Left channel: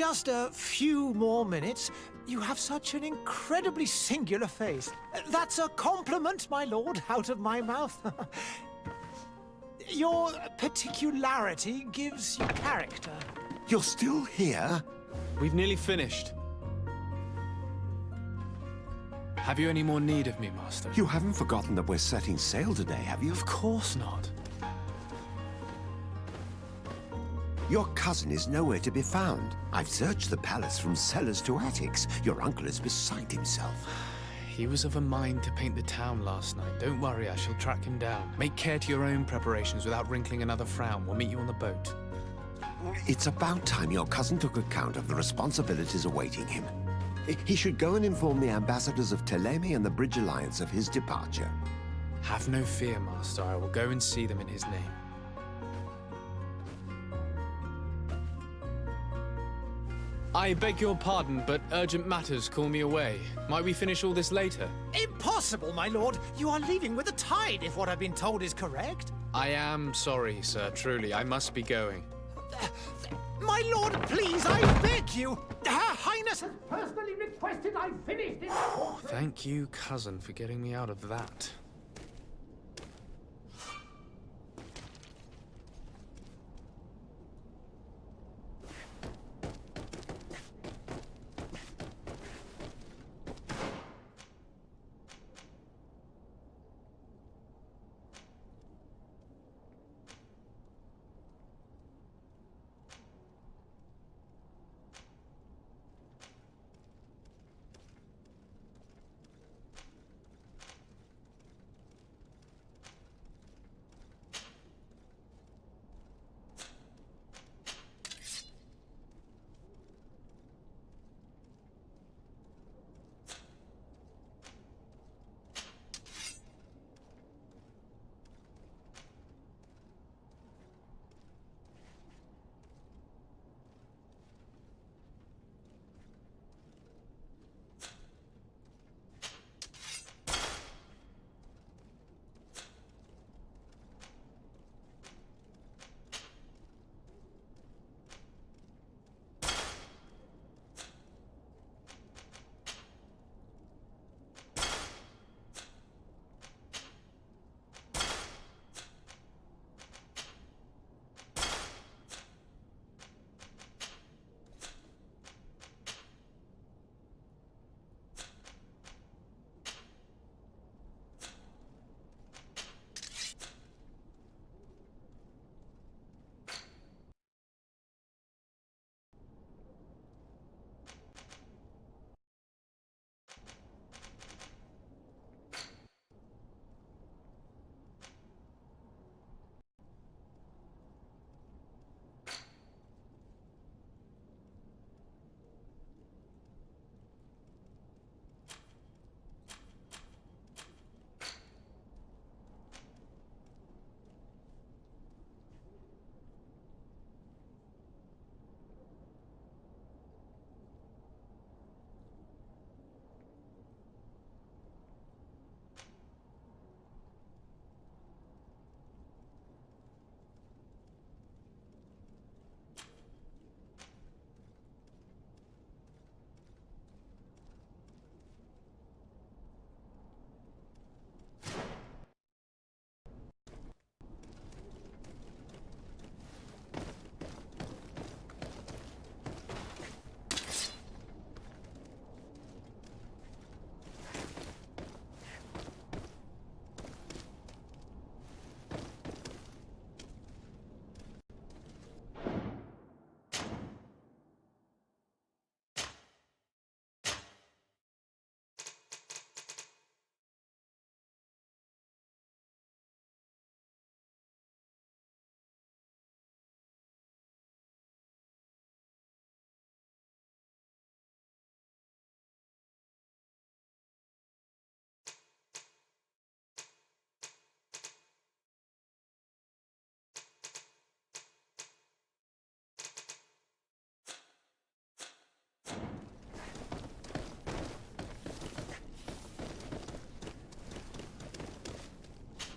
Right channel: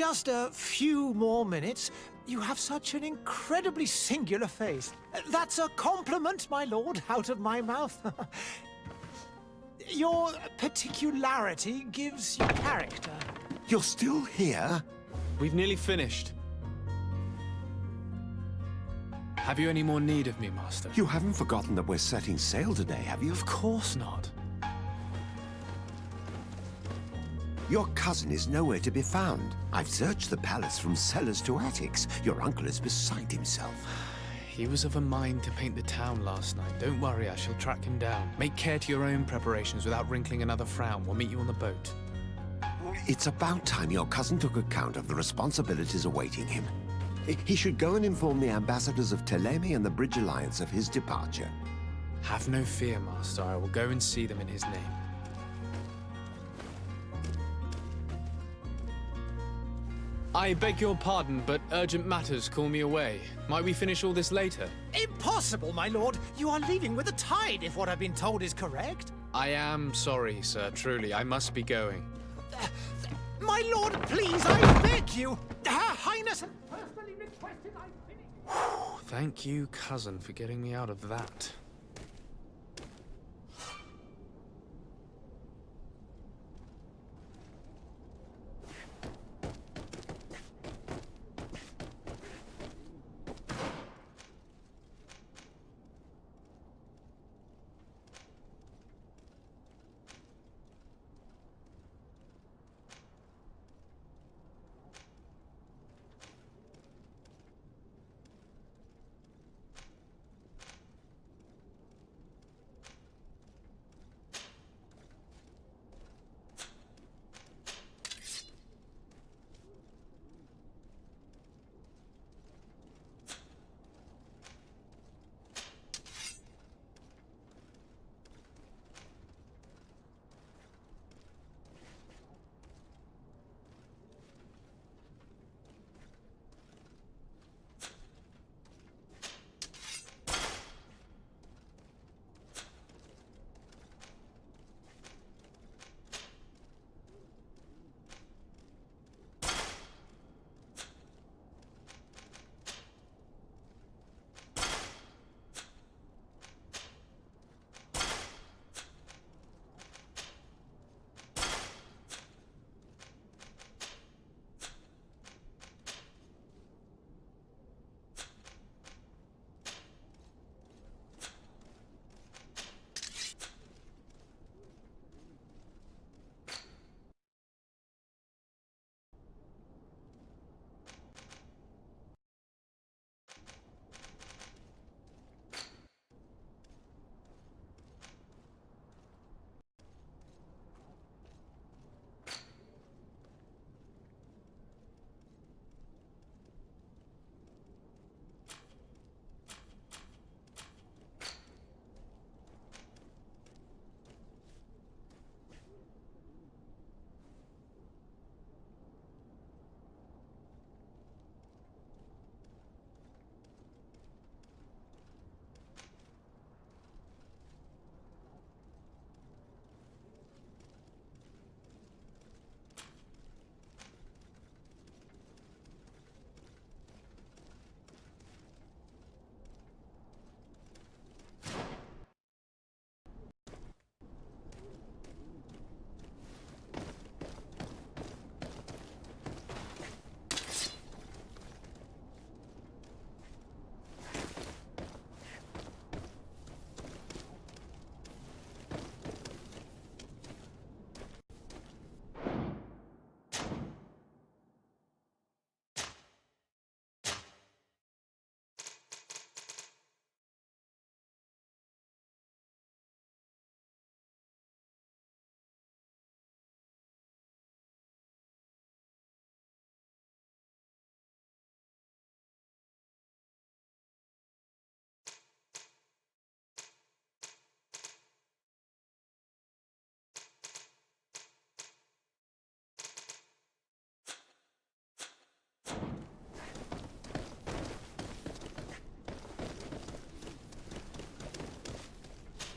Just a few more minutes. You have such an incredibly singular face. That's a compliment, my lord, out of my mouth. Your particularity gives you character. You're still here? We've nearly finished. Have you any more need of me, Master? You haven't forgotten that we're setting sail today, have you? Of course not. Your cousin is nowhere to be found. I've searched the palace from cellars to attics. Your uncle is beside himself. He was of a mind to paint the town last night. Don't worry, I shall track him down. Make care to your own preparations without wrinkling another frown. We'll meet you on the boat. It's about time your cousin took account of the responsibilities awaiting him. He should go and inform the ambassadors of Teleme and the Bridge Alliance of his departure. Have no fear, Master. I will go and see them in his name. I beg your pardon, but urgent matters call me away. Might we finish all this later? Impossible, my lord. You are leaving with the tide, if what I've been told is correct. I am sorry, sir. Truly, I must be going. My lord, please, I beg you. Her Highness has personally requested I finish this. Thank you, cousin, for getting me out of that.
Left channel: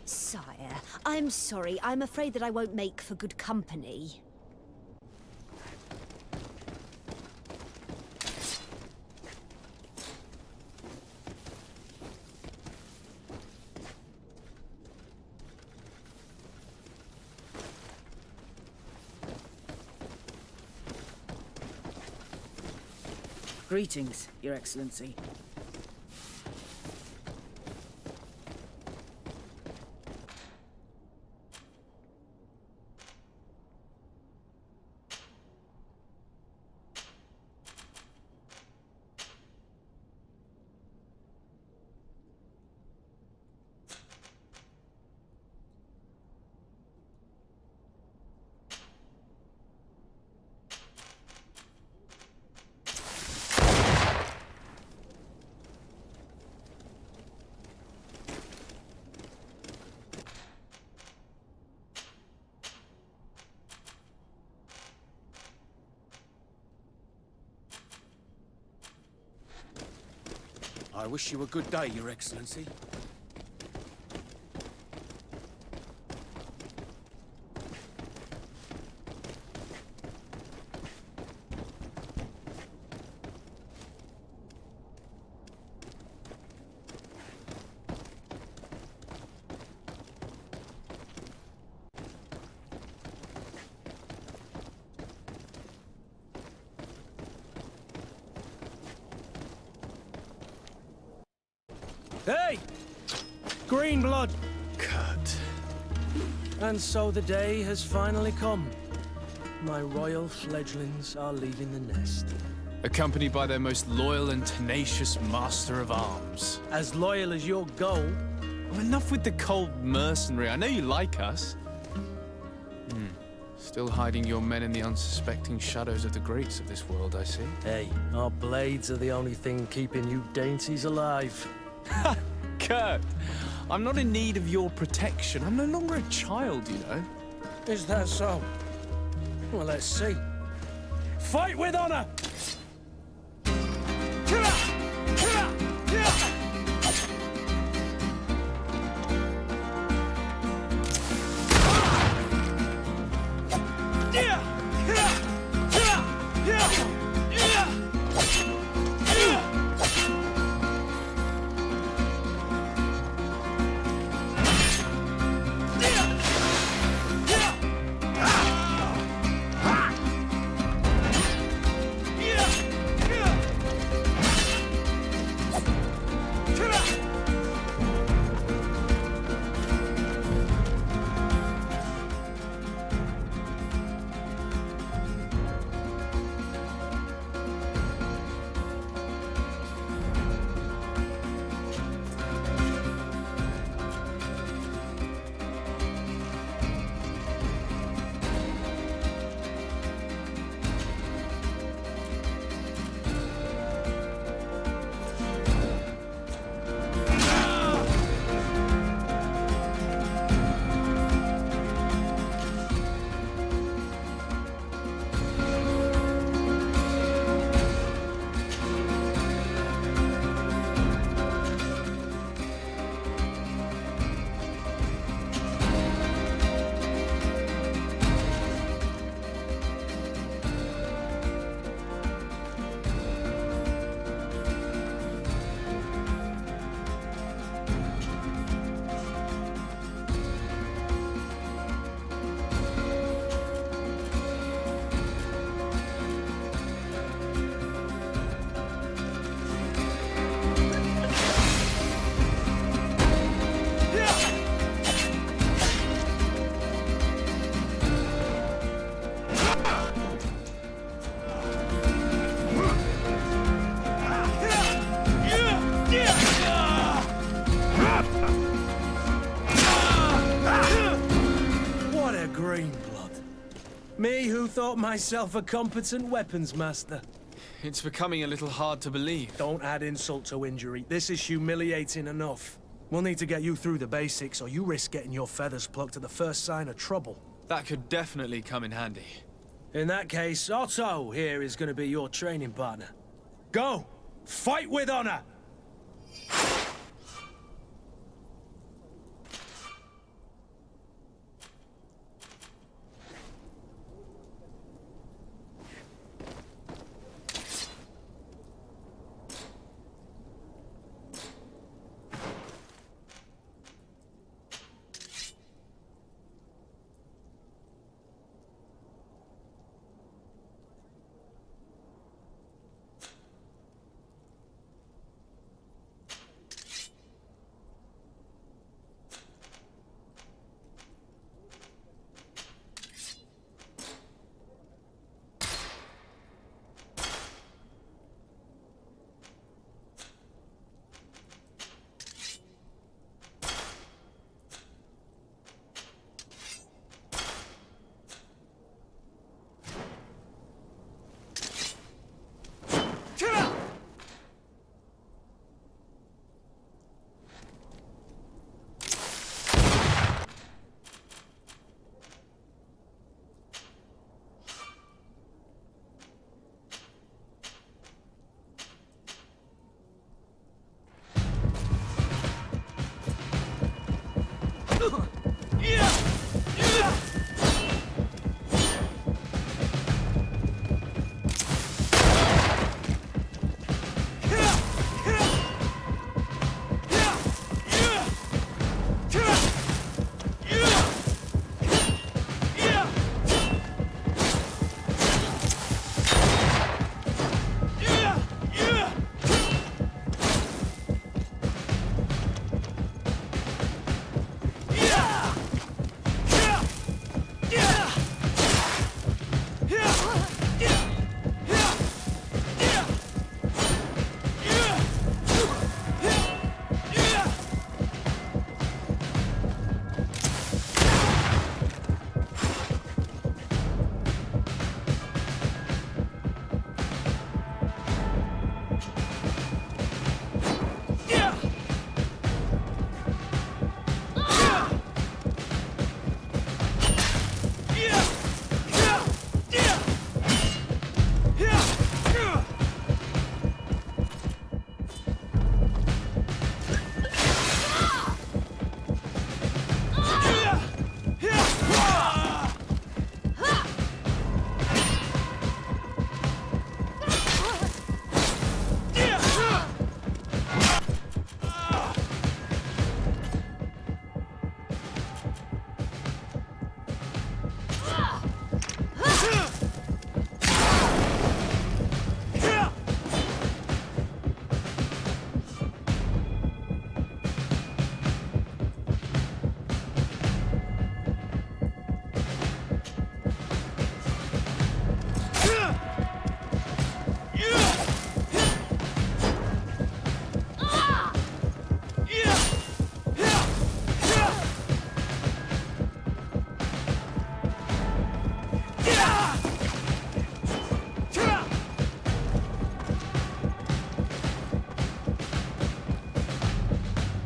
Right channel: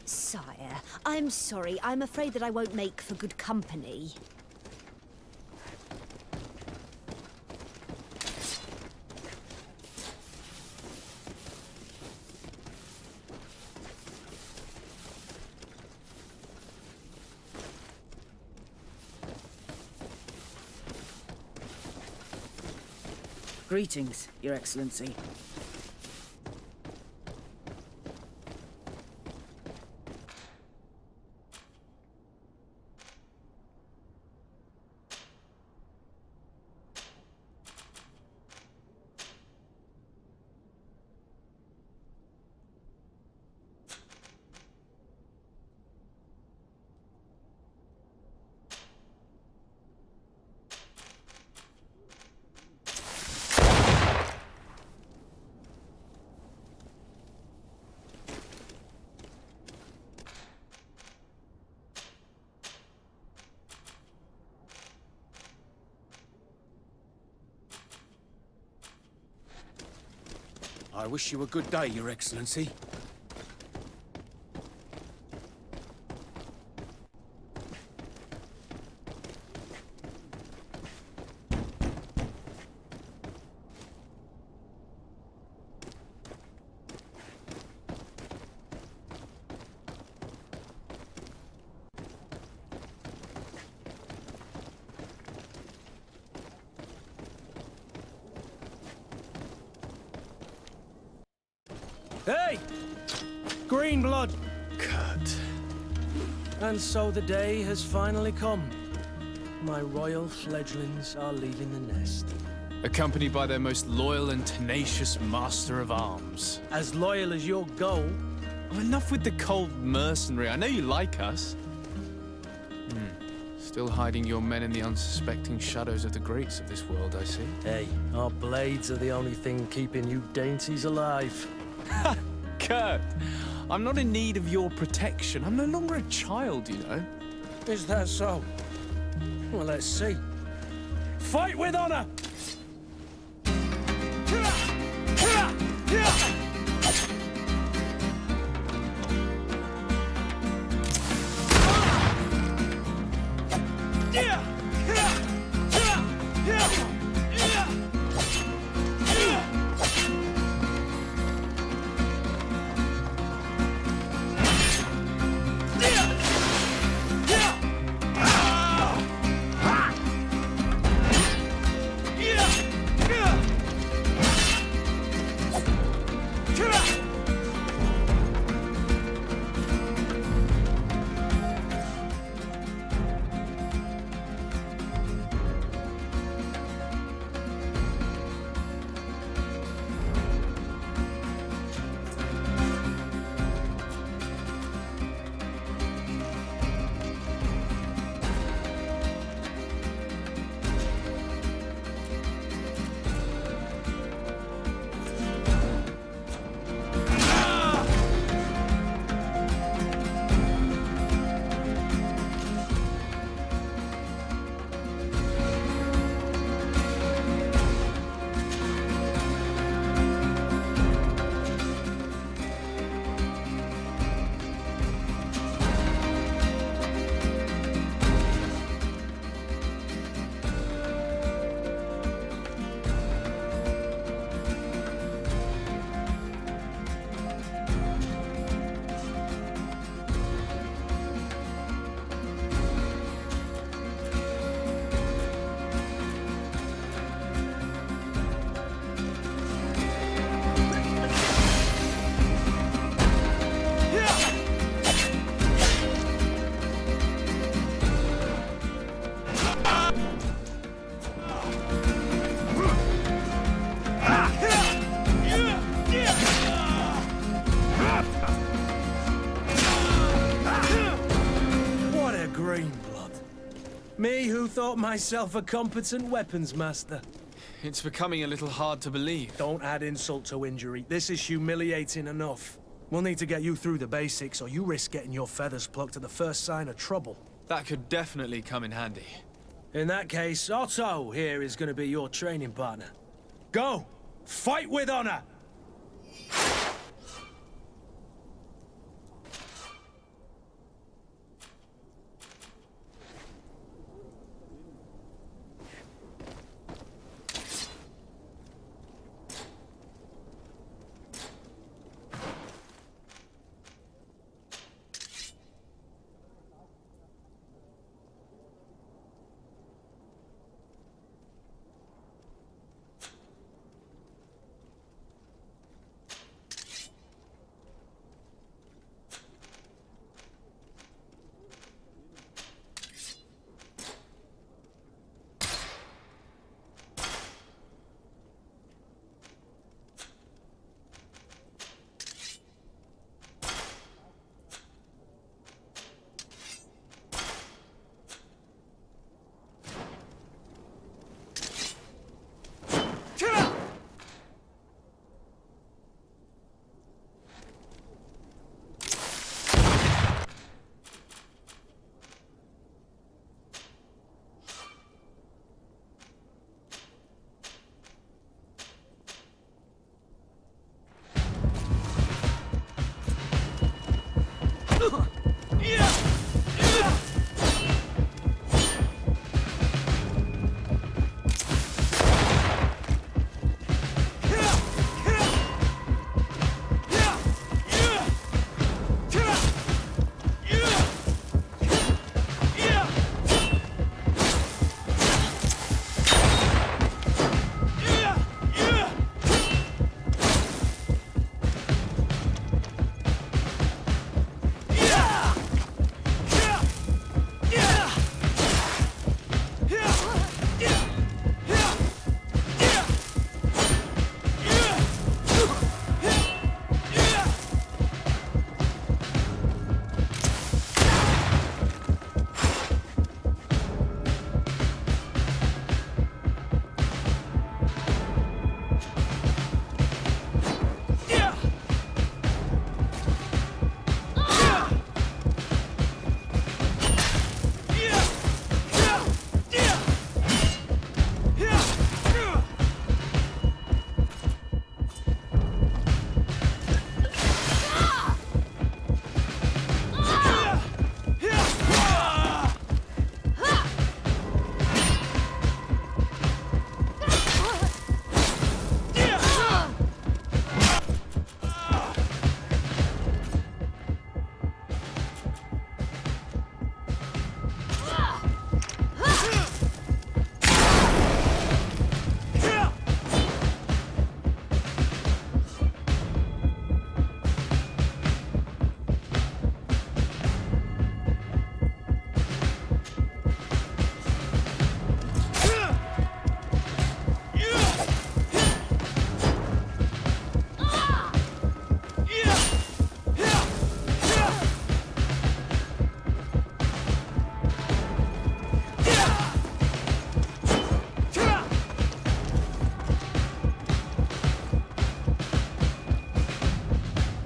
Sire, I'm sorry. I'm afraid that I won't make for good company. Greetings, Your Excellency. I wish you a good day, Your Excellency. Hey! Green blood! Kurt. And so the day has finally come. My royal fledglings are leaving the nest. Accompanied by their most loyal and tenacious master of arms. As loyal as your goal. Oh, enough with the cold mercenary. I know you like us. Still hiding your men in the unsuspecting shadows of the greats of this world, I see. Hey, our blades are the only thing keeping you dainties alive. Kurt, I'm not in need of your protection. I'm no longer a child, you know. Is that so? Well, let's see. Fight with honor! Green blood. Me who thought myself a competent weapons master. It's becoming a little hard to believe. Don't add insult to injury. This is humiliating enough. We'll need to get you through the basics, or you risk getting your feathers plucked at the first sign of trouble. That could definitely come in handy. In that case, Otto here is going to be your training partner. Go! Fight with honor!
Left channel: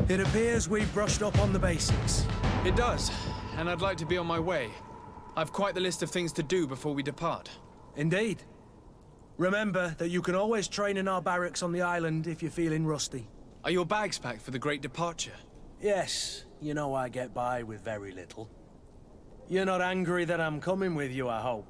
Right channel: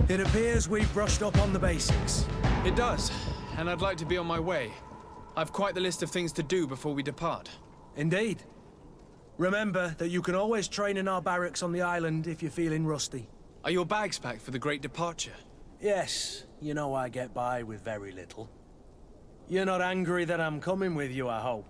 It appears we've brushed up on the basics. It does, and I'd like to be on my way. I've quite the list of things to do before we depart. Indeed. Remember that you can always train in our barracks on the island if you're feeling rusty. Are your bags packed for the great departure? Yes, you know I get by with very little. You're not angry that I'm coming with you, I hope.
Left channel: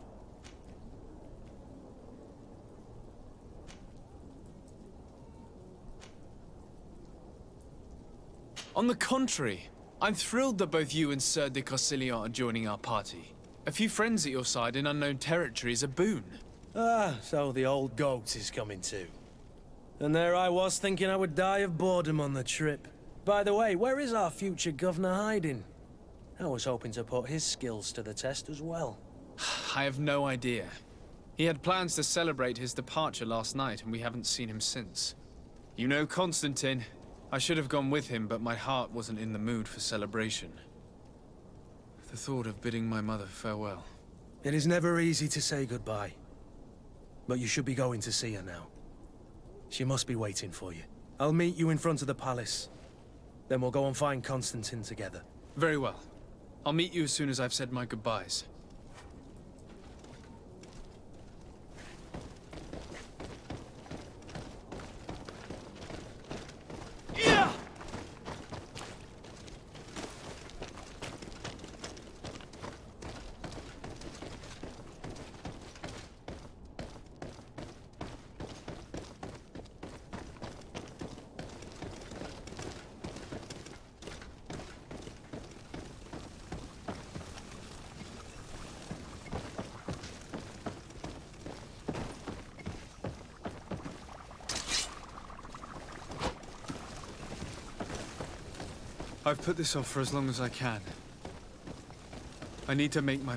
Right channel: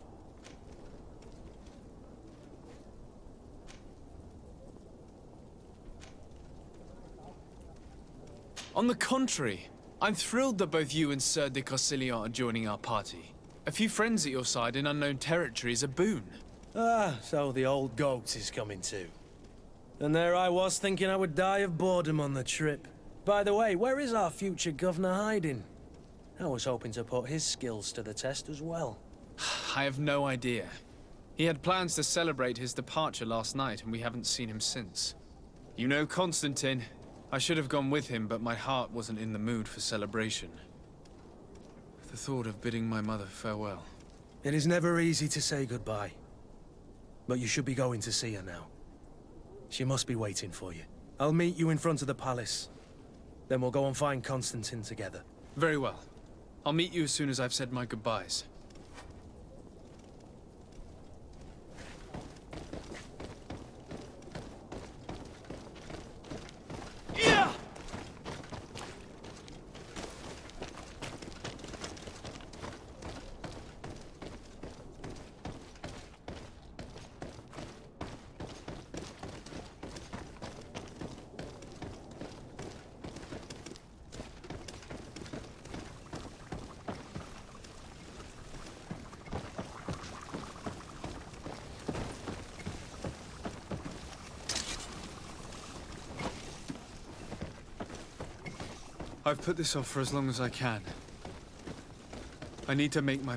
On the contrary, I'm thrilled that both you and Sir de Corsillon are joining our party. A few friends at your side in unknown territory is a boon. Ah, so the old goat is coming too. And there I was thinking I would die of boredom on the trip. By the way, where is our future governor hiding? I was hoping to put his skills to the test as well. I have no idea. He had plans to celebrate his departure last night, and we haven't seen him since. You know Constantine. I should have gone with him, but my heart wasn't in the mood for celebration. The thought of bidding my mother farewell. It is never easy to say goodbye. But you should be going to see her now. She must be waiting for you. I'll meet you in front of the palace. Then we'll go and find Constantine together. Very well. I'll meet you as soon as I've said my goodbyes. I've put this off for as long as I can. I need to make my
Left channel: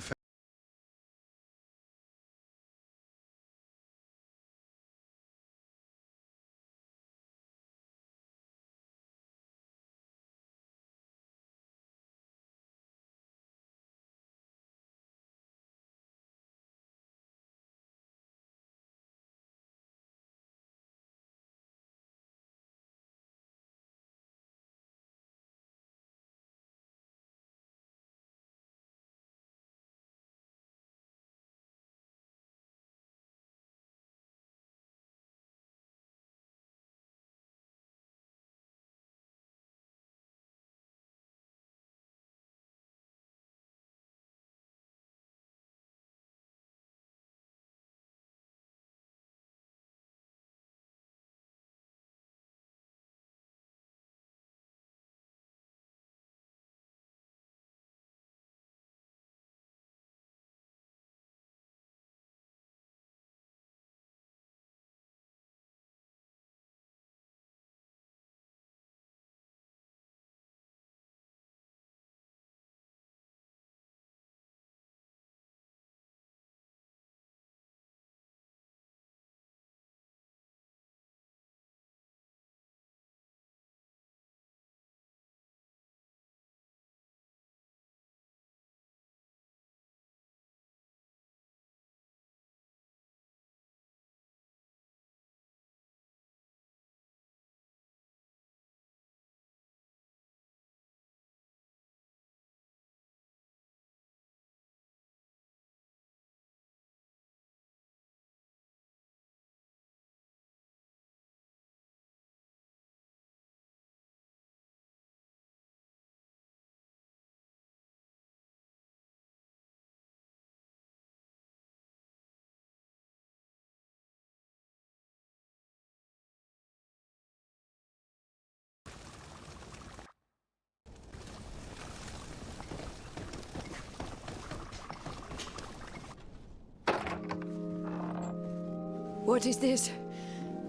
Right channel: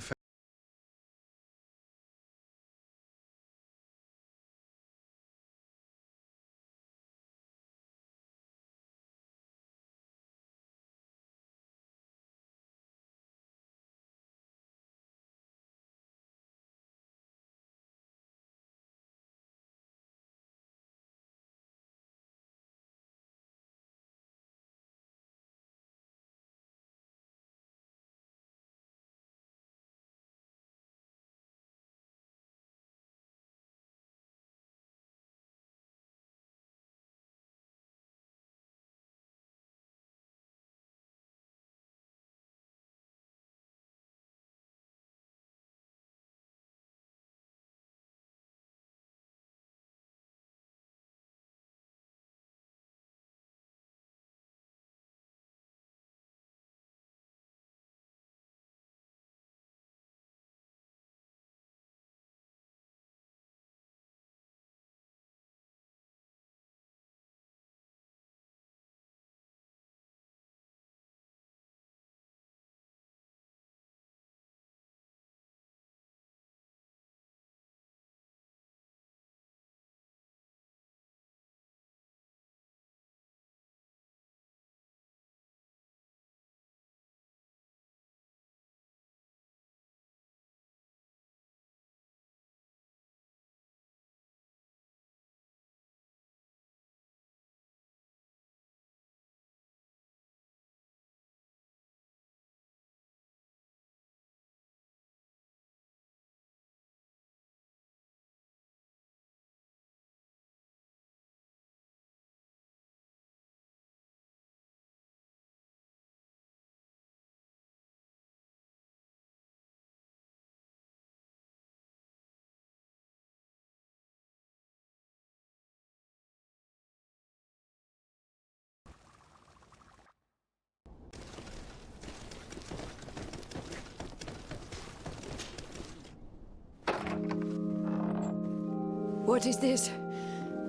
What is this?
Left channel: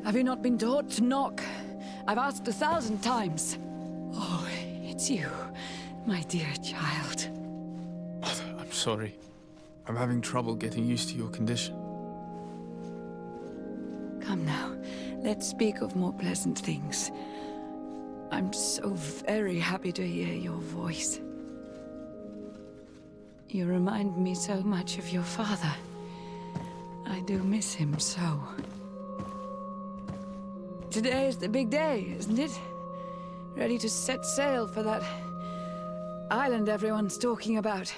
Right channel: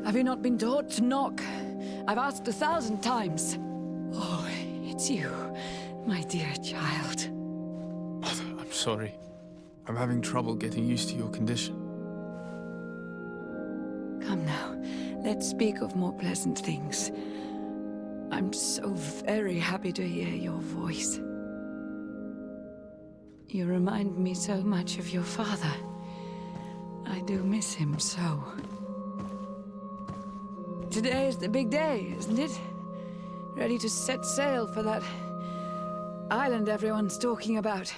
Have you not been taught to knock? I've asked 1,000 times. Oh, it's you, my dear child. Mother, I'm sorry. I'm having trouble getting used to your condition. Come now, let's speak of more pleasant things. I'm so very happy to hear your voice. You remind me so much of your father. I do miss him so. Today is the big day, isn't it? ready to set sail for that island everyone's talking about.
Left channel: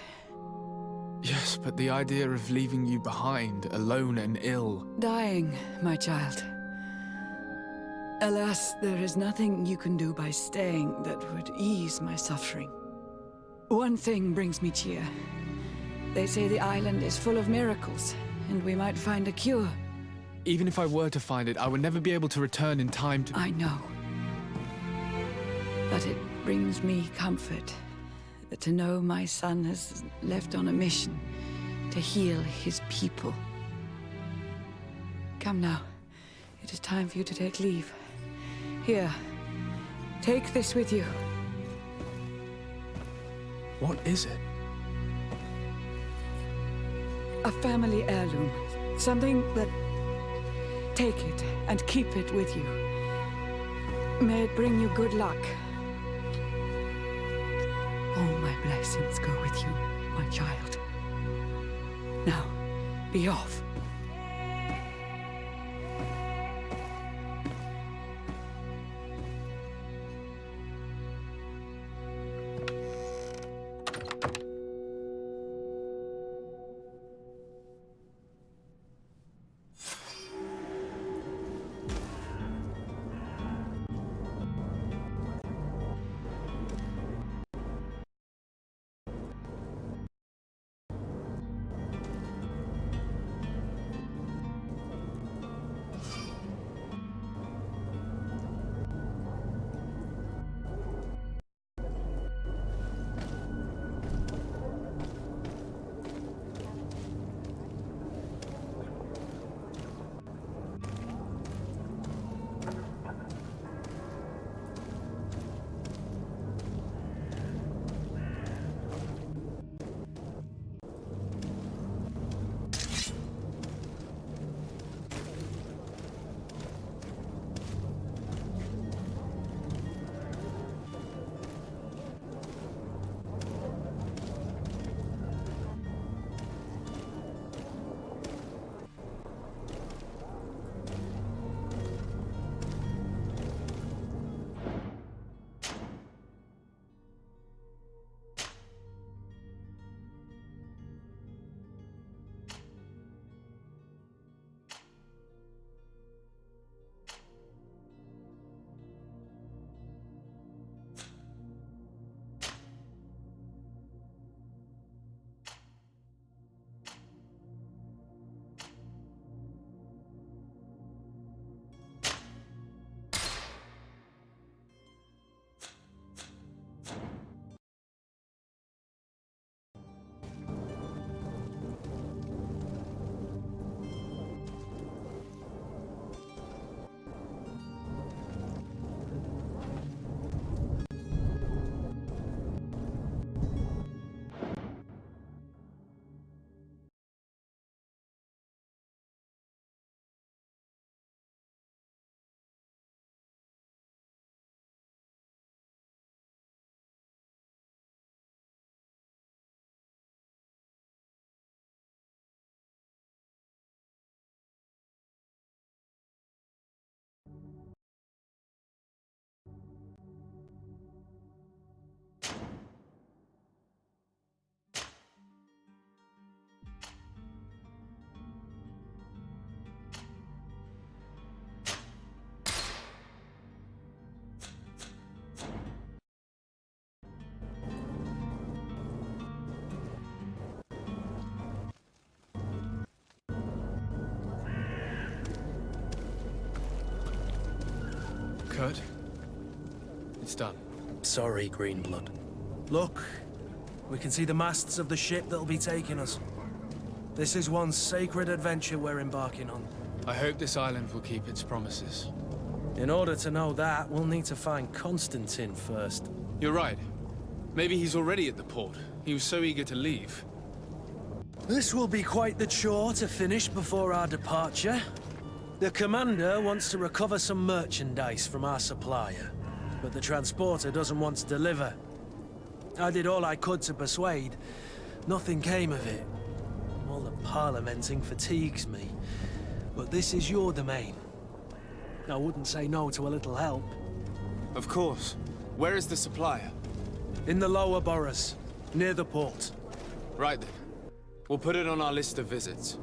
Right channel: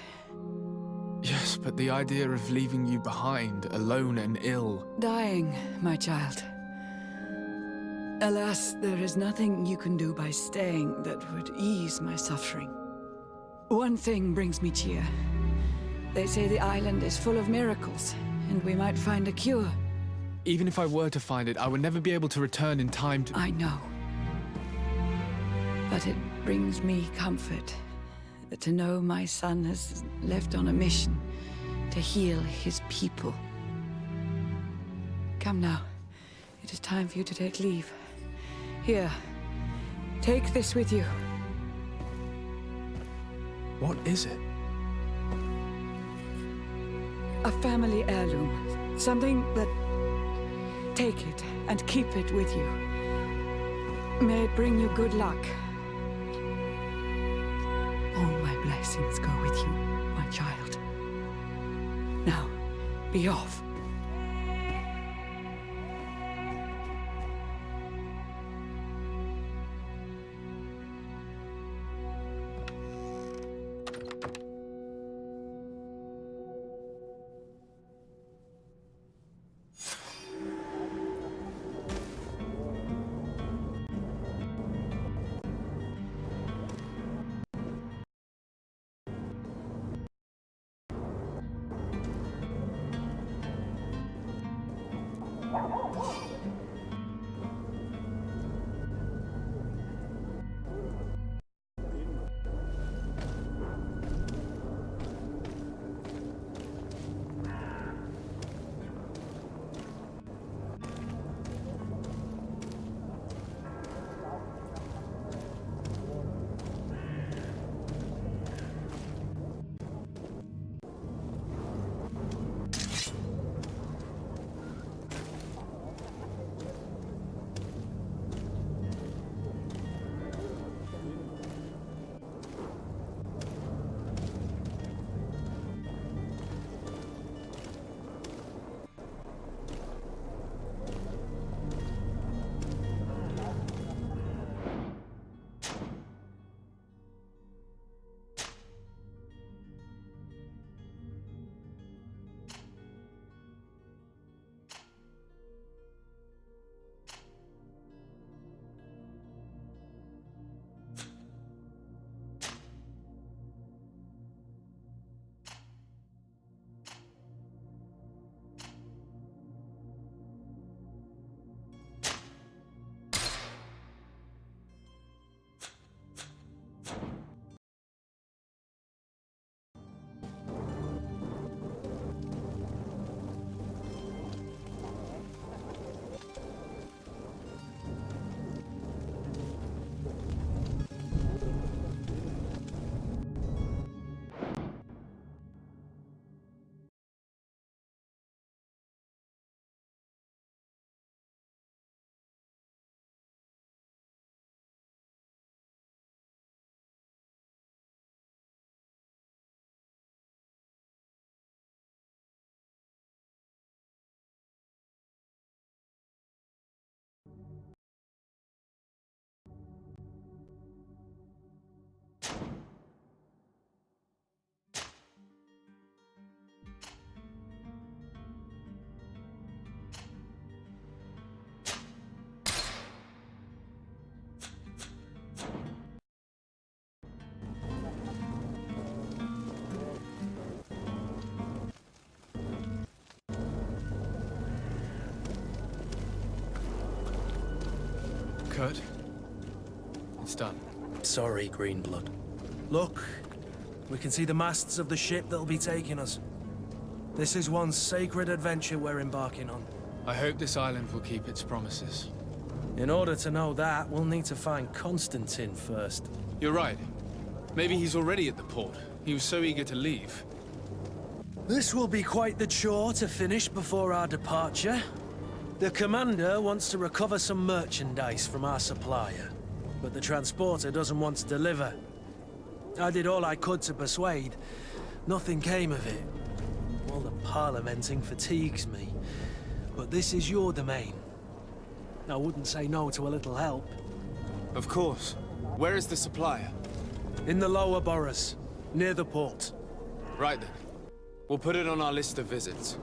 Yes, but the idea of leaving you behind, alone and ill... Dying, my child. Alas, there is nothing you can do by staying that would ease my suffering. One thing brings me cheer. They say the island is full of miracles, and we might find a cure. Even if I were to find it, I would never be able to return in time to... I know. But it brings me comfort to know my son has left on a mission to heal his people. Come now. It is time for you to take leave. Here, take this with you. What is it? A family heirloom. Something that... Take it and keep it with you. May it bring you good luck. All my blessings go with you, my child. Now, be off. Kurt, it's done. Sorry, Greenblood. Look, we can see the masts of the ship that'll be taking us. This is one sacred adventure we're embarking on. I hope this island will keep its promises. In order to know that, we'll need to find Constantine first. You're right. Maybe he's already at the port. He was so eager to leave. This will be quite the chore to finish before our departure. The commander wants to recover some merchandise from our supplier, but the transporter doesn't want to deliver. I did all I could to persuade. Nothing came of it. All the parliamenting fatigues me. But this is your domain. I wouldn't say no to a little help. Of course. Where is the supplier? In the lower boroughs, near the port. Right then. We'll put it on our list of visits.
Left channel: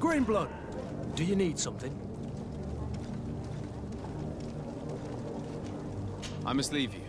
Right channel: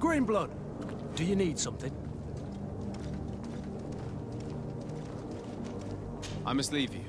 Greenblood, do you need something? I must leave you.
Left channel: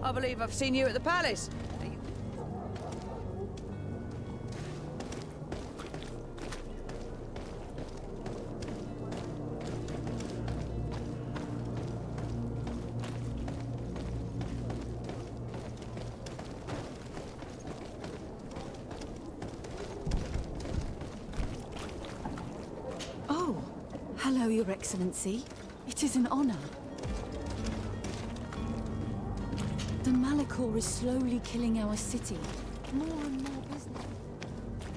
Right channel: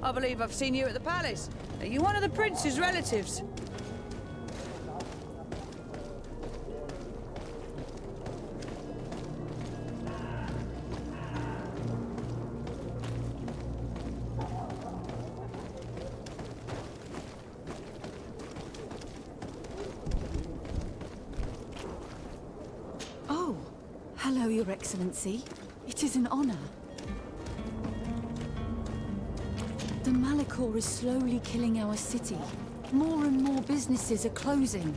I believe I've seen you at the palace. Are you one of the prince's relatives? Oh, hello, Your Excellency. It is an honor. The Malachor is slowly killing our city. More and more businesses are closing.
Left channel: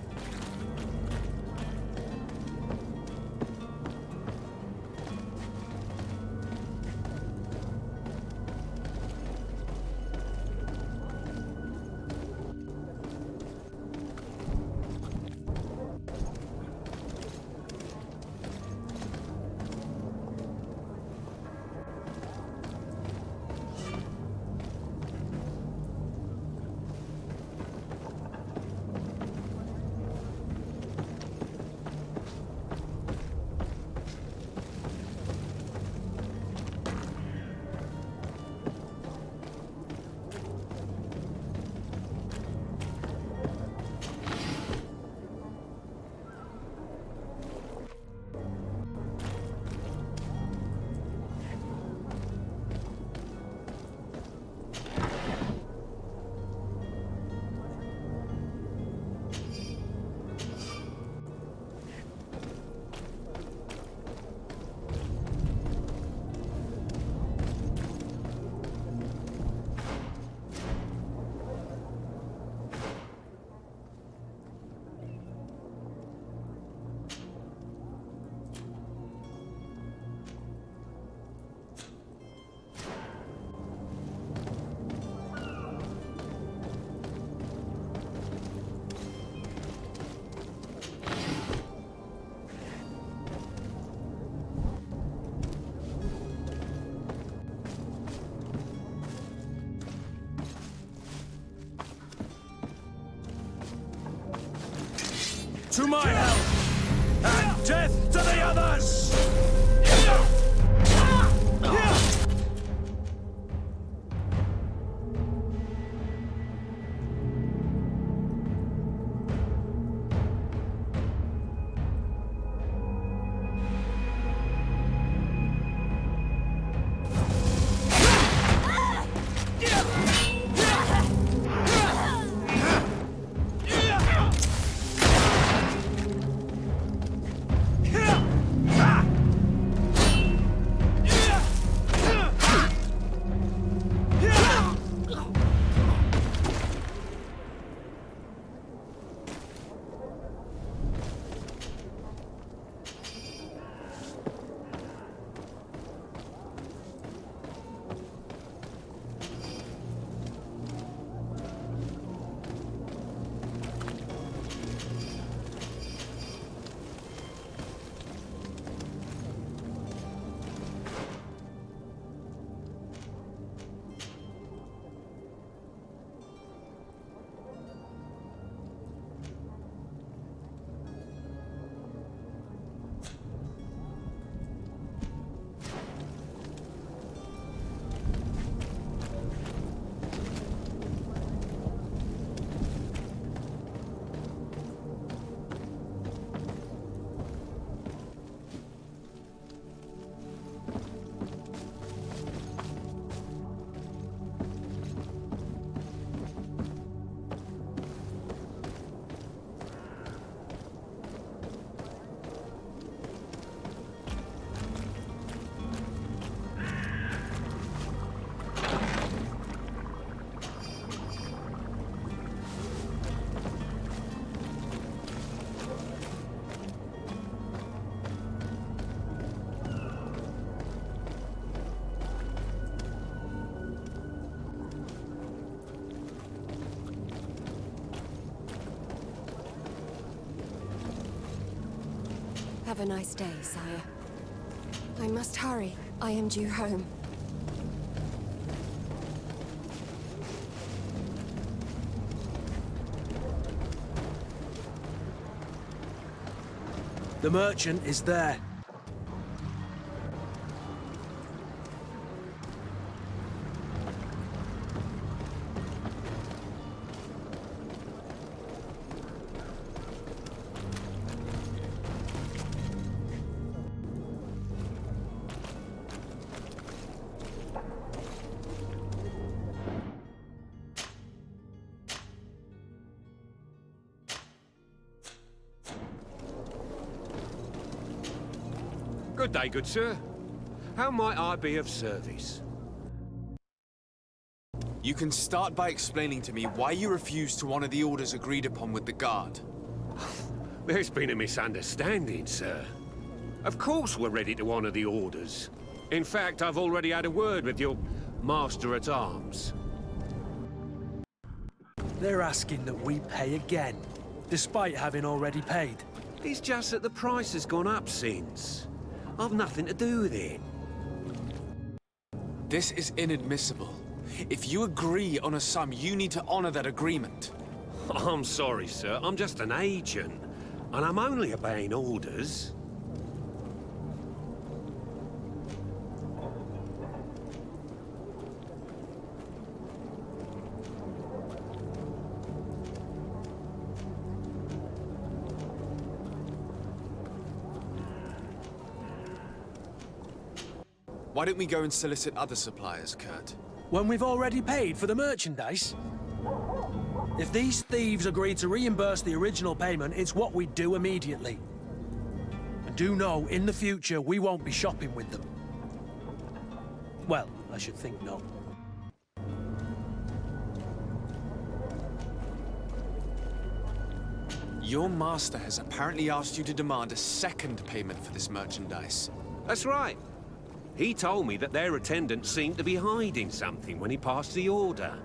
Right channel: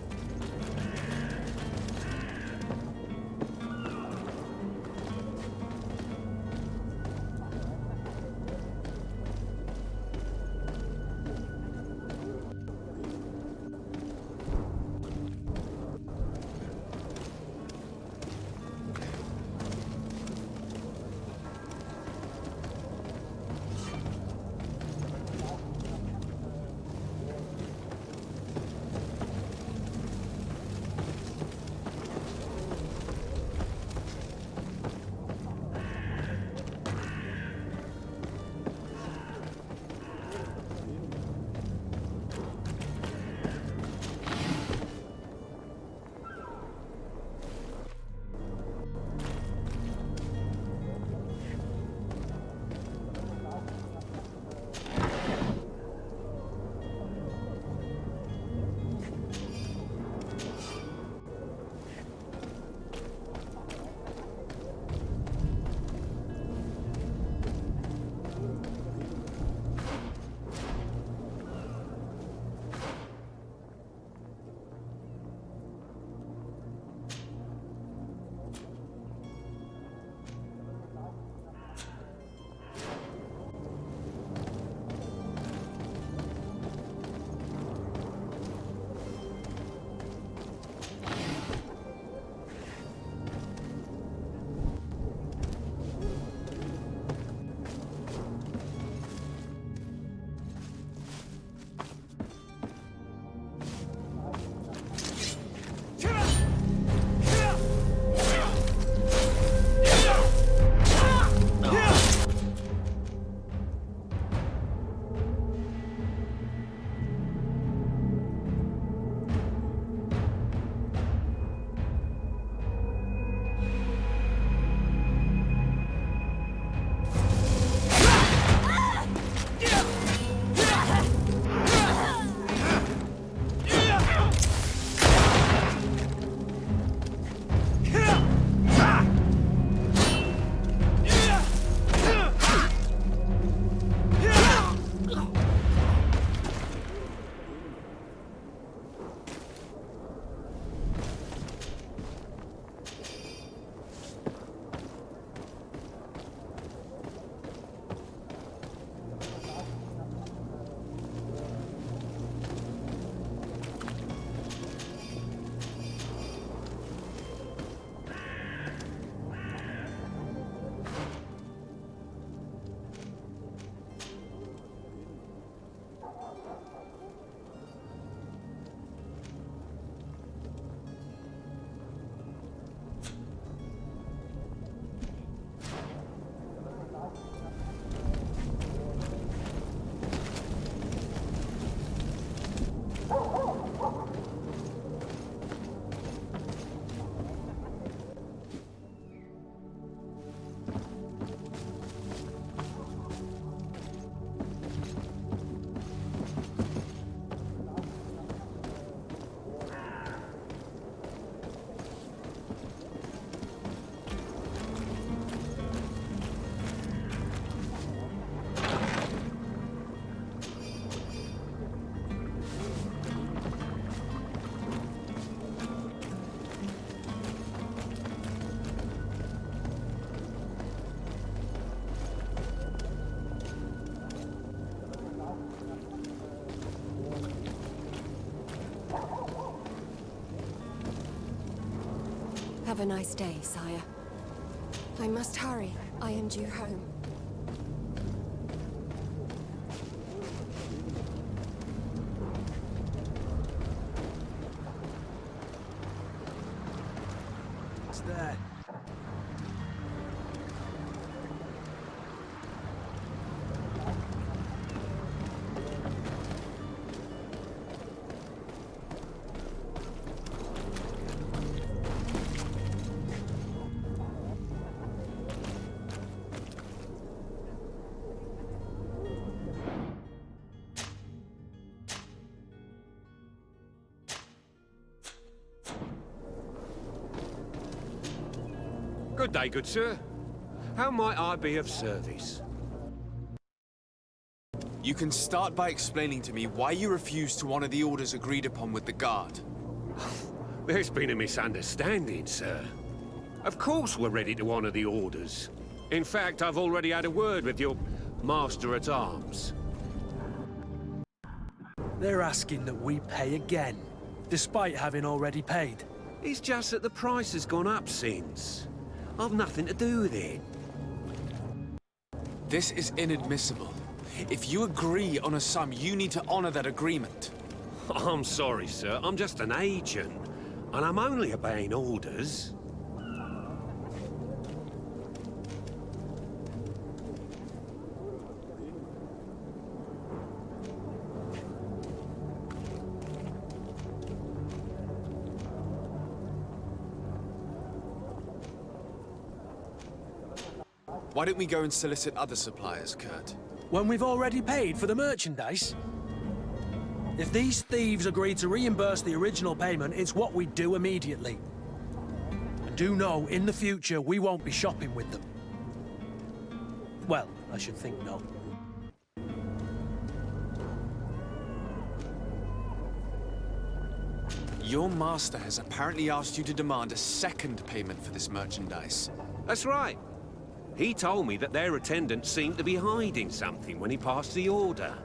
Have a nice day, sire. I must hurry. I am due home. The merchant is there. Good day, good sir. How might I be of service? You can start by explaining to me why you refused to honor the orders agreed upon with the guard. There's been a misunderstanding, sir. Of course we're ready to honor the orders. In fact, I've already had a word with your master-at-arms. They're asking that we pay again, despite having already paid. It's just that the price has gone up since. I've nothing to do with it. This is inadmissible. If you agree on a sum, you need to honor that agreement. I'm sorry, sir. I'm just an agent. And I'm only obeying orders. Why don't we go and solicit other suppliers, Kurt? When we've already paid for the merchandise? If these thieves agree to reimburse the original payment, it's what we do immediately. And do know, in the future, we won't be shopping with them. Well, I should think not. Your master has apparently asked you to demand a second payment for this merchandise. That's right. He told me that their attendant seemed to be hiding something when he passed the order.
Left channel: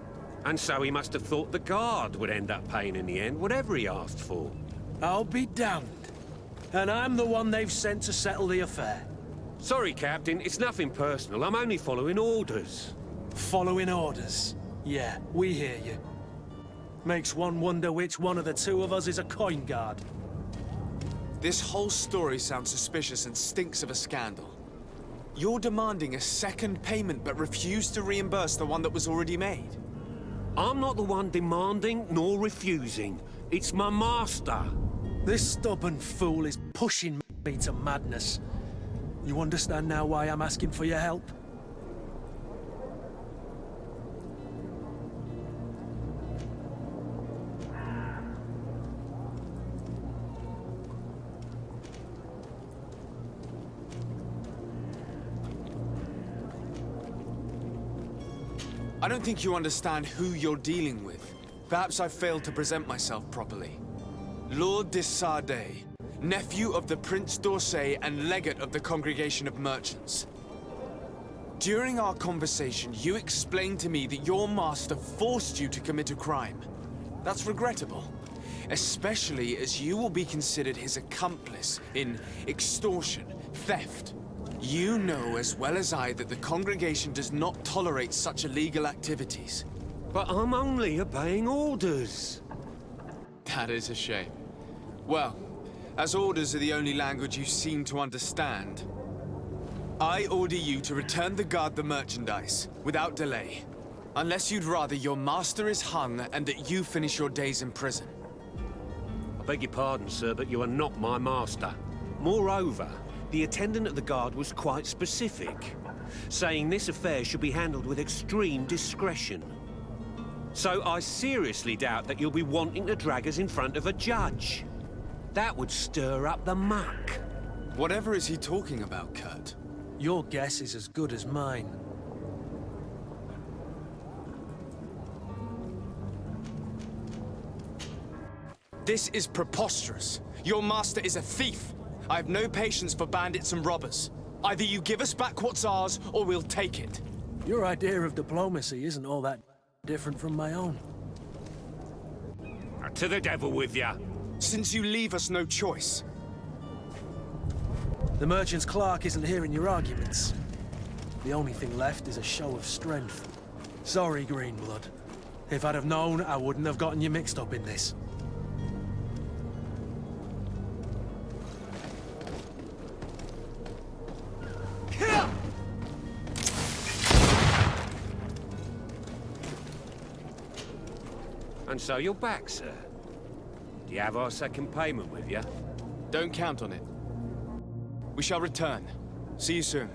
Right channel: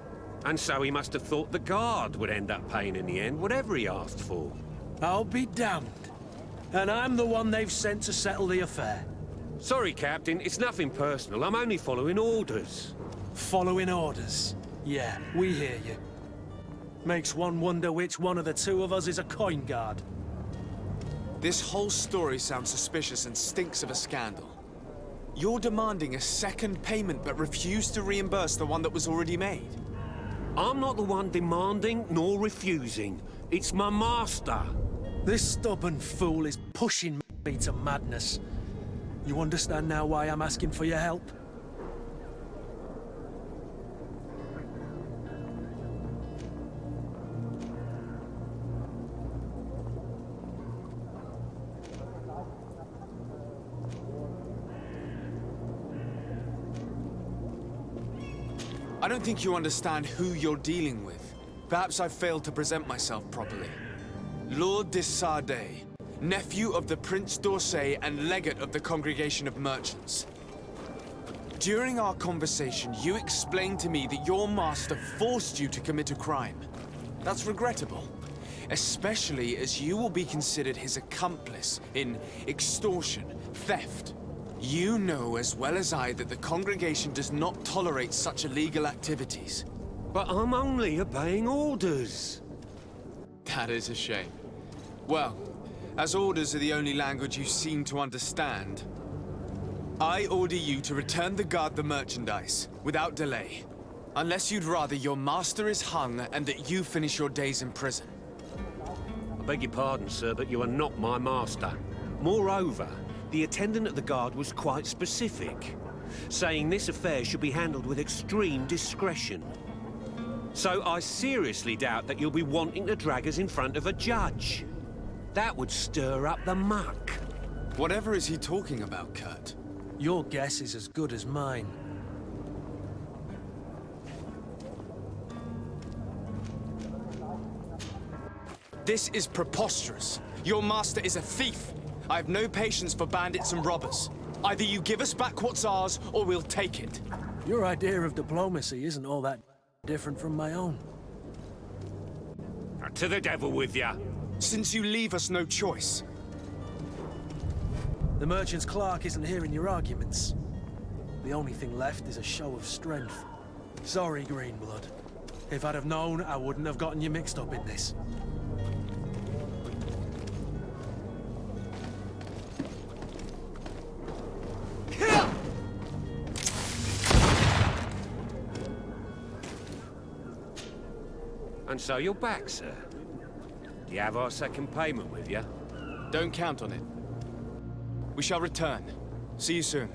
And so he must have thought the guard would end up paying in the end, whatever he asked for. I'll be damned. And I'm the one they've sent to settle the affair. Sorry, Captain, it's nothing personal. I'm only following orders. Following orders? Yeah, we hear you. Makes one wonder which one of the two of us is a coin guard. This whole story sounds suspicious and stinks of a scandal. You're demanding a second payment but refuse to reimburse the one that was already made. I'm not the one demanding nor refusing. It's my master. This stubborn fool is pushing me to madness. You understand now why I'm asking for your help? I don't think you understand who you're dealing with. Perhaps I failed to present myself properly. Lord de Sardet, nephew of the Prince d'Orsay and legate of the Congregation of Merchants. During our conversation, you explained to me that your master forced you to commit a crime. That's regrettable, especially as you will be considered his accomplice in extortion, theft. You know as well as I that the congregation does not tolerate such illegal activities. But I'm only obeying orders. That is a shame. Well, as orders are the only language you seem to understand, I order you to return the guard the merchandise, without delay. Unless you'd rather your master is hung and that you finish your days in prison. I beg your pardon, sir, but you are not my master. Moreover, the attendant of the guard was quite specific, saying this affair should be handled with extreme discretion. So I seriously doubt that you'll be wanting to drag us in front of a judge. That would stir up the muck. Whatever is he talking about, Kurt? Your guess is as good as mine. This is preposterous. Your master is a thief. I have no patience for bandits and robbers. Either you give us back what's ours, or we'll take it. Your idea of diplomacy isn't all that different from my own. To the devil with ya. Since you leave us no choice. The merchant's clerk isn't hearing your arguments. The only thing left is a show of strength. Sorry, Greenblood. If I'd have known, I wouldn't have gotten you mixed up in this. And so you're back, sir. Do you have our second payment with you? Don't count on it. We shall return. See you soon.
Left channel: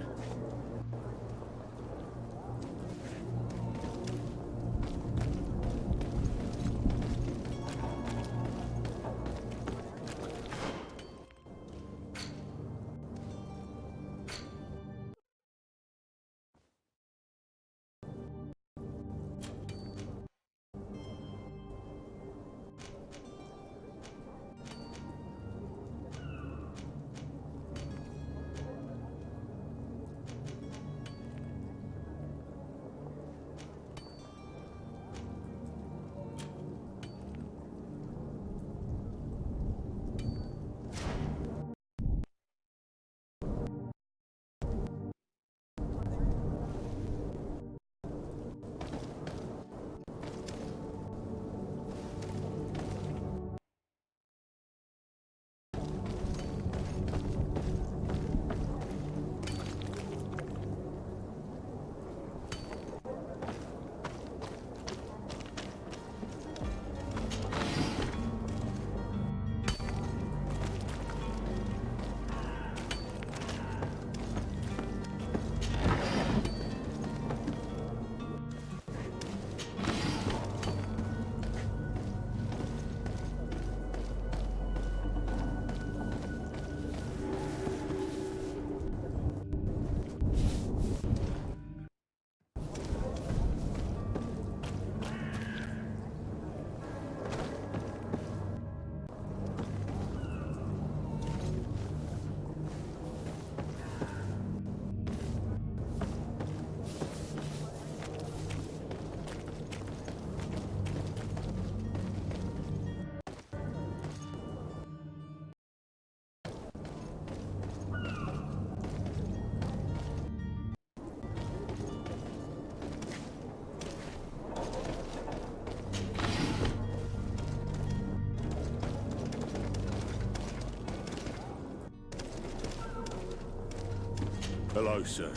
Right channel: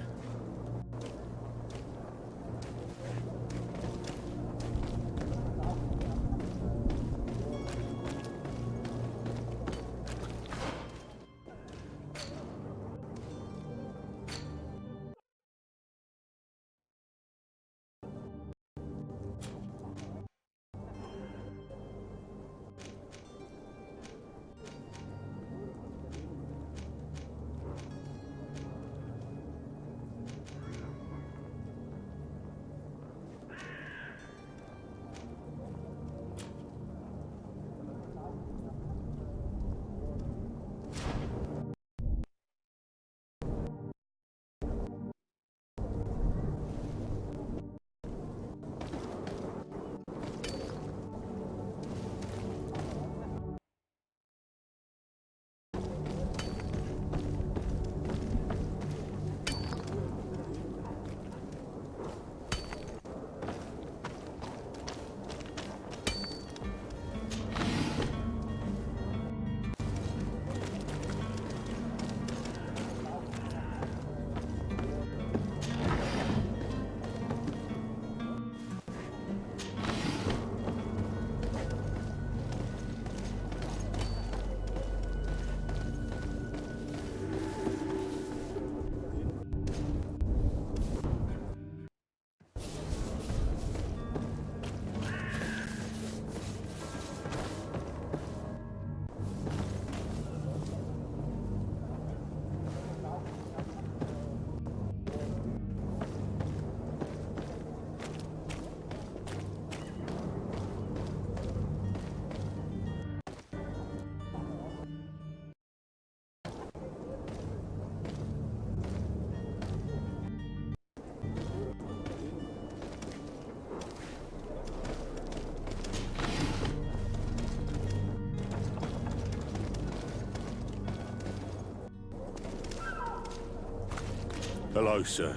Hello, sir.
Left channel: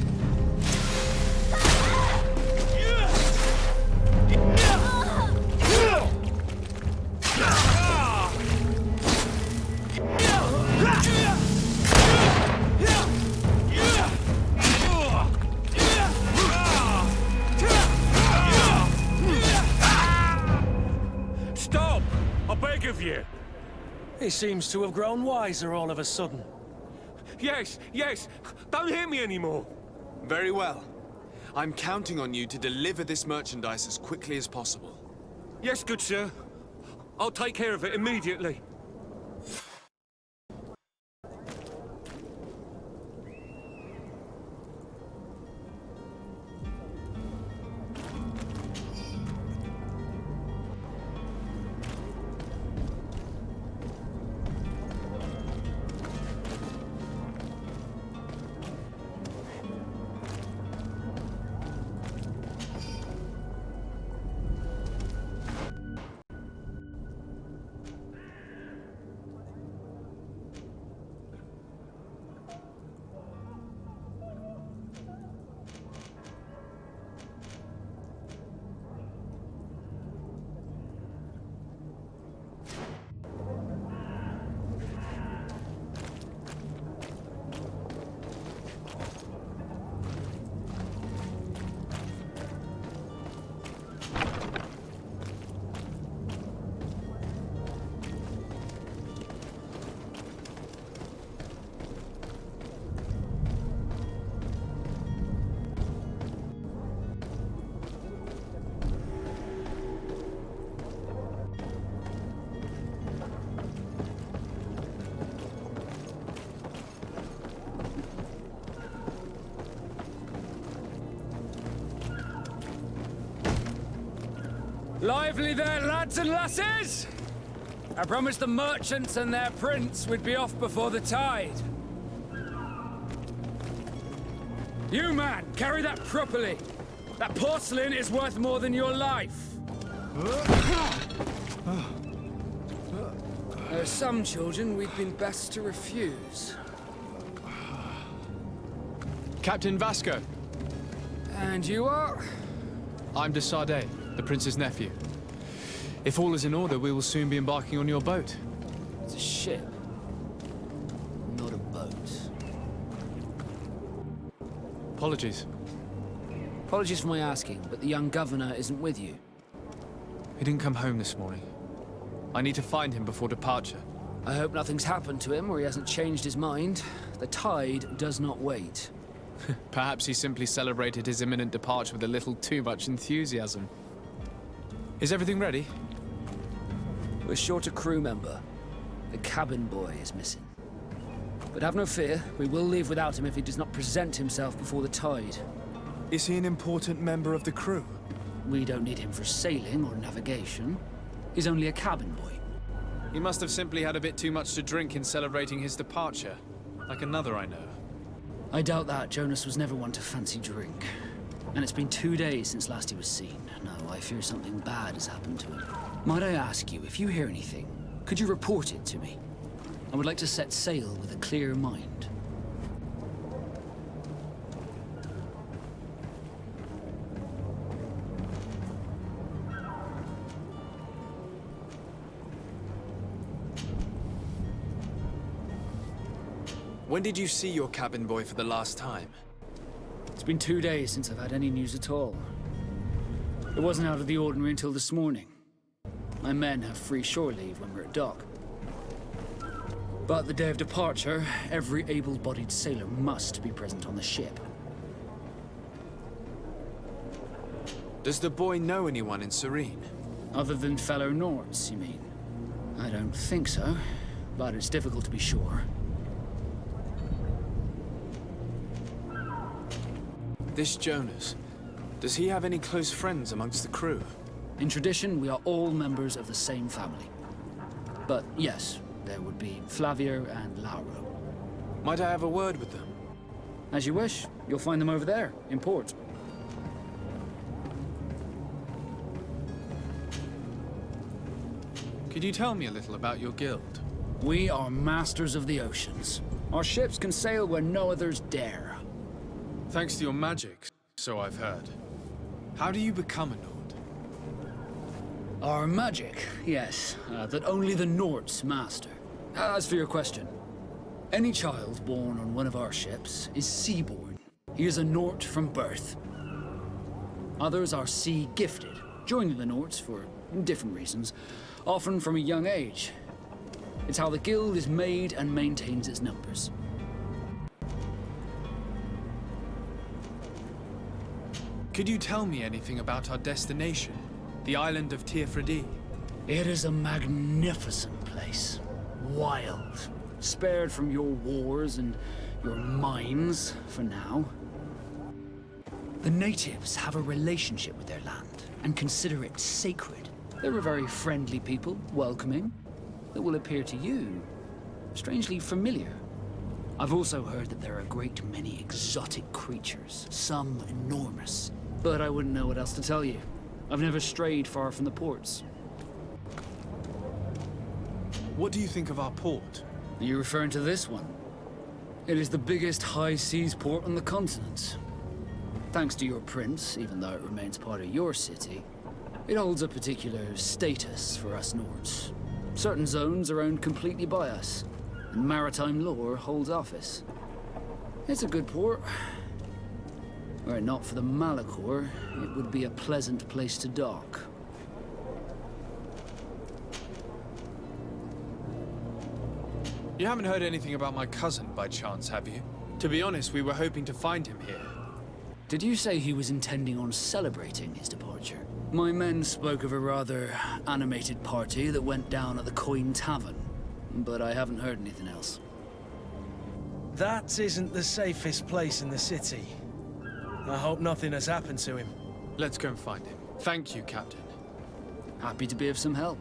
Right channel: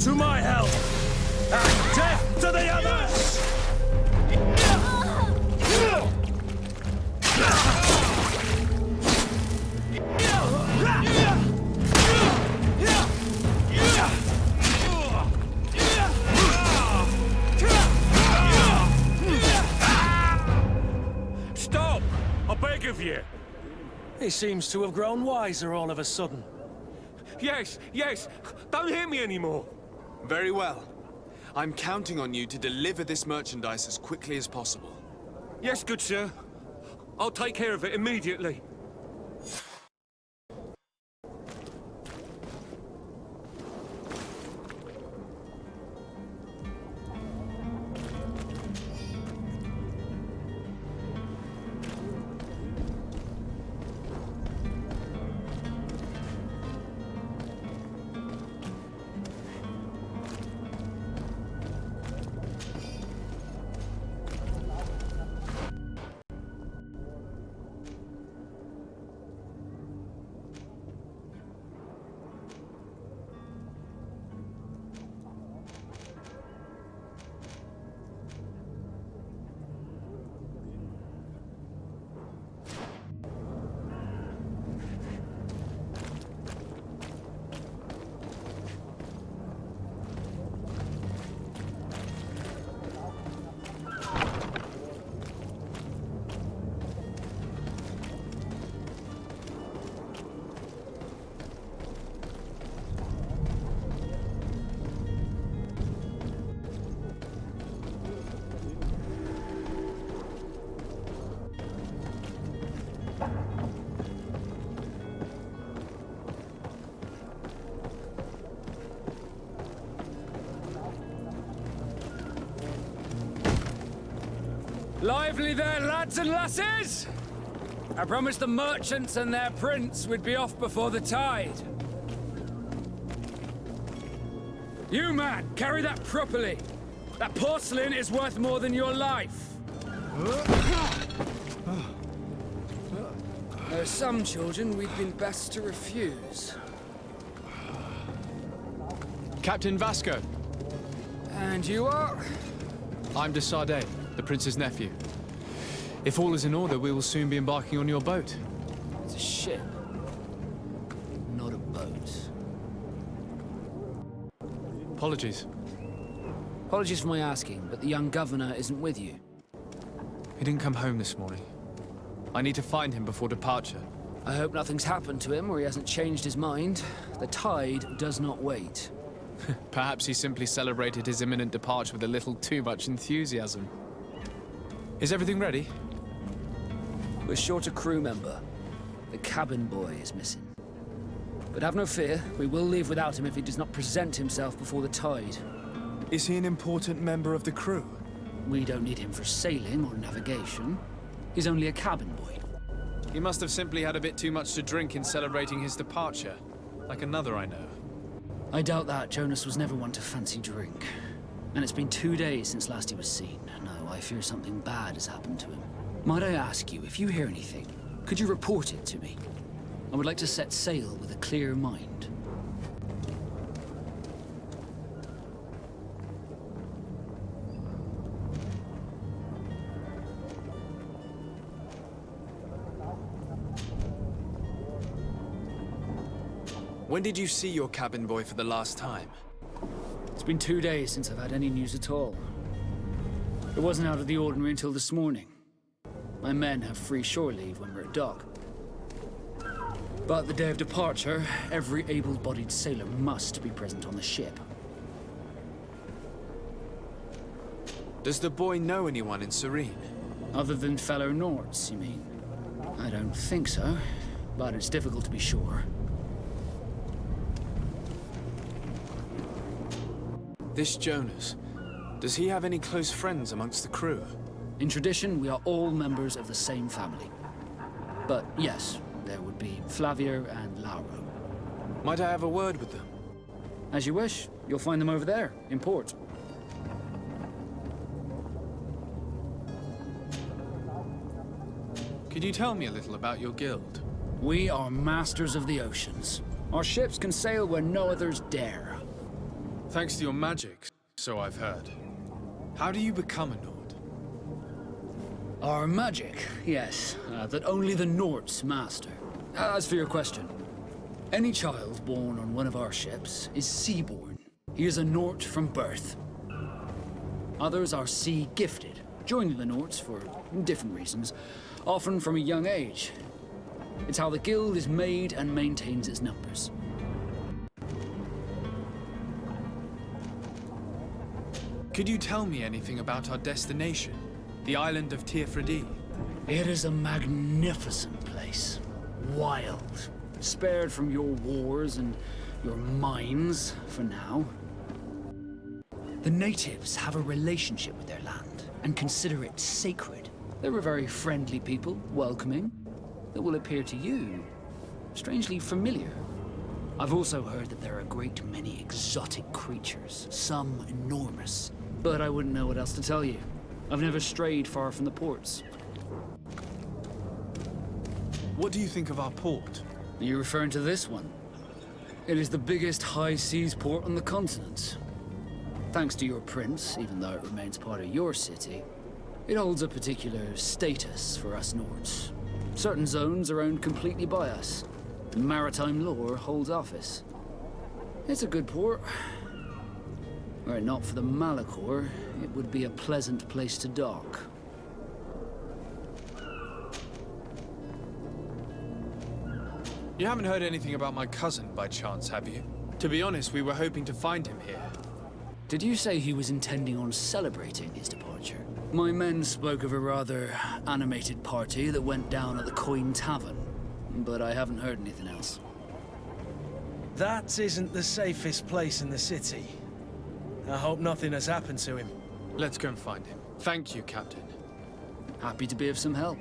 To my help! Death to the others! Stop! I beg of you! He seems to have grown wiser all of a sudden. Yes, yes! Don't hit me anymore! Very well. I'm counting on you to deliver this merchandise as quickly as possible. Yes, good sir. I'll take care of it immediately. Lively there, lads and lasses! I promised the merchants and their prince we'd be off before the tide. You, man, carry that properly. That porcelain is worth more than your life. There are some children we'd been best to refuse. Captain Vasco. And you are? I'm de Sardet, the prince's nephew. If all is in order, we will soon be embarking on your boat. It's a ship, not a boat. Apologies. Apologies for my asking, but the young governor isn't with you. He didn't come home this morning. I need to find him before departure. I hope nothing's happened to him or he hasn't changed his mind. The tide does not wait. Perhaps he simply celebrated his imminent departure with a little too much enthusiasm. Is everything ready? We're short a crew member. The cabin boy is missing. But have no fear, we will leave without him if he does not present himself before the tide. Is he an important member of the crew? We don't need him for sailing or navigation. He's only a cabin boy. He must have simply had a bit too much to drink in celebrating his departure. Like another I know. I doubt that. Jonas was never one to fancy drink. And it's been 2 days since last he was seen. No, I fear something bad has happened to him. Might I ask you, if you hear anything, could you report it to me? I would like to set sail with a clear mind. When did you see your cabin boy for the last time? It's been 2 days since I've had any news at all. It wasn't out of the ordinary until this morning. My men have free shore leave when we're at dock. But the day of departure, every able-bodied sailor must be present on the ship. Does the boy know anyone in Serene? Other than fellow Nords, you mean? I don't think so, but it's difficult to be sure. This Jonas, does he have any close friends amongst the crew? In tradition, we are all members of the same family. But yes, there would be Flavia and Lauro. Might I have a word with them? As you wish. You'll find them over there, in port. Could you tell me a little about your guild? We are masters of the oceans. Our ships can sail where no others dare. Thanks to your magic, so I've heard. How do you become a Nord? Our magic, yes, that only the Nords master. As for your question, any child born on one of our ships is sea-born. He is a Nord from birth. Others are sea-gifted, joining the Nords for different reasons, often from a young age. It's how the guild is made and maintains its numbers. Could you tell me anything about our destination? The island of Teofredi? It is a magnificent place. Wild. Spared from your wars and your mines, for now. The natives have a relationship with their land and consider it sacred. They're a very friendly people, welcoming, that will appear to you strangely familiar. I've also heard that there are a great many exotic creatures, some enormous. But I wouldn't know what else to tell you. I've never strayed far from the ports. What do you think of our port? Are you referring to this one? It is the biggest high seas port on the continent. Thanks to your prince, even though it remains part of your city, it holds a particular status for us Nords. Certain zones are owned completely by us, and maritime law holds office. It's a good port. Were it not for the Malachor, it would be a pleasant place to dock. You haven't heard anything about my cousin by chance, have you? To be honest, we were hoping to find him here. Did you say he was intending on celebrating his departure? My men spoke of a rather animated party that went down at the Coin Tavern, but I haven't heard anything else. That isn't the safest place in the city. I hope nothing has happened to him. Let's go and find him. Thank you, Captain. Happy to be of some help.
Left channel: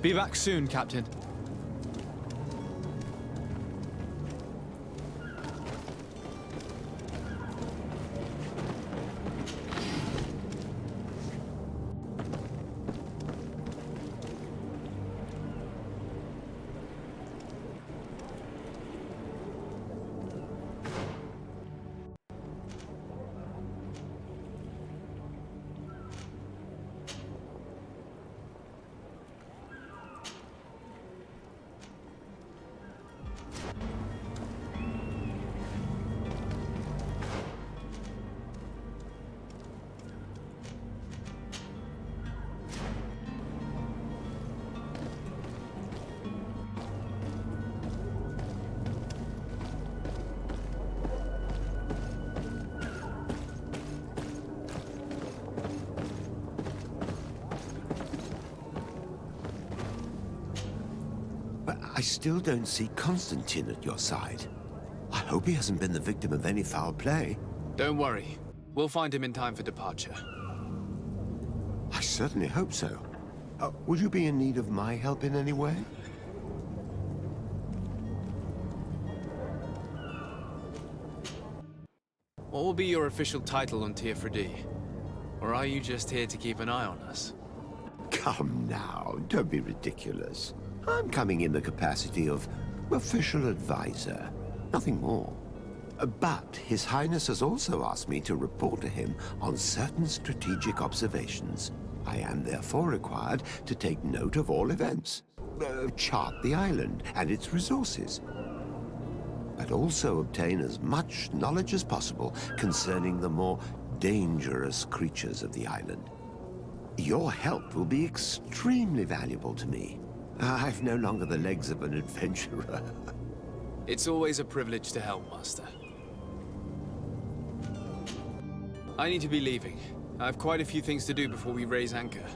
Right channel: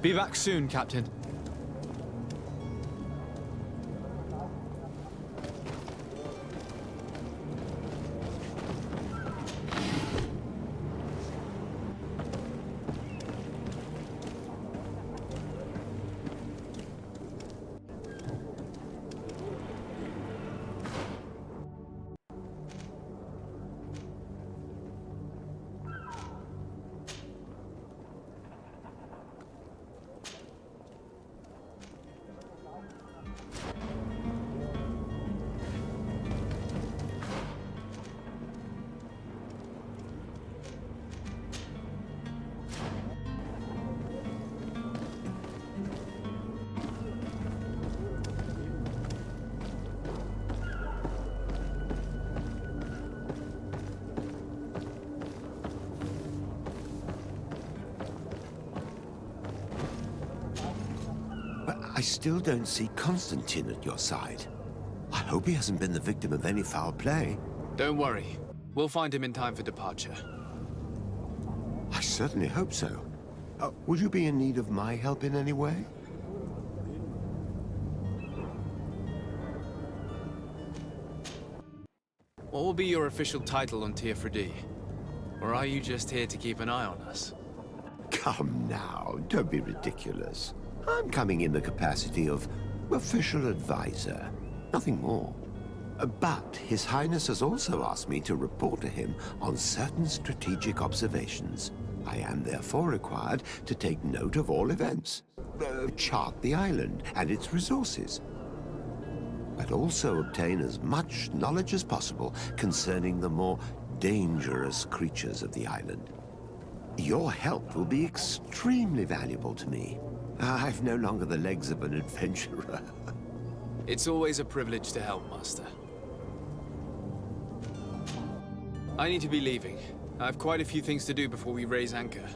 Be back soon, Captain. But I still don't see Constantine at your side. I hope he hasn't been the victim of any foul play. Don't worry. We'll find him in time for departure. I certainly hope so. Would you be in need of my help in any way? What will be your official title on Tier Or are you just here to keep an eye on us? Come now, don't be ridiculous. I'm coming in the capacity of official advisor, nothing more. But His Highness has also asked me to report to him on certain strategic observations. I am therefore required to take note of all events, chart the island and its resources, but also obtain as much knowledge as possible concerning the more dangerous creatures of the island. Your help will be extremely valuable to me. I've no longer the legs of an adventurer. It's always a privilege to help, Master. I need to be leaving. I have quite a few things to do before we raise anchor.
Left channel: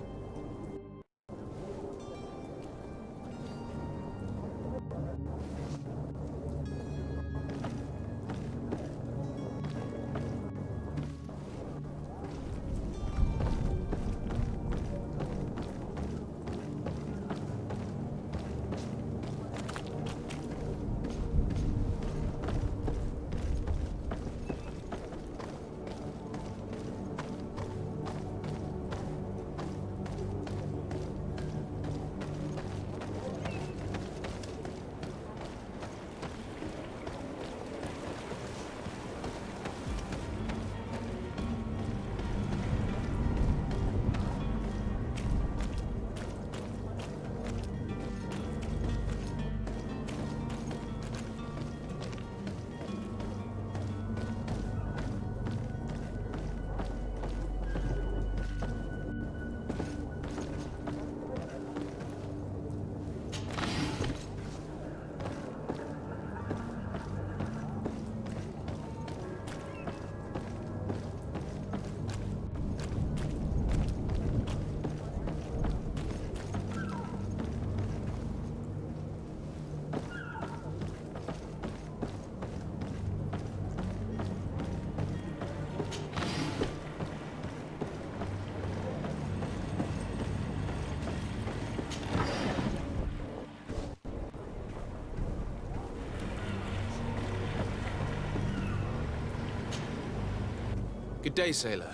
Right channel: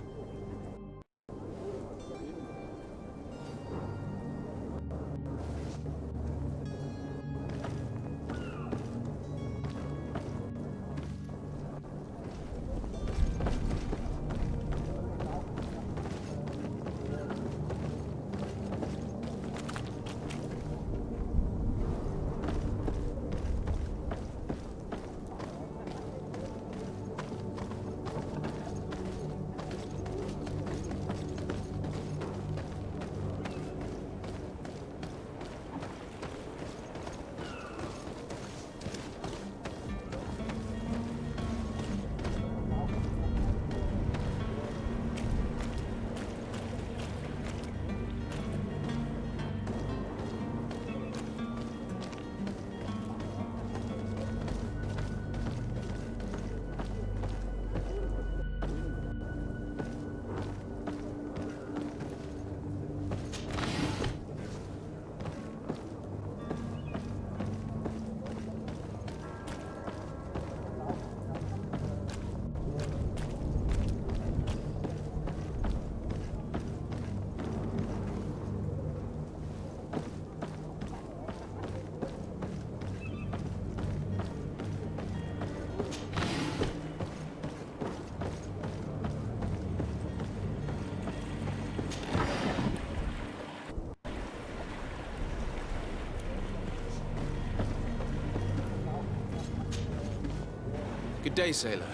Good day, sailor.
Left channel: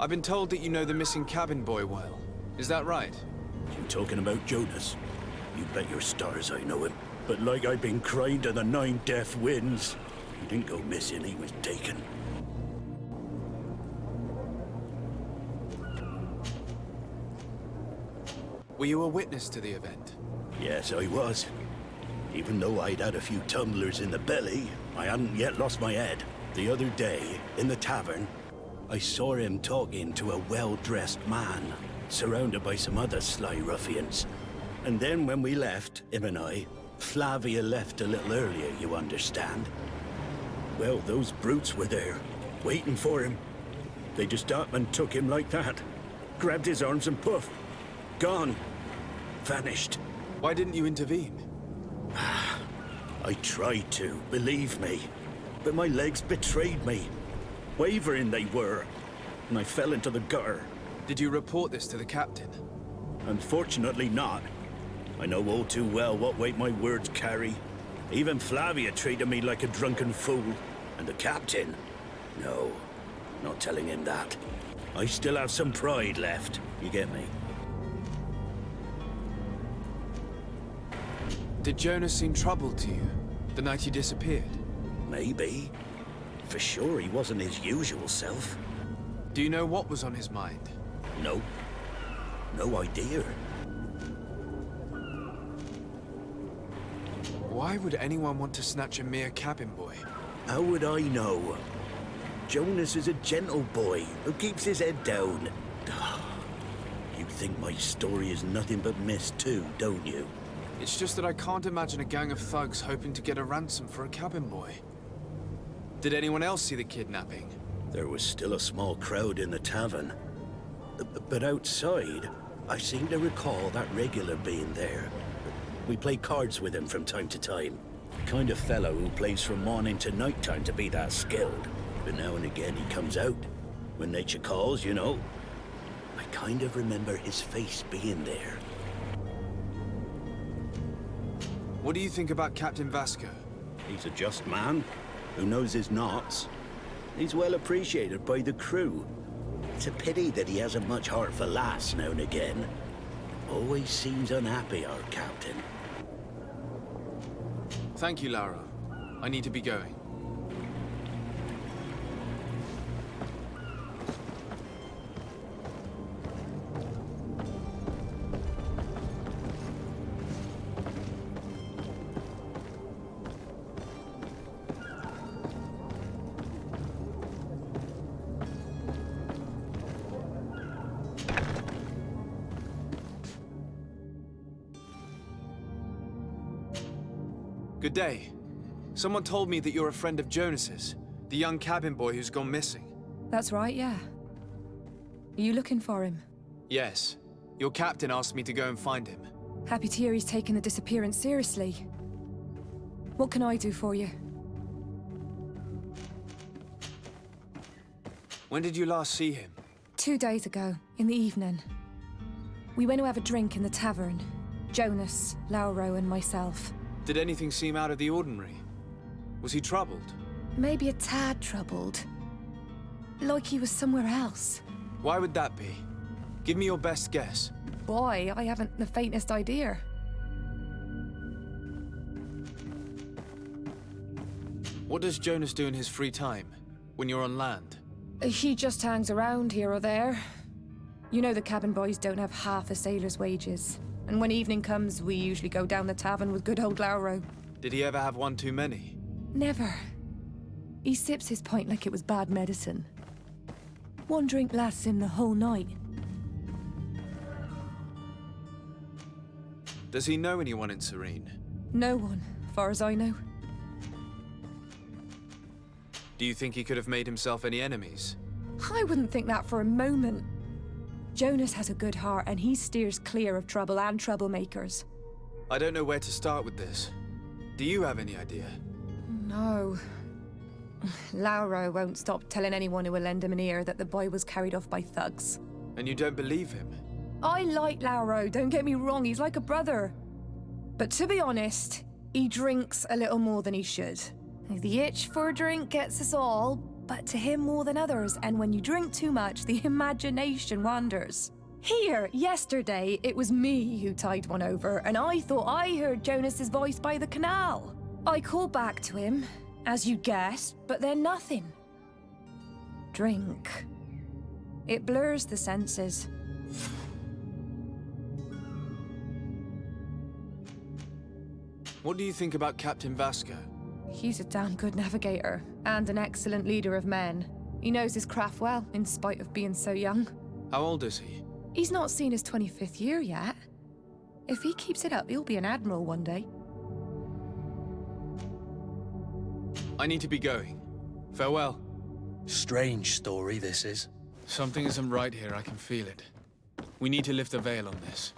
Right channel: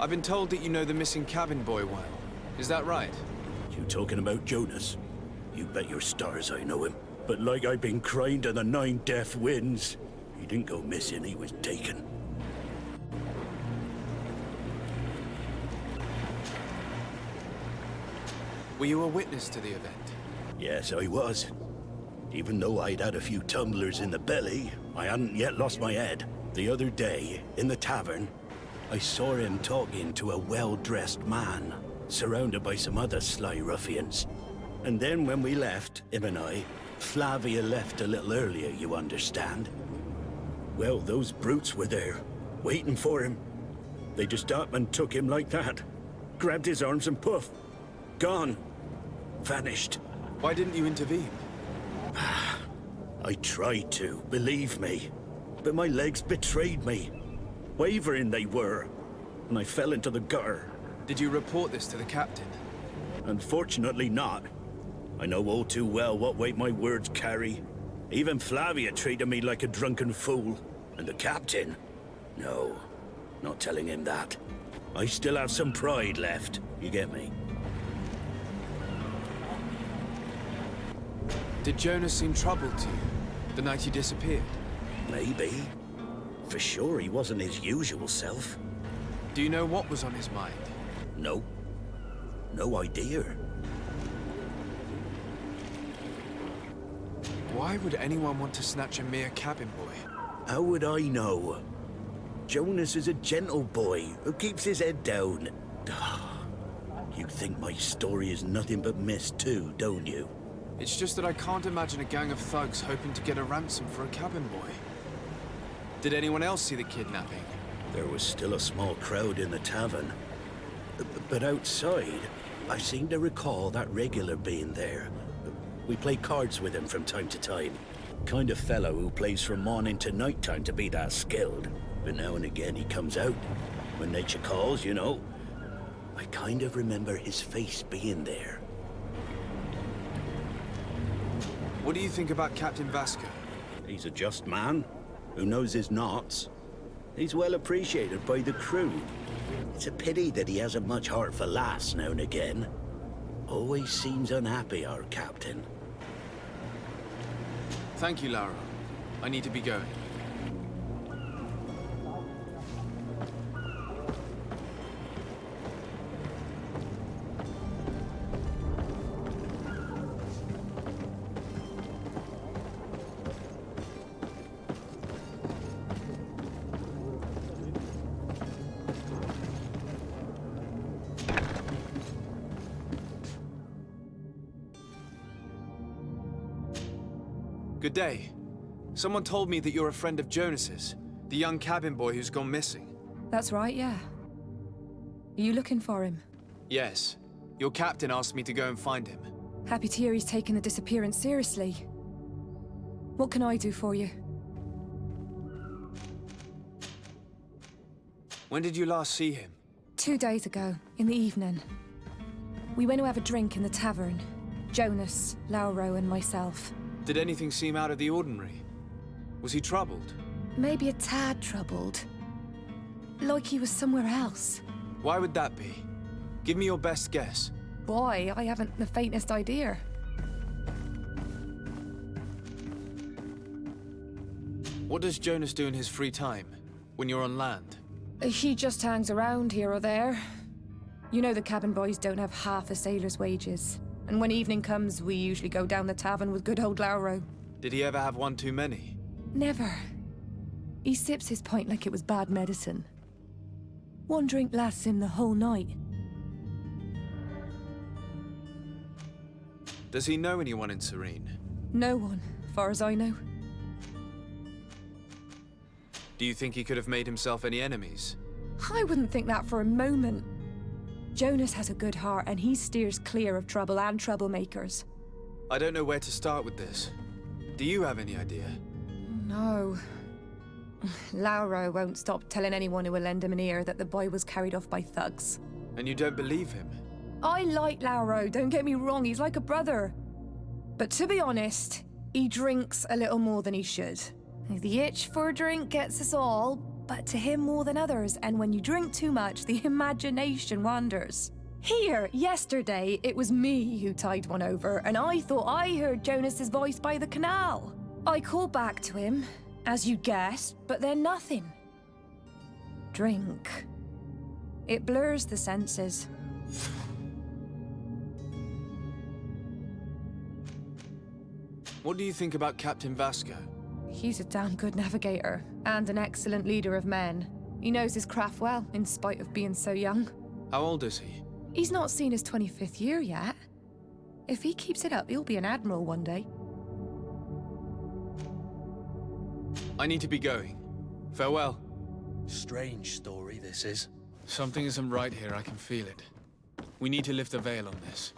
I've been told that you know the missing cabin boy well. Is that right? You talking about Jonas? You bet your stars I know him. But like I've been crying to the 9 deaf winds, he didn't go missing, he was taken. Were you a witness to the event? Yes, I was. Even though I'd had a few tumblers in the belly, I hadn't yet lost my head. The other day, in the tavern, I saw him talking to a well-dressed man, surrounded by some other sly ruffians. And then when we left, him and I, Flavia left a little earlier, you understand. Well, those brutes were there, waiting for him. They just up and took him like that. Grabbed his arms and poof, gone. Vanished. Why didn't you intervene? I tried to, believe me. But my legs betrayed me. Wavering they were, and I fell into the gutter. Did you report this to the captain? Unfortunately not. I know all too well what weight my words carry. Even Flavia treated me like a drunken fool. And the captain? No, not telling him that. I still have some pride left. You get me? Did Jonas seem troubled to you the night he disappeared? Maybe. For sure he wasn't his usual self. Do you know what was on his mind? No. No idea. Why would anyone want to snatch a mere cabin boy? How would I know? Jonas is a gentle boy who keeps his head down. You think my story is nothing but mist too, don't you? It's just that I can't imagine a gang of thugs hoping to get a ransom for a cabin boy. Did anyone else see the kidnapping? There was still a small crowd in the tavern. But outside, I seem to recall that regular being there. We play cards with him from time to time. Kind of fellow who plays from morning to night time to be that skilled. But now and again he comes out. When nature calls, you know. I kind of remember his face being there. What do you think about Captain Vasco? He's a just man who knows his knots. He's well appreciated by the crew. It's a pity that he hasn't much heart for laughs now and again. Always seems unhappy, our captain. Thank you, Lauro. I need to be going. Good day. Someone told me that you're a friend of Jonas's, the young cabin boy who's gone missing. That's right, yeah. Are you looking for him? Yes. Your captain asked me to go and find him. Happy to hear he's taken the disappearance seriously. What can I do for you? When did you last see him? 2 days ago, in the evening. We went to have a drink in the tavern. Jonas, Lauro, and myself. Did anything seem out of the ordinary? Was he troubled? Maybe a tad troubled. Like he was somewhere else. Why would that be? Give me your best guess. Boy, I haven't the faintest idea. What does Jonas do in his free time, when you're on land? He just hangs around here or there. You know the cabin boys don't have half a sailor's wages. And when evening comes, we usually go down the tavern with good old Lauro. Did he ever have one too many? Never. He sips his pint like it was bad medicine. One drink lasts him the whole night. Does he know anyone in Serene? No one, far as I know. Do you think he could have made himself any enemies? I wouldn't think that for a moment. Jonas has a good heart and he steers clear of trouble and troublemakers. I don't know where to start with this. Do you have any idea? No. Lauro won't stop telling anyone who will lend him an ear that the boy was carried off by thugs. And you don't believe him? I like Lauro, don't get me wrong, he's like a brother. But to be honest, he drinks a little more than he should. The itch for a drink gets us all, but to him more than others, and when you drink too much, the imagination wanders. Here, yesterday, it was me who tied one over, and I thought I heard Jonas's voice by the canal. I called back to him, as you guessed, but then nothing. Drink. It blurs the senses. What do you think about Captain Vasco? He's a damn good navigator, and an excellent leader of men. He knows his craft well, in spite of being so young. How old is he? He's not seen his 25th year yet. If he keeps it up, he'll be an admiral one day. I need to be going. Farewell. Strange story, this is. Something isn't right here, I can feel it. We need to lift the veil on this.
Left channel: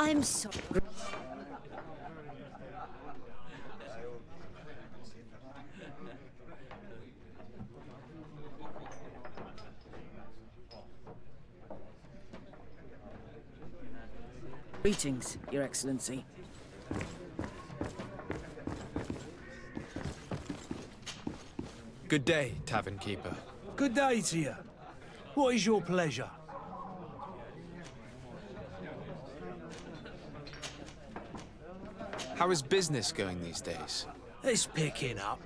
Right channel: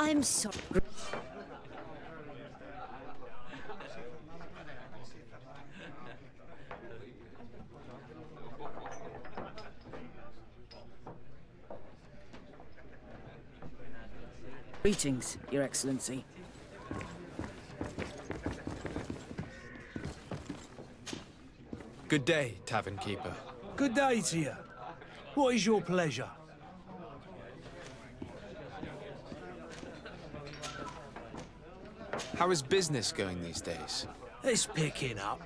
I'm sorry. Greetings, Your Excellency. Good day, Tavern Keeper. Good day to you. What is your pleasure? How is business going these days? It's picking up.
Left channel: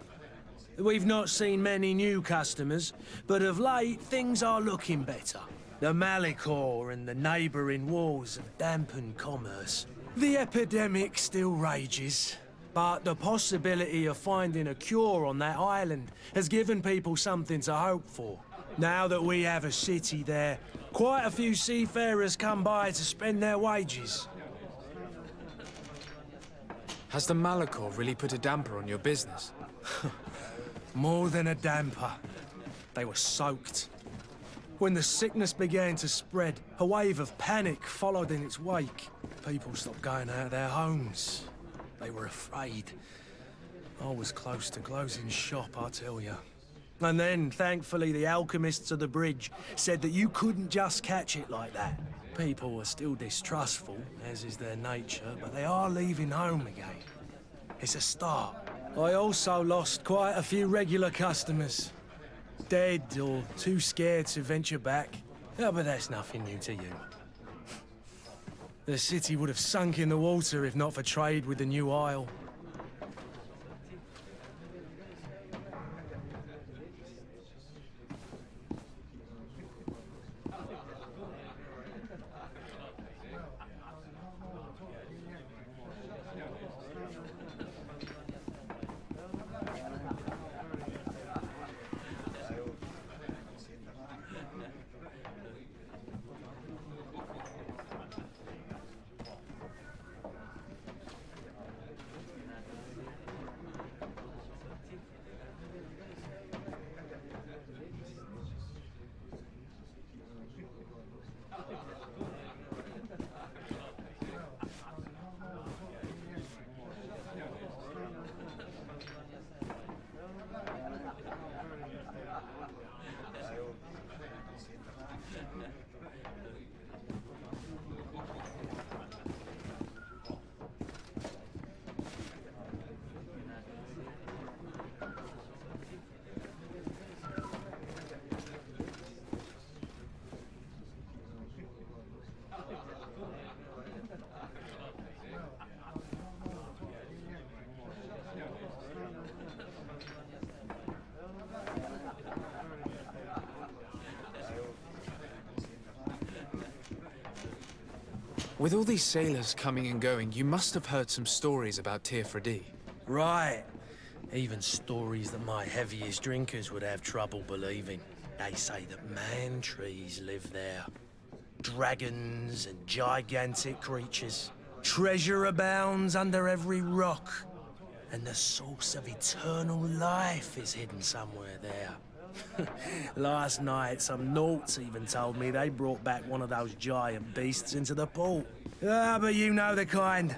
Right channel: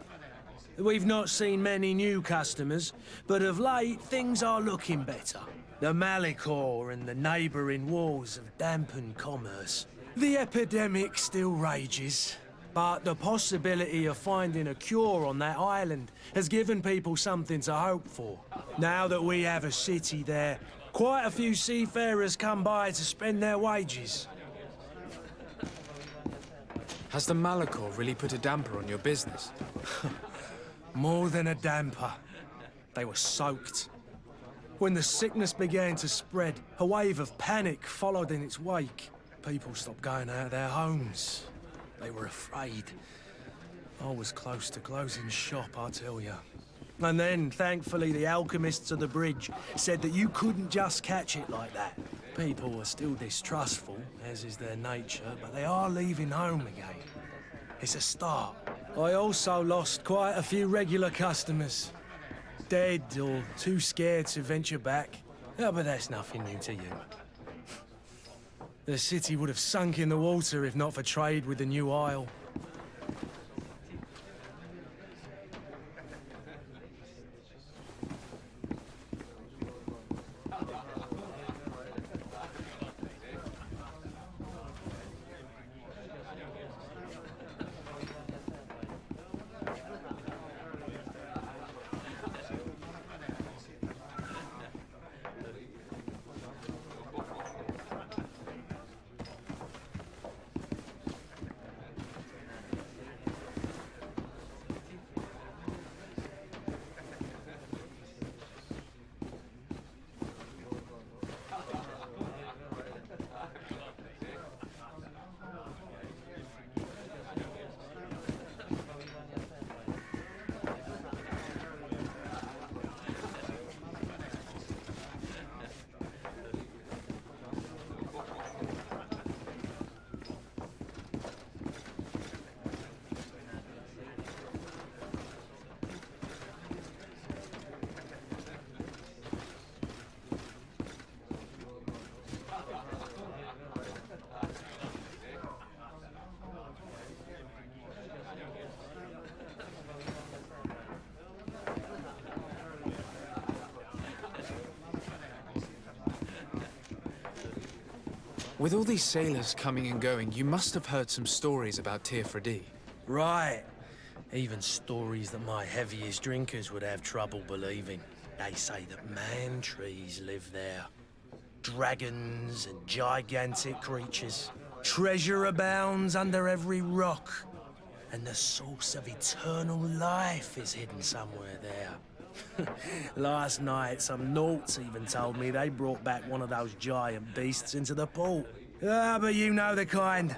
We've not seen many new customers, but of late things are looking better. The Malicor and the neighbouring wars have dampened commerce. The epidemic still rages, but the possibility of finding a cure on that island has given people something to hope for. Now that we have a city there, quite a few seafarers come by to spend their wages. Has the Malicor really put a damper on your business? More than a damper. They were soaked. When the sickness began to spread, a wave of panic followed in its wake. People stopped going out of their homes. They were afraid. I was close to closing shop, I tell you. And then, thankfully, the alchemists of the bridge said that you couldn't just catch it like that. People were still distrustful, as is their nature, but they are leaving home again. It's a start. I also lost quite a few regular customers. Dead or too scared to venture back. Oh, but that's nothing new to you. The city would have sunk in the water if not for trade with the new isle. With all these sailors coming and going, you must have heard some stories about Tirfredi. Right. Even stories that my heaviest drinkers would have trouble believing. They say that man-trees live there. Dragons and gigantic creatures. Treasure abounds under every rock. And the source of eternal life is hidden somewhere there. Last night, some Nauts even told me they brought back one of those giant beasts into the port. Ah, but you know the kind.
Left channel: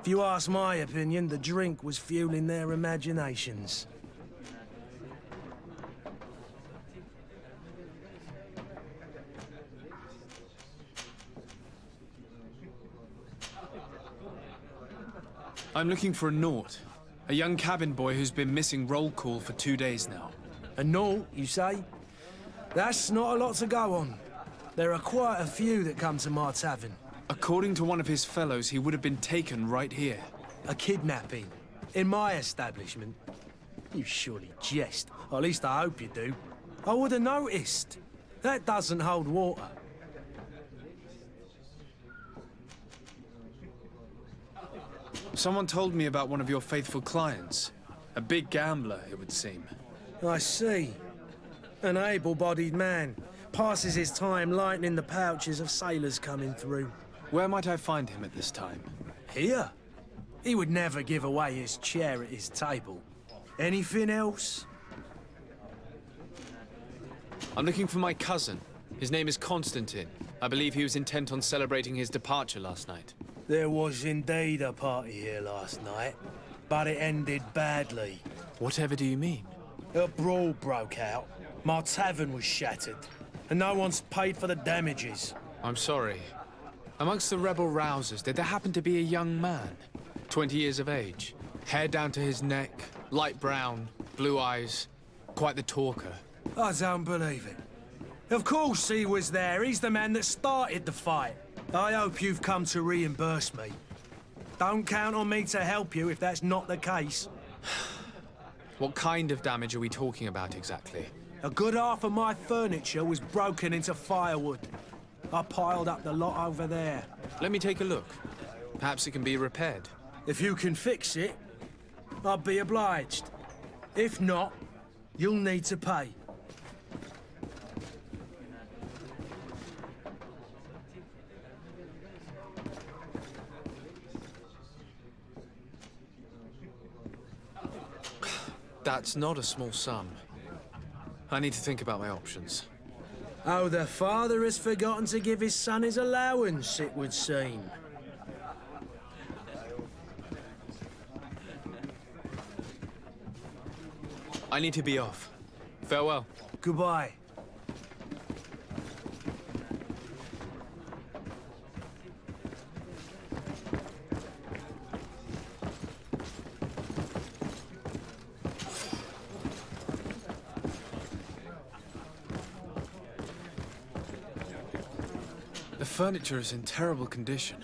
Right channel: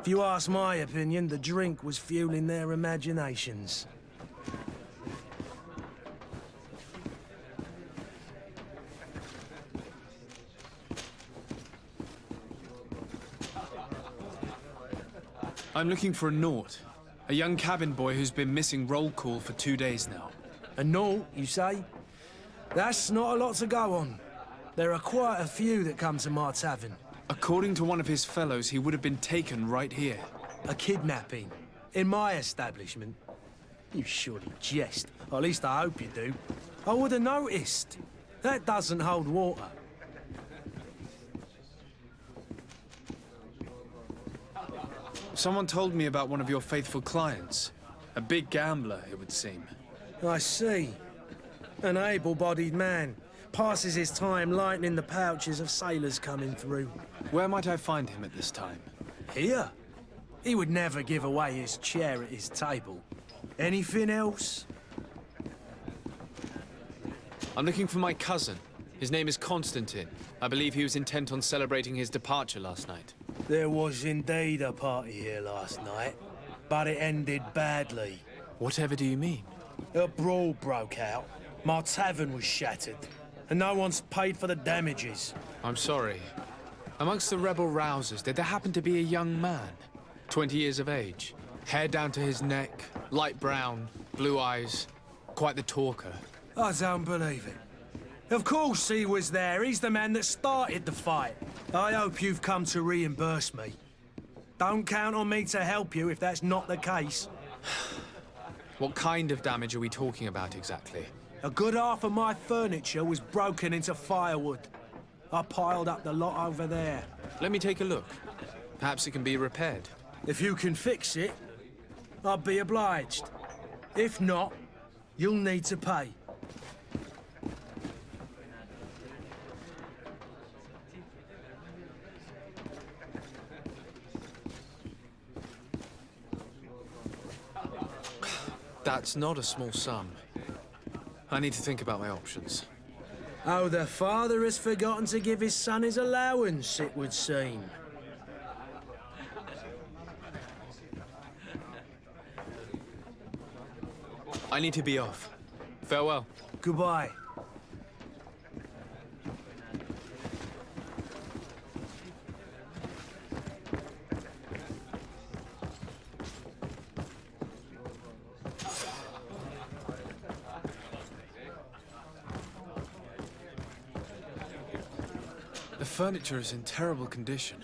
If you ask my opinion, the drink was fueling their imaginations. I'm looking for a Naut. A young cabin boy who's been missing roll call for 2 days now. A Naut, you say? That's not a lot to go on. There are quite a few that come to my tavern. According to one of his fellows, he would have been taken right here. A kidnapping? In my establishment? You surely jest. Or at least I hope you do. I would have noticed. That doesn't hold water. Someone told me about one of your faithful clients. A big gambler, it would seem. I see. An able-bodied man. Passes his time lightening the pouches of sailors coming through. Where might I find him at this time? Here? He would never give away his chair at his table. Anything else? I'm looking for my cousin. His name is Constantine. I believe he was intent on celebrating his departure last night. There was indeed a party here last night, but it ended badly. Whatever do you mean? A brawl broke out. My tavern was shattered, and no one's paid for the damages. I'm sorry. Amongst the rebel rousers, did there happen to be a young man? 20 years of age, hair down to his neck, light brown, blue eyes, quite the talker. I don't believe it. Of course he was there. He's the man that started the fight. I hope you've come to reimburse me. Don't count on me to help you if that's not the case. What kind of damage are we talking about exactly? A good half of my furniture was broken into firewood. I piled up the lot over there. Let me take a look. Perhaps it can be repaired. If you can fix it, I'll be obliged. If not, you'll need to pay. That's not a small sum. I need to think about my options. Oh, the father has forgotten to give his son his allowance, it would seem. I need to be off. Farewell. Goodbye. The furniture is in terrible condition.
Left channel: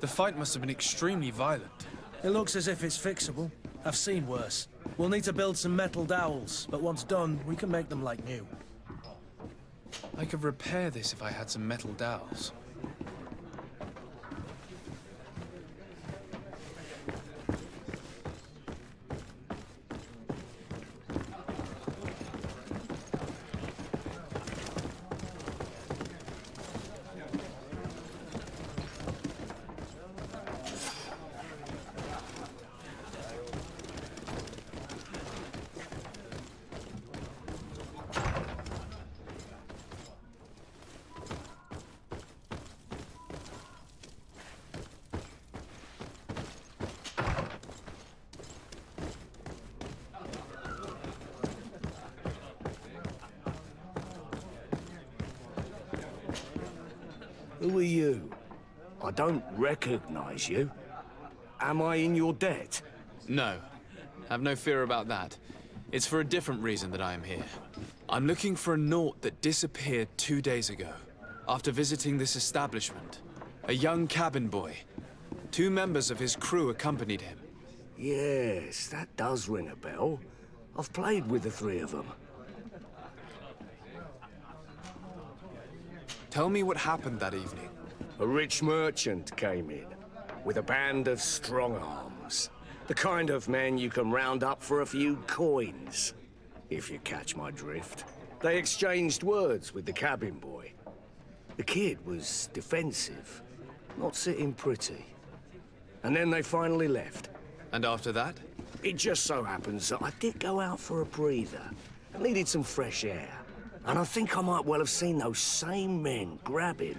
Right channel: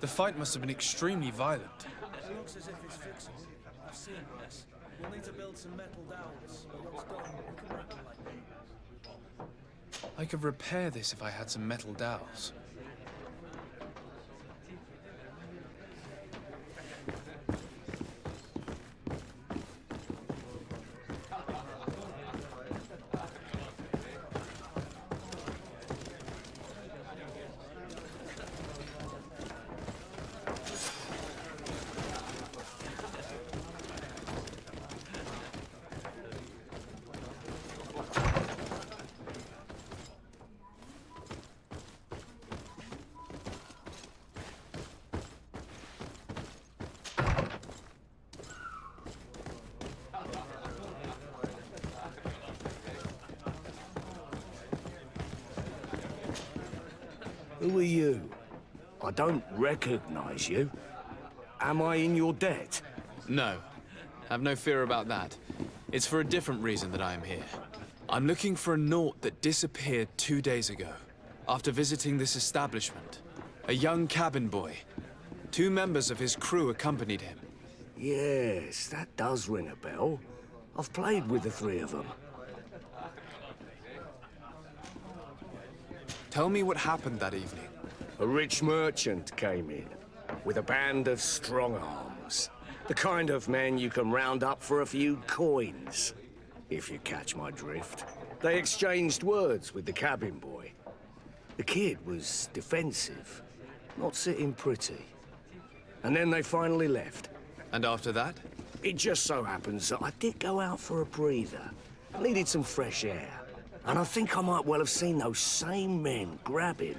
The fight must have been extremely violent. It looks as if it's fixable. I've seen worse. We'll need to build some metal dowels, but once done, we can make them like new. I could repair this if I had some metal dowels. Who are you? I don't recognize you. Am I in your debt? No. Have no fear about that. It's for a different reason that I am here. I'm looking for a Naut that disappeared 2 days ago, after visiting this establishment. A young cabin boy. 2 members of his crew accompanied him. Yes, that does ring a bell. I've played with the 3 of them. Tell me what happened that evening. A rich merchant came in, with a band of strong arms. The kind of men you can round up for a few coins, if you catch my drift. They exchanged words with the cabin boy. The kid was defensive, not sitting pretty. And then they finally left. And after that? It just so happens that I did go out for a breather. I needed some fresh air. And I think I might well have seen those same men grab him.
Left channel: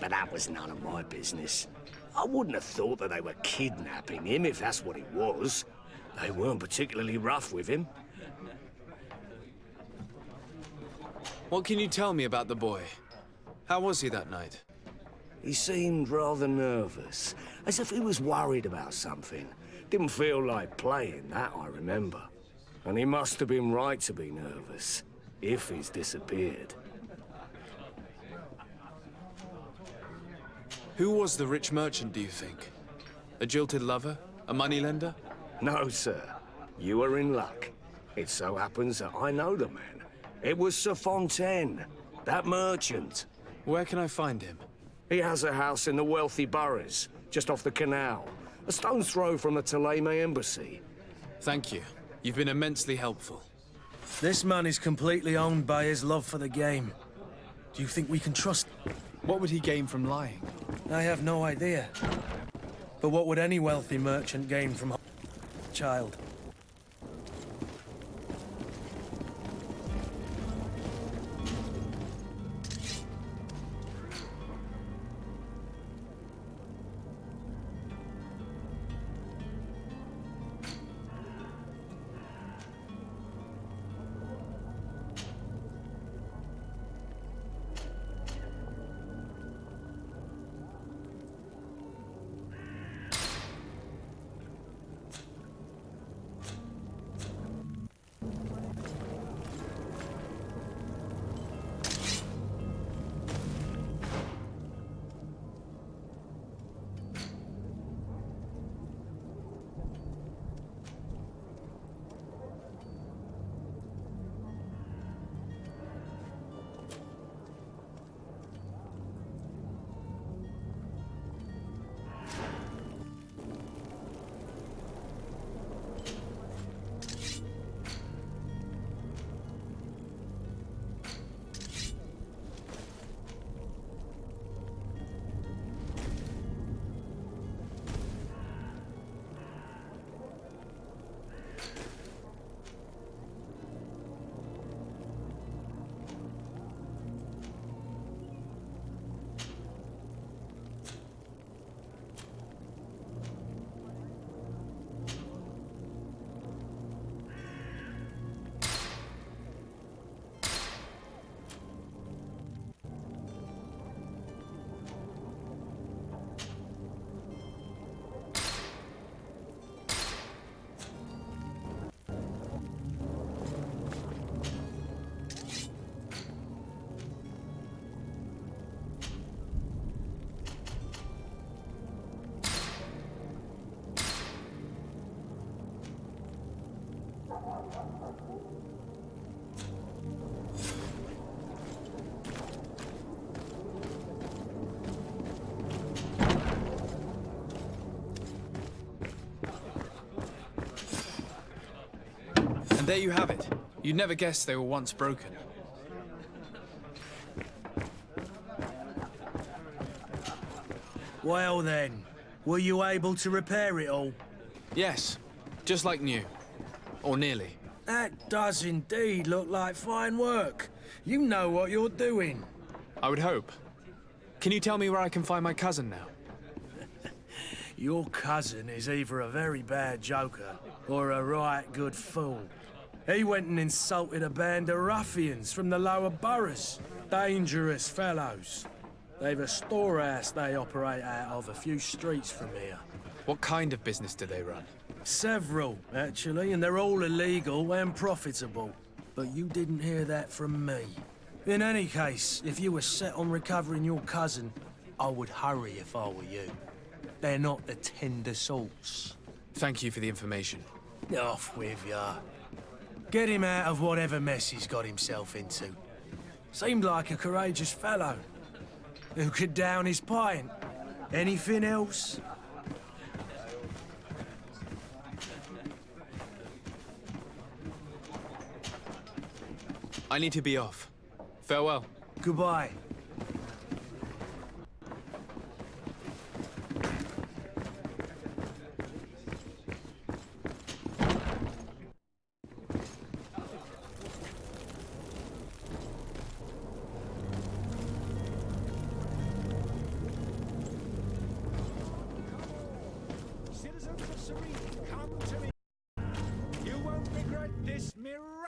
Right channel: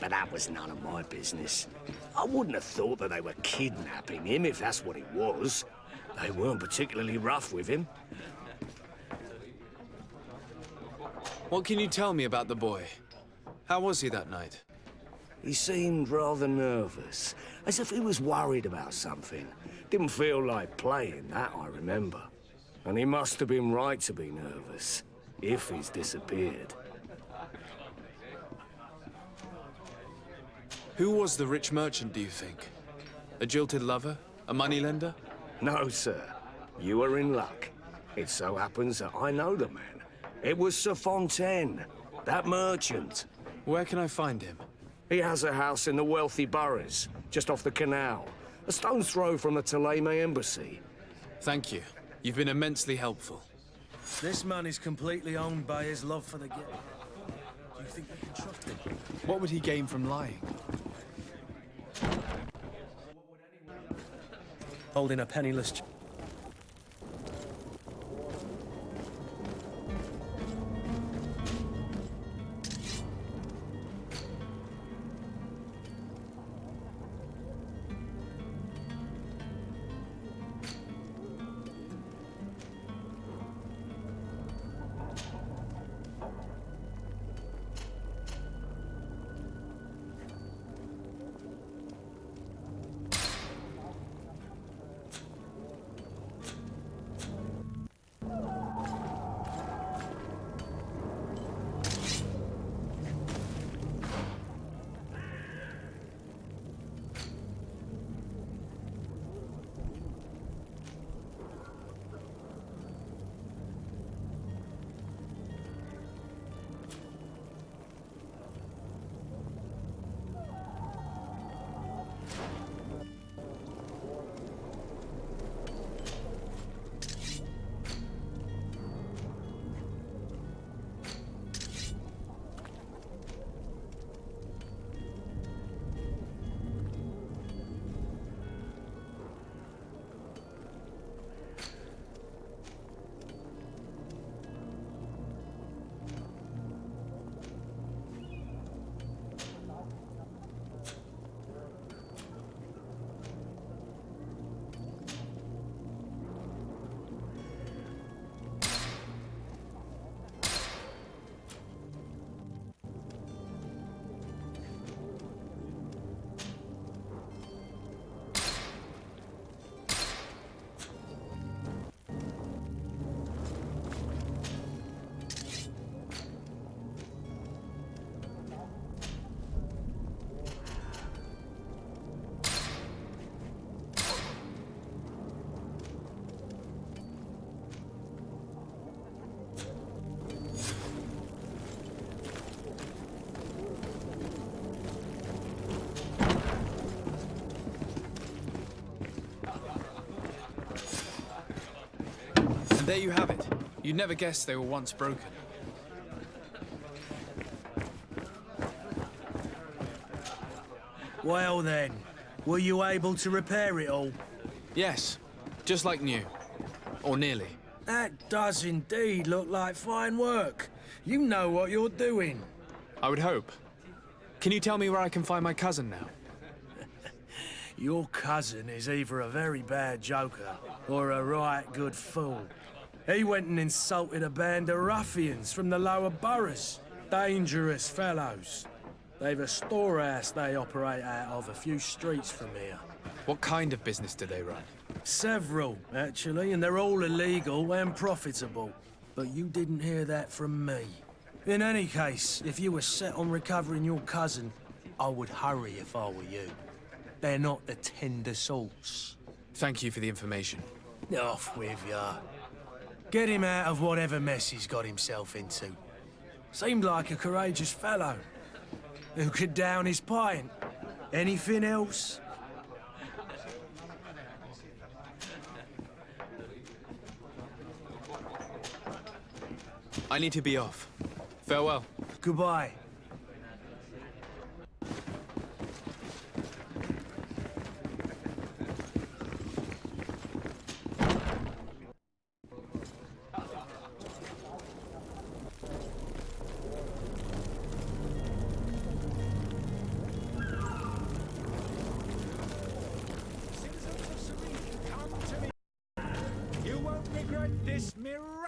But that was none of my business. I wouldn't have thought that they were kidnapping him, if that's what it was. They weren't particularly rough with him. What can you tell me about the boy? How was he that night? He seemed rather nervous, as if he was worried about something. Didn't feel like playing, that I remember. And he must have been right to be nervous, if he's disappeared. Who was the rich merchant, do you think? A jilted lover? A moneylender? No, sir. You are in luck. It so happens that I know the man. It was Sir Fontaine, that merchant. Where can I find him? He has a house in the wealthy boroughs, just off the canal. A stone's throw from the Thélème embassy. Thank you. You've been immensely helpful. This man is completely owned by his love for the game. Do you think we can trust him? What would he gain from lying? I have no idea. But what would any wealthy merchant gain from holding a penniless child? There you have it. You'd never guess they were once broken. Well then, were you able to repair it all? Yes, just like new. Or nearly. That does indeed look like fine work. You know what you're doing. I would hope. Can you tell me where I can find my cousin now? Your cousin is either a very bad joker or a right good fool. He went and insulted a band of ruffians from the lower boroughs. Dangerous fellows. They've a storehouse they operate out of a few streets from here. What kind of business do they run? Several, actually, and they're all illegal and profitable. But you didn't hear that from me. In any case, if you were set on recovering your cousin, I would hurry if I were you. They're not the tender sorts. Thank you for the information. Off with ya. Get him out of whatever mess he's got himself into. Seemed like a courageous fellow. Who could down his pint? Anything else? I need to be off. Farewell. Goodbye. Citizens of Serene, come to me. You won't regret this miraculous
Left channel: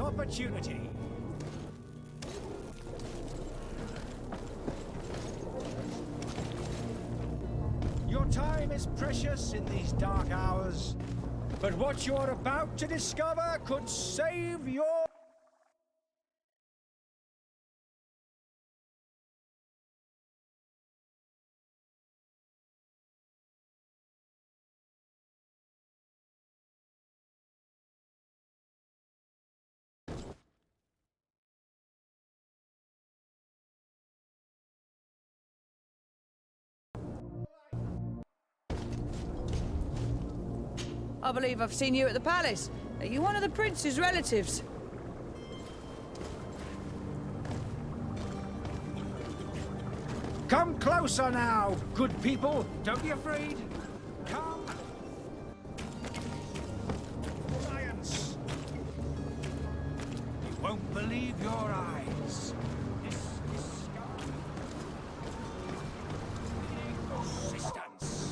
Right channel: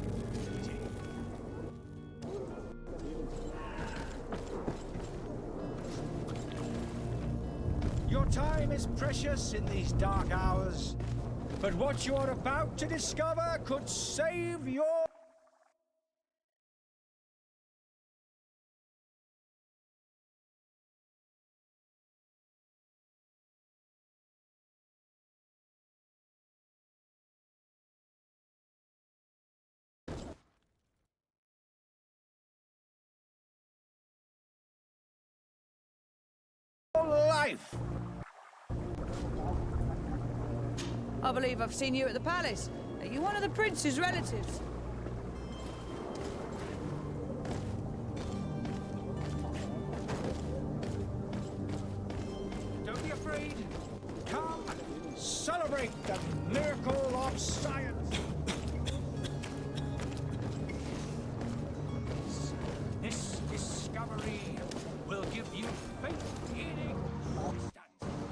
opportunity. Your time is precious in these dark hours, but what you're about to discover could save your life. I believe I've seen you at the palace. Are you one of the prince's relatives? Come closer now, good people. Don't be afraid. Come, celebrate the miracle of science. Won't believe your eyes. This discovery will give you faith in existence.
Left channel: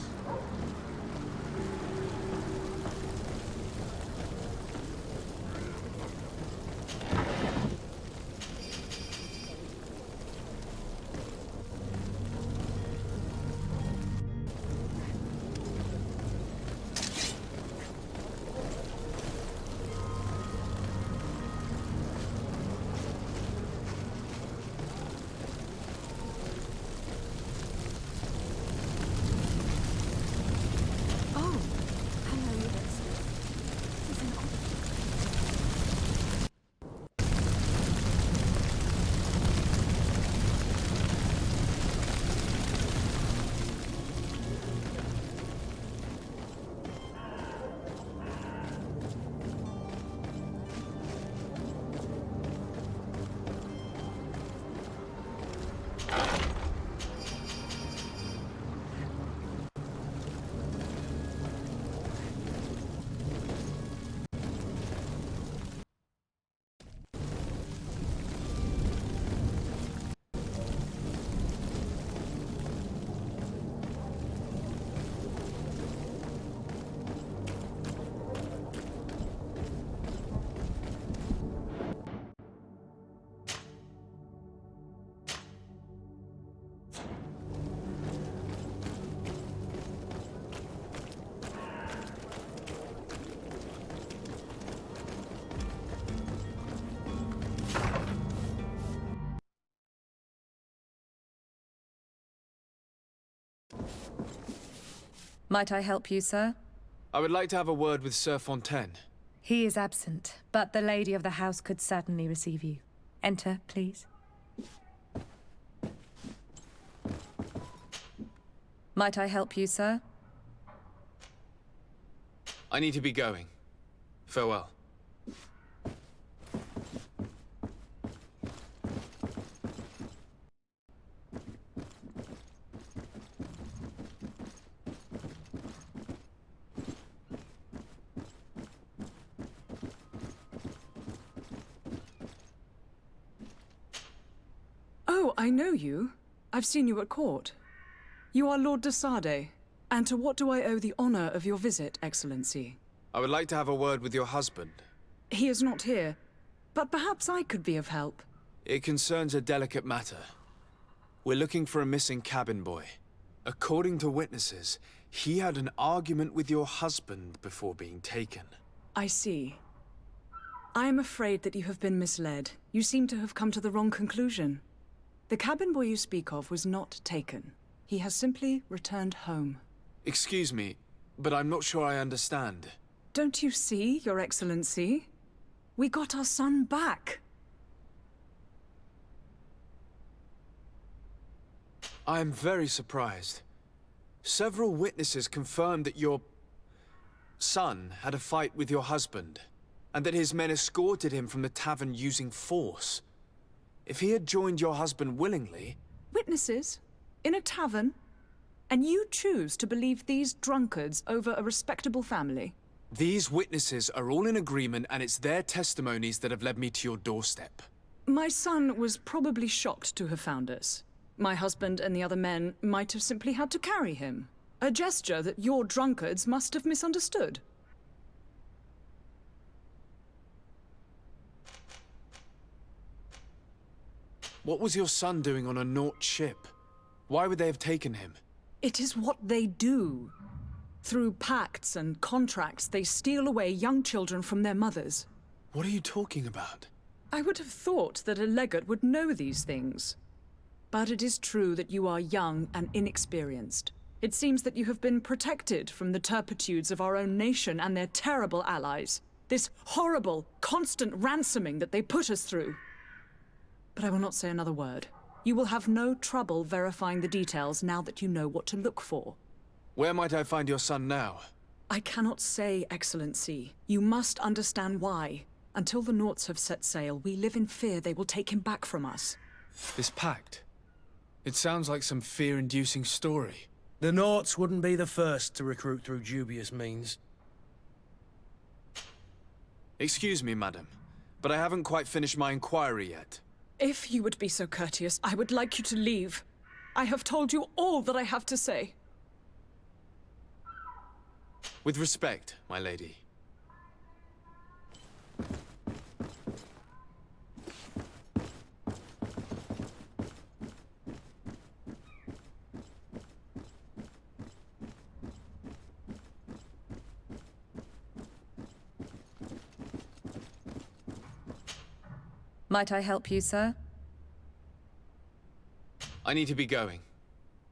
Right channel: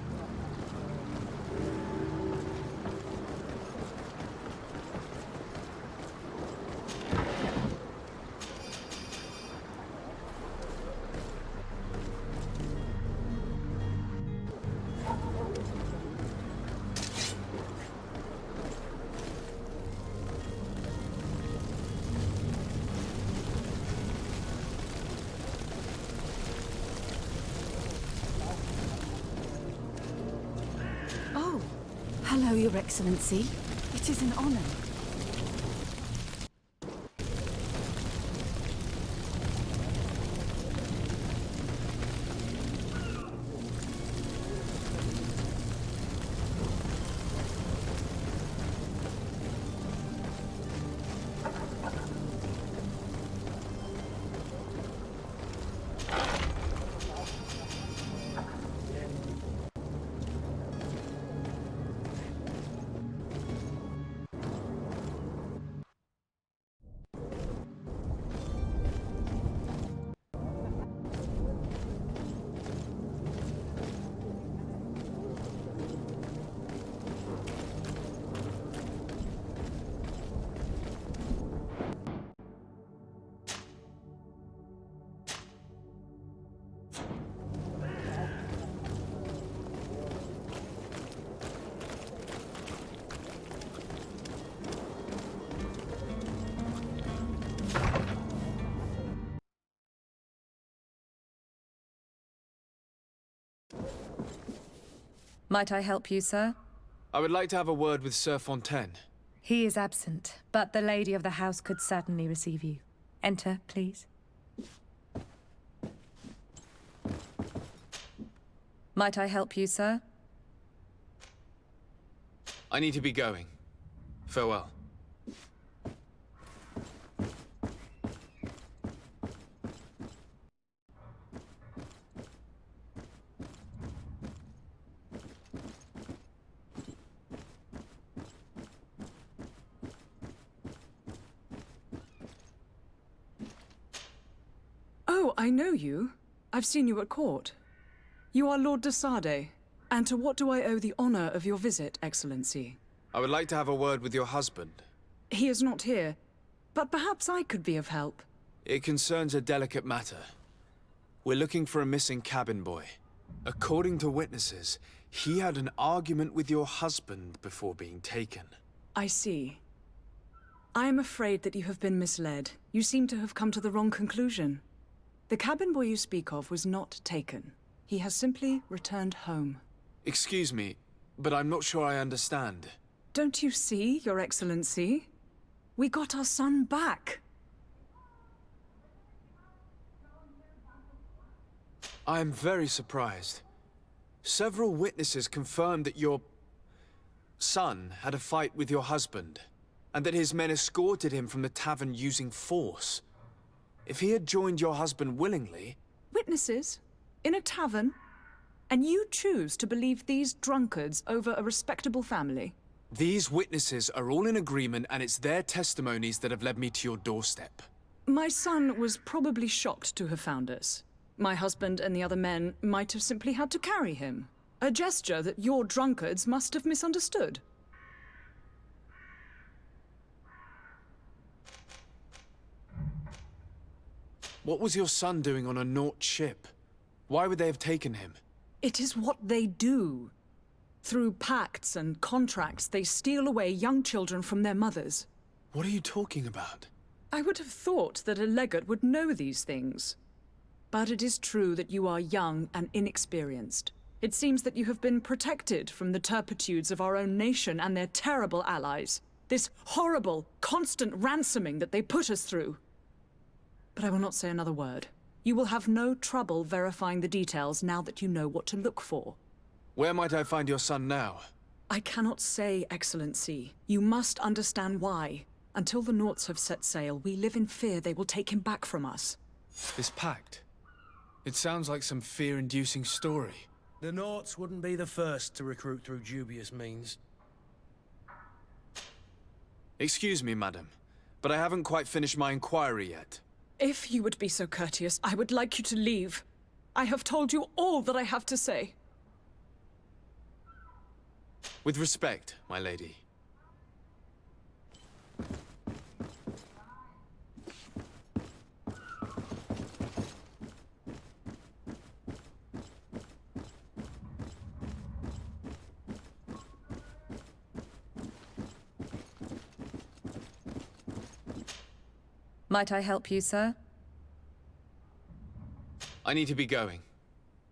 Oh, hello, Your Excellency. It is an honor. Might I help you, sir? I would like to have a word with Sir Fontaine. He is absent, but the lady of the house could certainly receive you. Enter, please. Might I help you, sir? I need to be going. Farewell. Oh, I know you. I've seen you at court. You are Lord de Sade. And to what do I owe the honor of your visit, Excellency? I would like to have a word with your husband. He is not here, but perhaps I could be of help. It concerns a delicate matter. We're looking for a missing cabin boy. According to witnesses, he had an argument with your husband before being taken. I see. I am afraid that you have been misled. You seem to have come to the wrong conclusion. The cabin boy you speak of was not taken. He has simply returned home. Excuse me, but I'm not sure I understand. Don't you see, Your Excellency? We got our son back. I am very surprised. Several witnesses confirmed that your son had a fight with your husband, and that his men escorted him from the tavern using force. If he had joined your husband willingly... Witnesses? In a tavern? And you choose to believe these drunkards over a respectable family? These witnesses are all in agreement, and it's their testimonies that have led me to your doorstep. My son was probably shocked to have found us. My husband and the other men might have simply had to carry him. A gesture that your drunkards must have misunderstood. What was your son doing on a Naut ship? Why would they have taken him? It is what they do. Through pacts and contracts, they steal away young children from their mothers. What are you talking about? I would have thought that a legate would know these things. But it is true that you are young and inexperienced. It seems that you have been protected from the turpitudes of our own nation and their terrible allies. This horrible, constant ransoming that they put us through. But I will not say another word. You will have no trouble verifying the details now that you know what to look for. Where might I find your son now? I cannot say, Excellency. You must understand why. Until the Nauts have set sail, we live in fear they will take him back from us. This pact? It sounds like some fear-inducing story. The Nauts wouldn't be the first to recruit through dubious means. Excuse me, madam, but I haven't quite finished my inquiry yet. If you would be so courteous, I would like you to leave. I have told you all that I have to say. With respect, my lady. Might I help you, sir? I need to be going.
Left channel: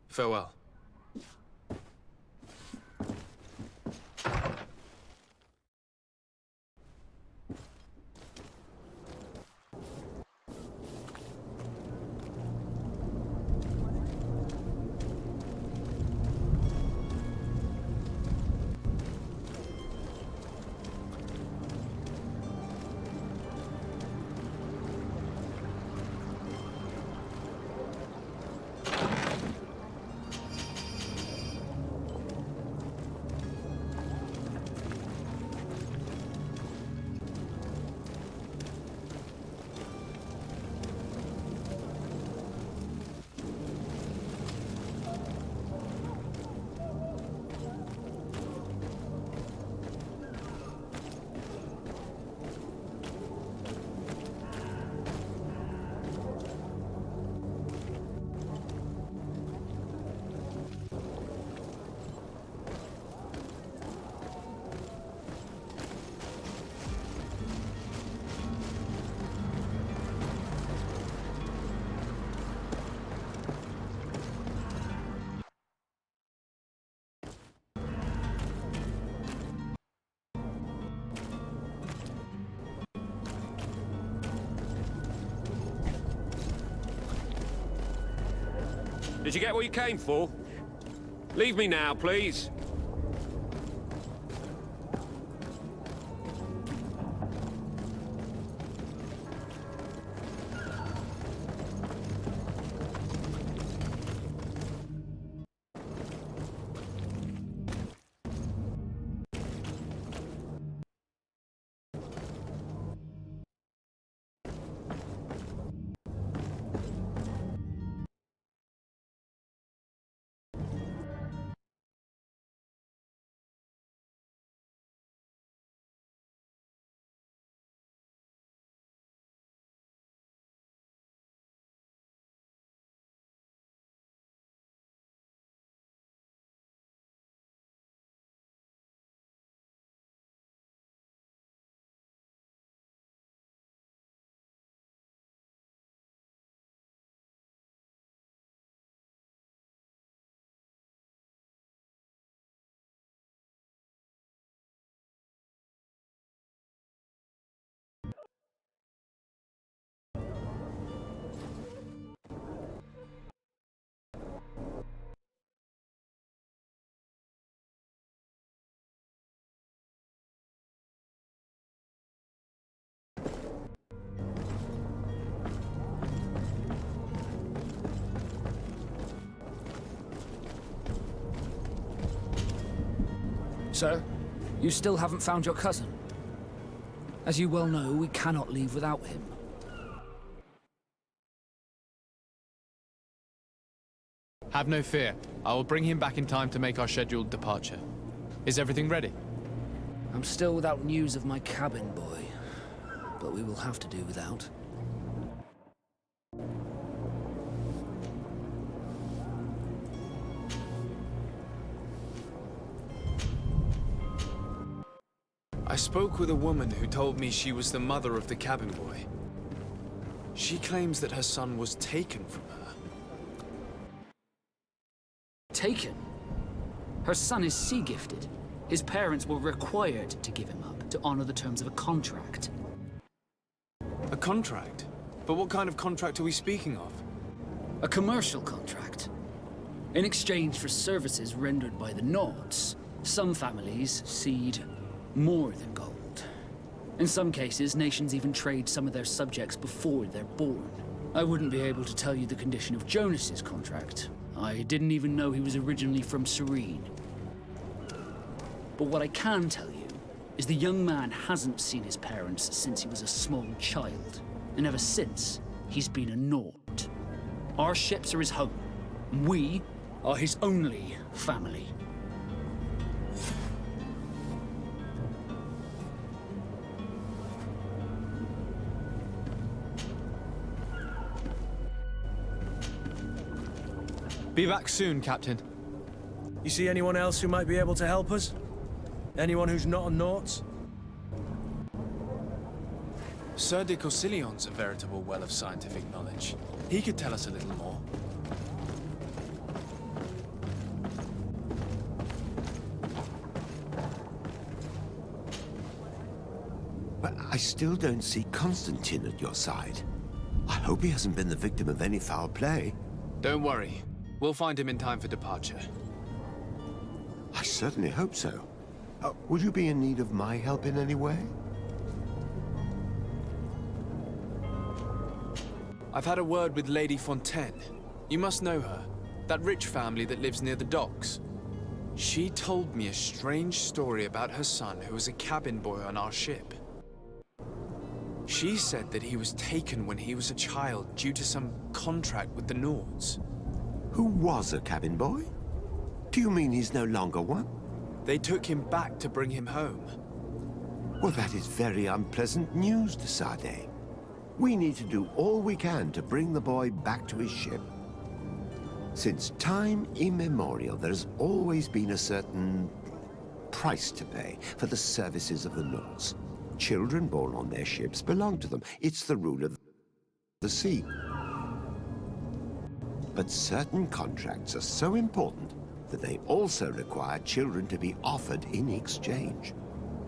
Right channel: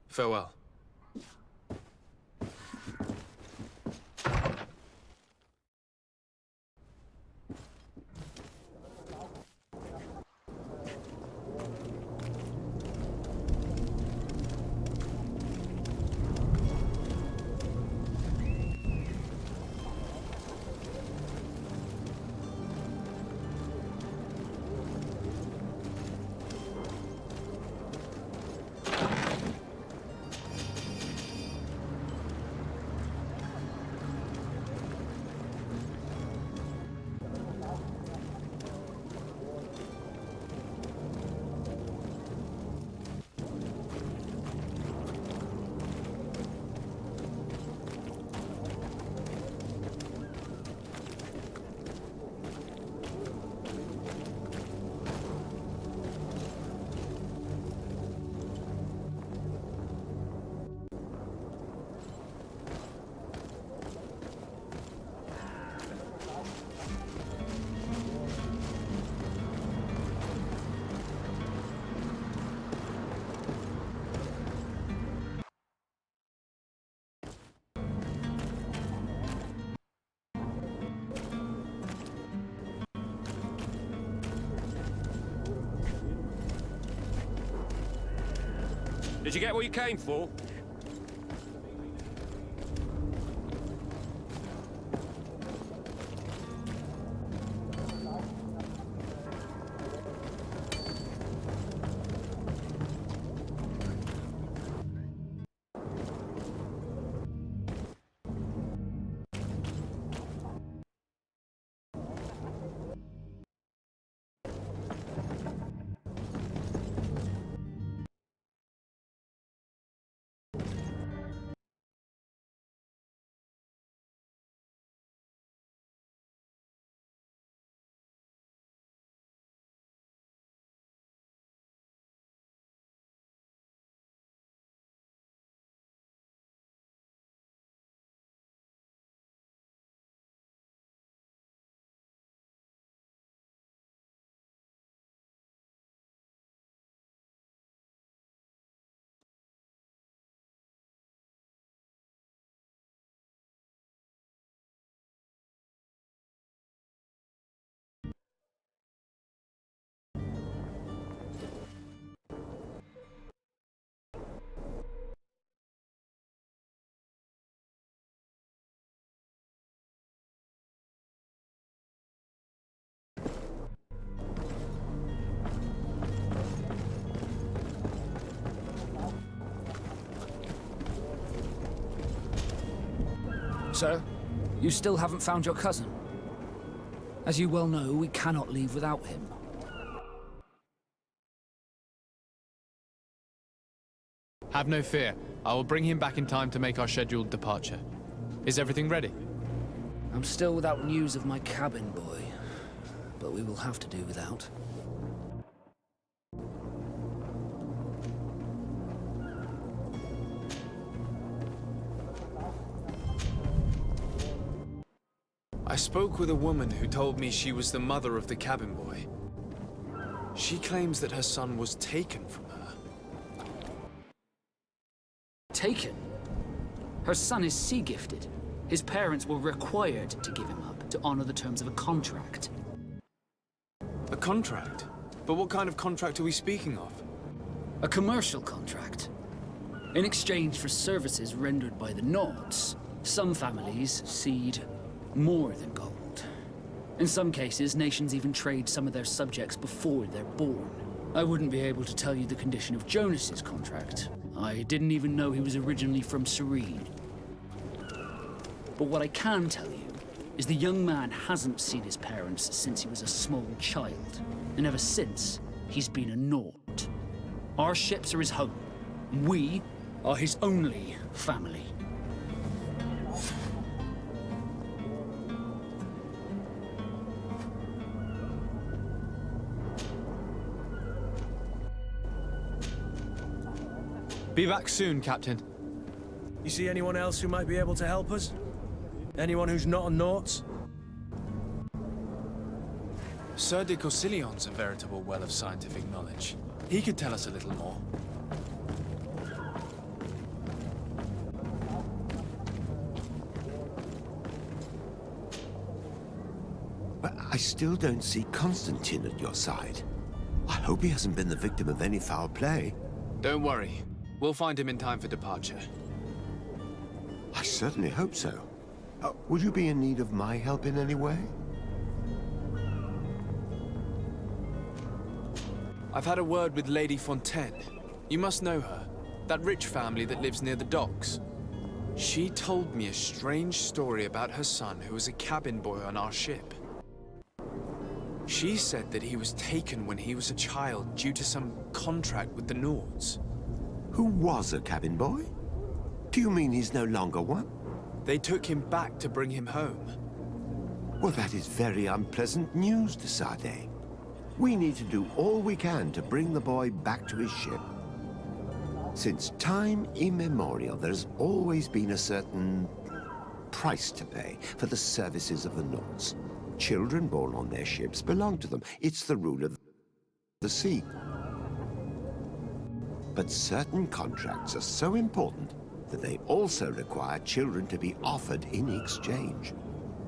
Farewell. Did you get what you came for? Leave me now, please. Sir, you still haven't found your cousin. As you well know, we cannot leave without him. Have no fear. I will bring him back in time to make our scheduled departure. Is everything ready? I'm still without news of my cabin boy, but we will have to do without. I spoke with a woman who told me she was the mother of the cabin boy. She claims that her son was taken from her. Taken? Her son is sea-gifted. His parents were required to give him up to honor the terms of a contract. A contract? But what kind of contract are we speaking of? A commercial contract. In exchange for services rendered by the Nords, some families cede more than gold. In some cases, nations even trade some of their subjects before they're born. I wouldn't be able to tell you the condition of Jonas's contract. I didn't even know he was originally from Serene. But what I can tell you is the young man hasn't seen his parents since he was a small child. And ever since, he's been a Nord. Our ships are his home. And we are his only family. Be back soon, Captain. You see anyone else who might be able to help us? Anyone who's not a Nauts? Sir de Corsillion's a veritable well of scientific knowledge. He could tell us a little more. But I still don't see Constantine at your side. I hope he hasn't been the victim of any foul play. Don't worry. We'll find him in time for departure. I certainly hope so. Would you be in need of my help in any way? I've had a word with Lady Fontaine. You must know her. That rich family that lives near the docks. She told me a strange story about her son who was a cabin boy on our ship. She said that he was taken when he was a child due to some contract with the Nords. Who was a cabin boy? Do you mean he's no longer one? They took him back to bring him home. Well, that is very unpleasant news, de Sade. We need to do all we can to bring the boy back to his ship. Since time immemorial, there's always been a certain price to pay for the services of the Nords. Children born on their ships belong to them. It's the rule of the sea. But certain contracts are so important that they also require children to be offered in exchange.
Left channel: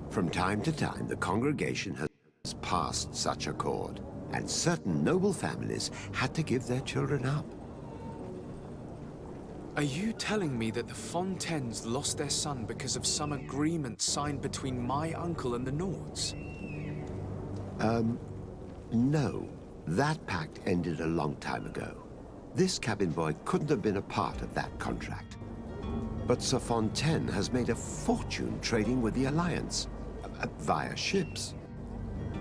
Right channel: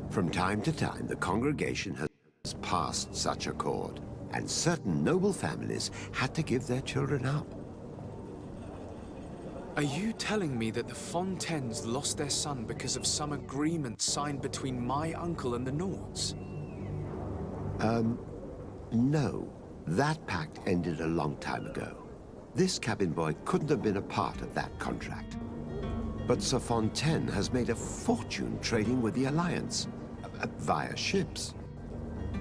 From time to time, the congregation has passed such accord, and certain noble families had to give their children up. Are you telling me that the Fontaines lost their son because of some agreement signed between my uncle and the Nords? No. That pact ended a long time ago. This cabin boy couldn't have been a part of that contract. But Sir Fontaine has made a fortune trading with the Alliance, via ships.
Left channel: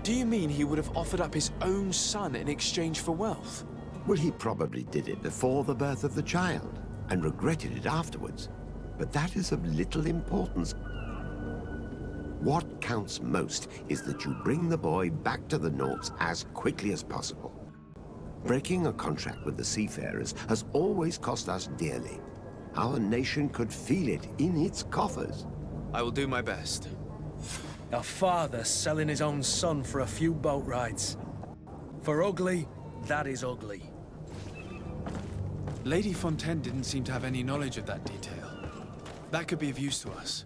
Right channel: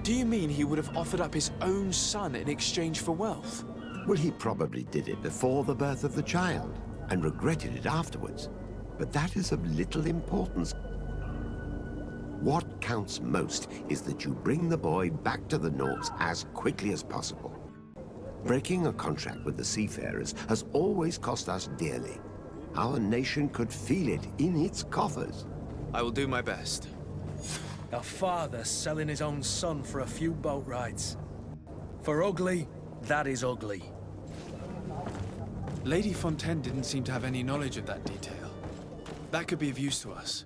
Do you mean he would have offered up his own son in exchange for wealth? Well, he probably did it before the birth of the child, and regretted it afterwards. But that is of little importance. What counts most is that you bring the boy back to the Nords as quickly as possible. Breaking a contract with the seafarers has always cost us dearly. Our nation could feel it in its coffers. I will do my best. A father selling his own son for a few boat rides. For ugly, that is ugly. Lady Fontaine didn't seem to have any knowledge of that detail. That could be of use to us.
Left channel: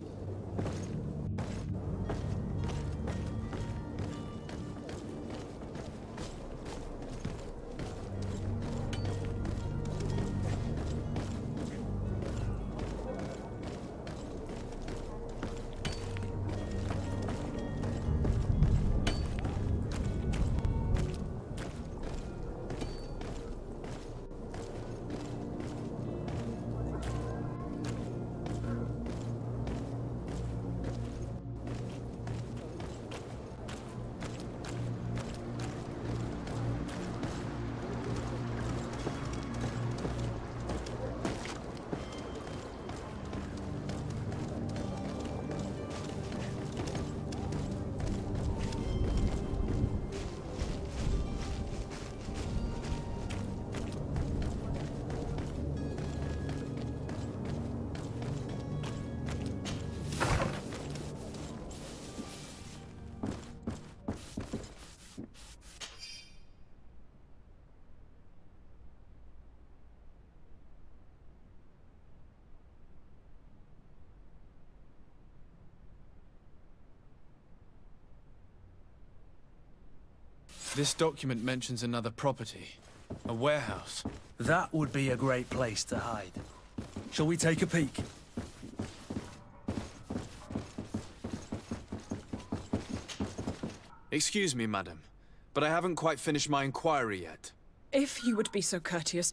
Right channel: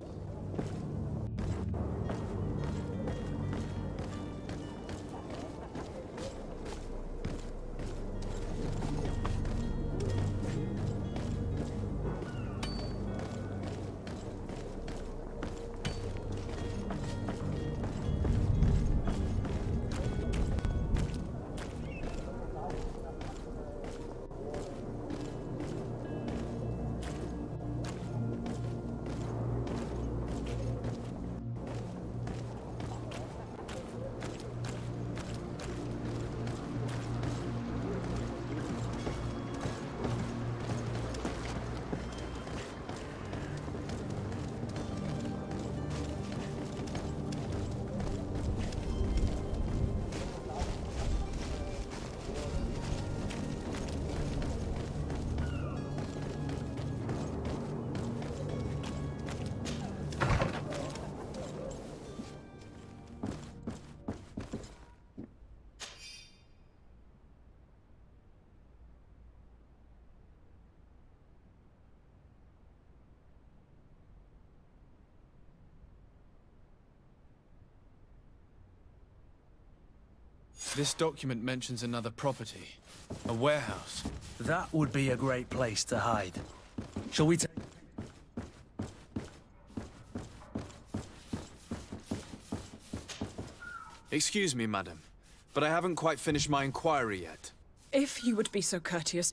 This document mentions another property. A warehouse. That would be a great place to hide. Shall we take a peek? Excuse me, madam, but I haven't quite finished my inquiry yet. If you would be so courteous,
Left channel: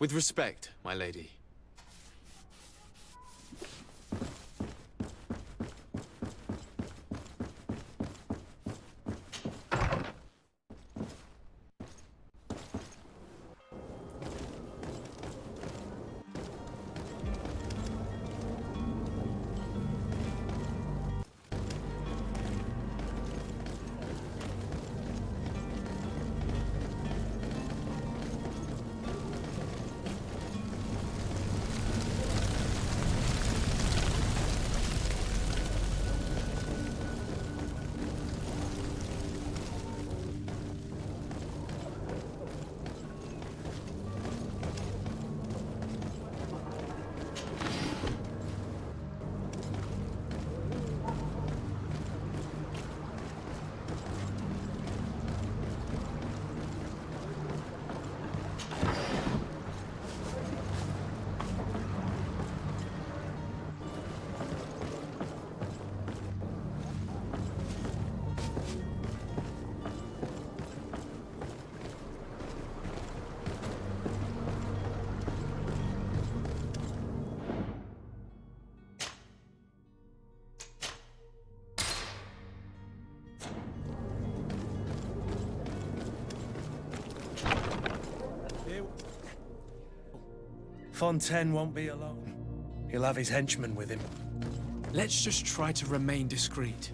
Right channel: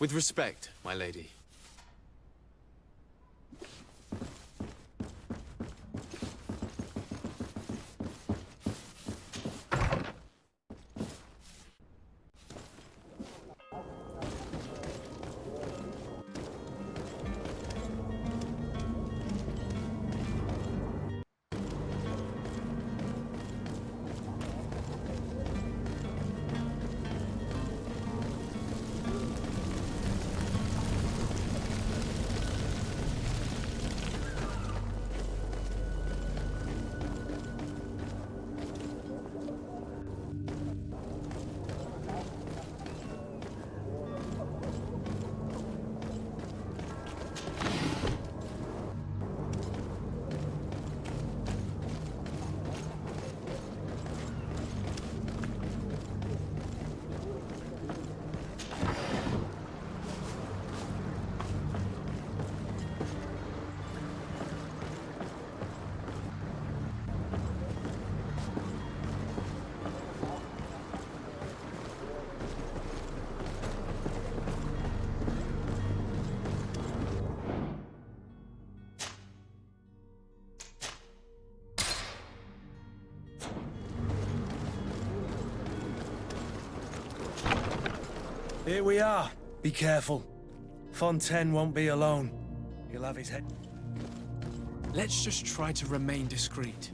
With respect, my lady. Here we are. Be careful. Fontaine won't be alone. He'll have his henchmen with him. Let's just try to remain discreet.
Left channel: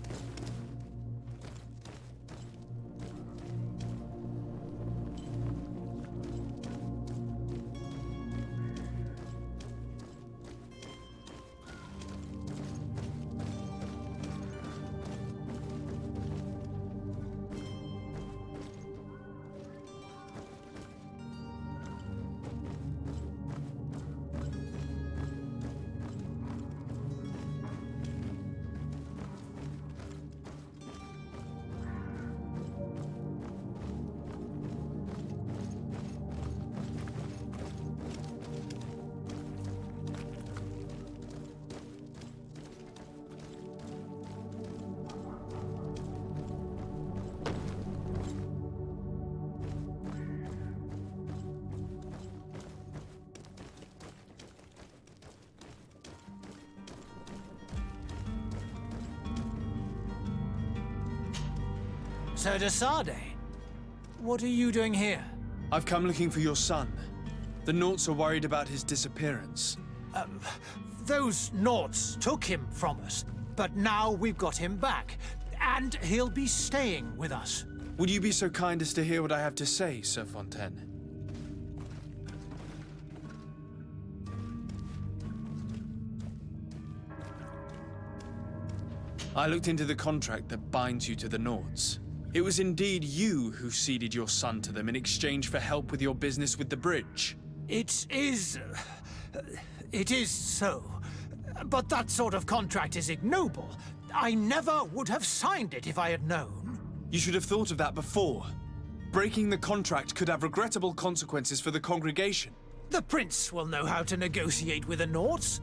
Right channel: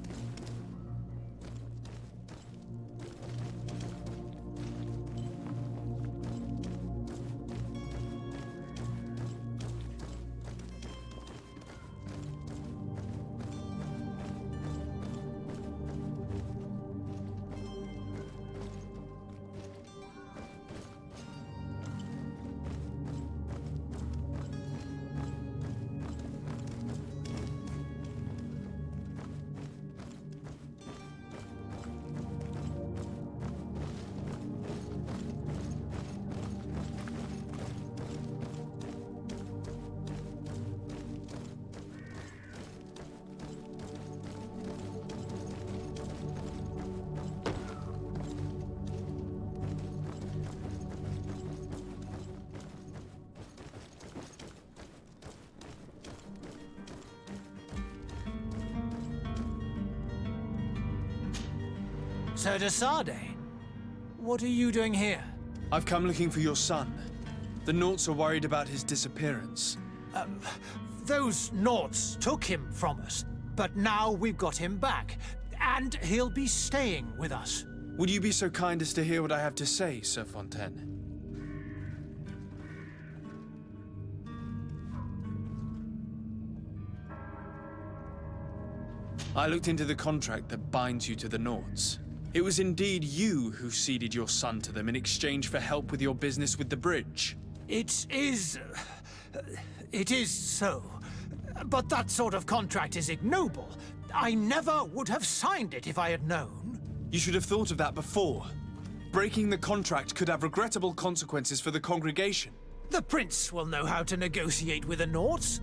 Sir de Sade, what are you doing here? I've come looking for your son. The Naughts are worried about his disappearance. Those Naughts took him from us, but now we've got him back, and he'll be staying with us. Would you be so kind as to hear what I have to say, Sir Fontaine? I looked into the contract that binds you to the Naughts. It was indeed you who ceded your son to them in exchange for help with your business with the bridge. It is so. But that sort of contract is ignoble. I never would have signed it if I had known. You should have thought of that before. Breaking the contract could have regrettable consequences for the congregation. The prince will know how to negotiate with the Naughts.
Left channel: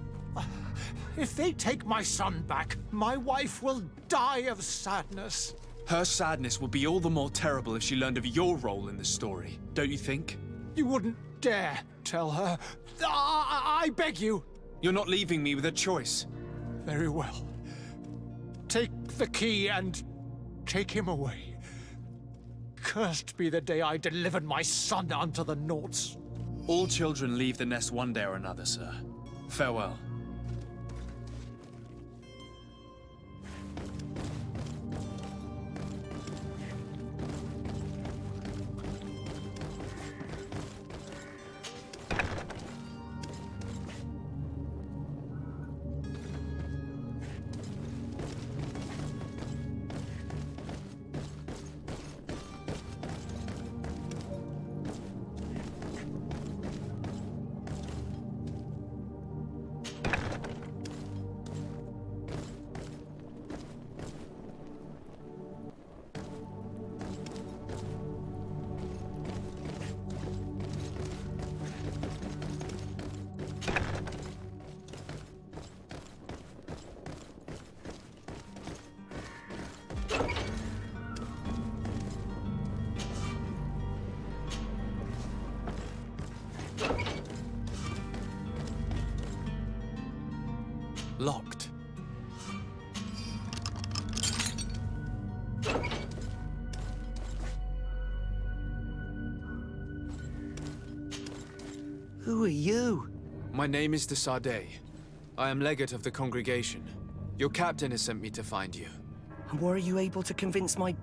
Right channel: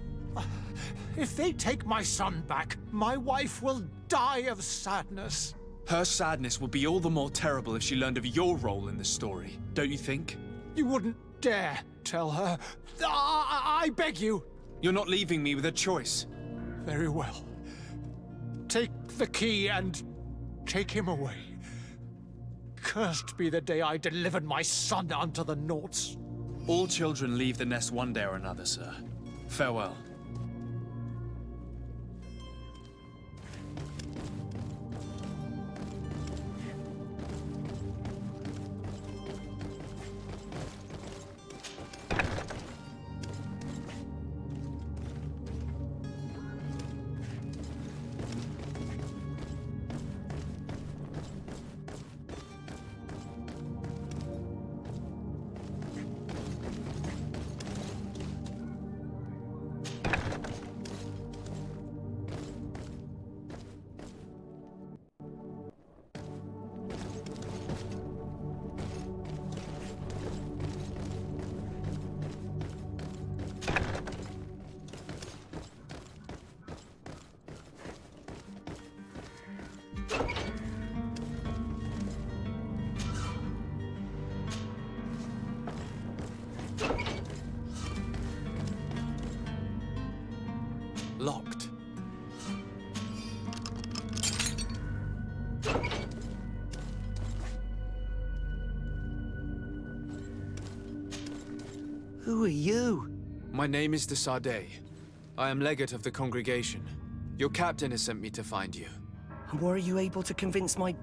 If they take my son back, my wife will die of sadness. Her sadness would be all the more terrible if she learned of your role in the story, don't you think? You wouldn't dare tell her. I beg you. You're not leaving me with a choice. Very well. Take the key and take him away. Cursed be the day I delivered my son unto the Naughts. All children leave the nest one day or another, sir. Farewell. Locked. Who are you? My name is de Sade. I am legate of the congregation. Your captain has sent me to find you. And were you able to convince my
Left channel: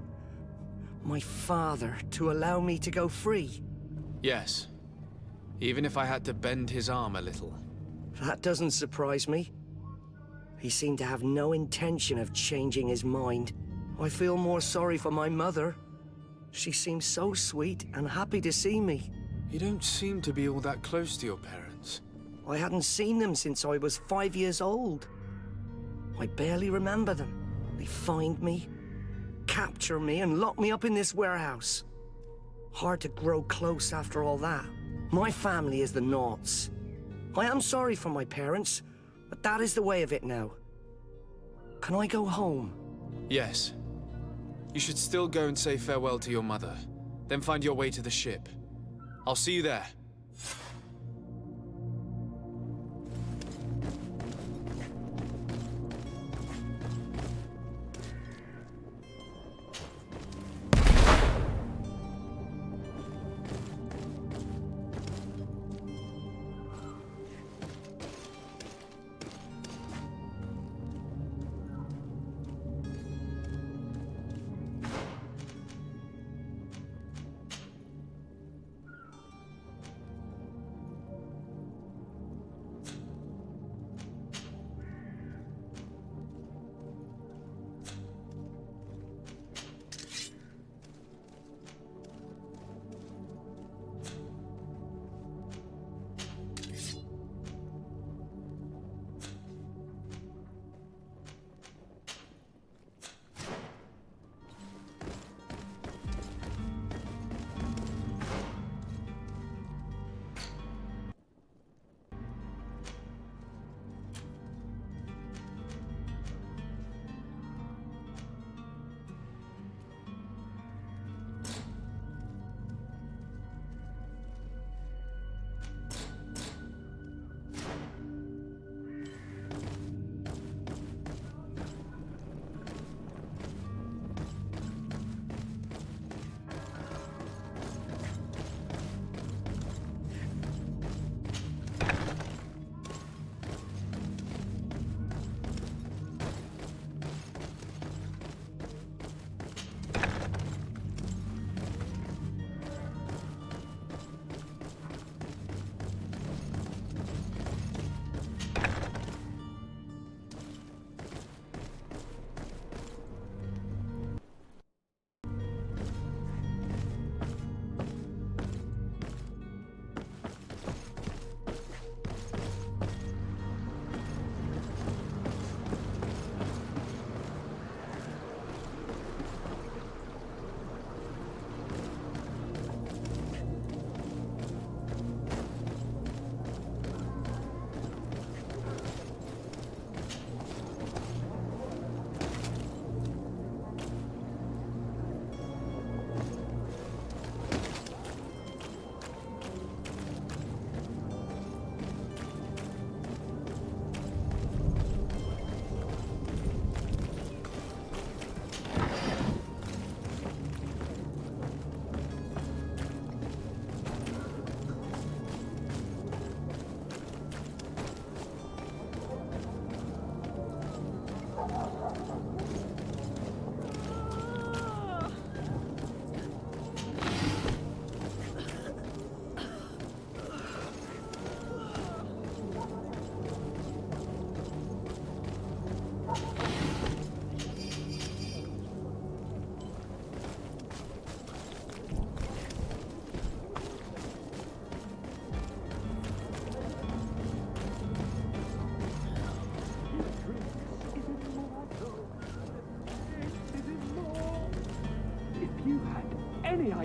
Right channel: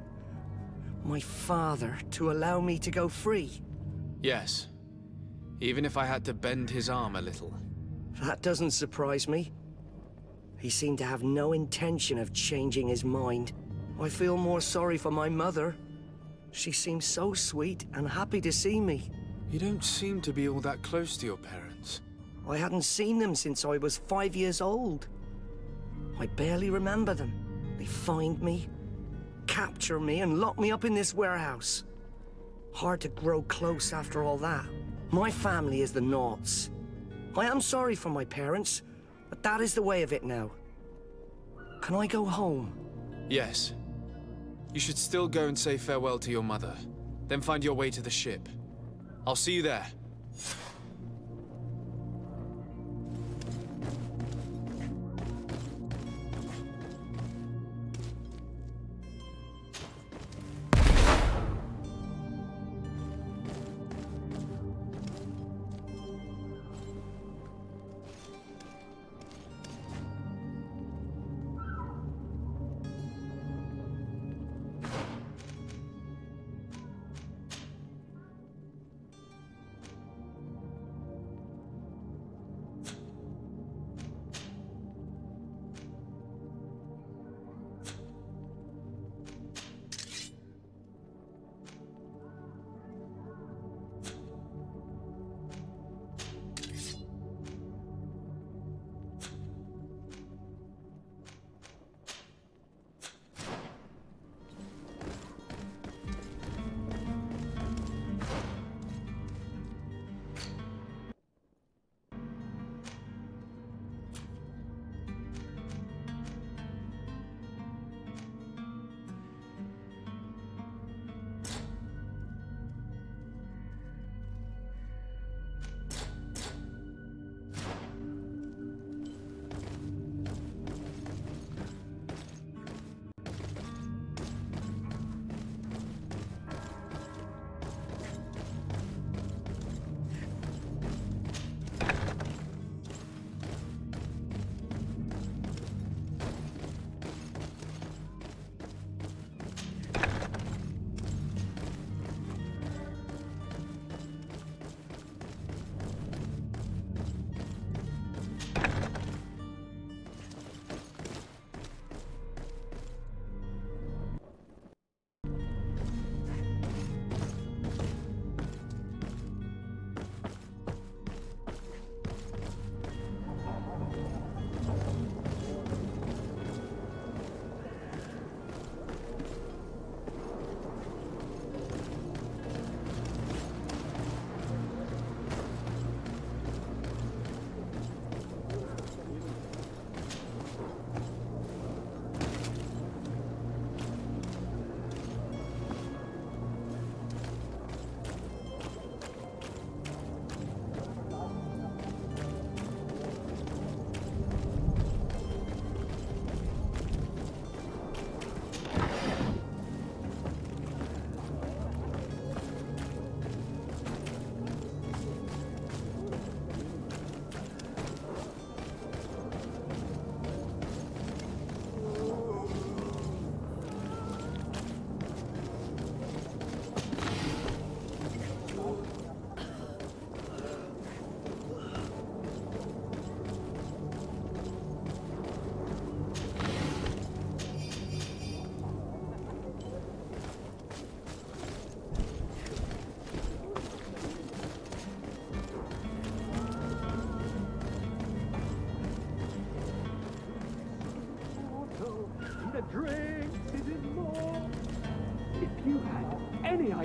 father to allow me to go free? Yes. Even if I had to bend his arm a little. That doesn't surprise me. He seemed to have no intention of changing his mind. I feel more sorry for my mother. She seems so sweet and happy to see me. You don't seem to be all that close to your parents. I hadn't seen them since I was 5 years old. I barely remember them. They find me, capture me, and lock me up in this warehouse. Hard to grow close after all that. My family is the Naughts. I am sorry for my parents, but that is the way of it now. Can I go home? Yes. You should still go and say farewell to your mother. Then find your way to the ship. I'll see you there.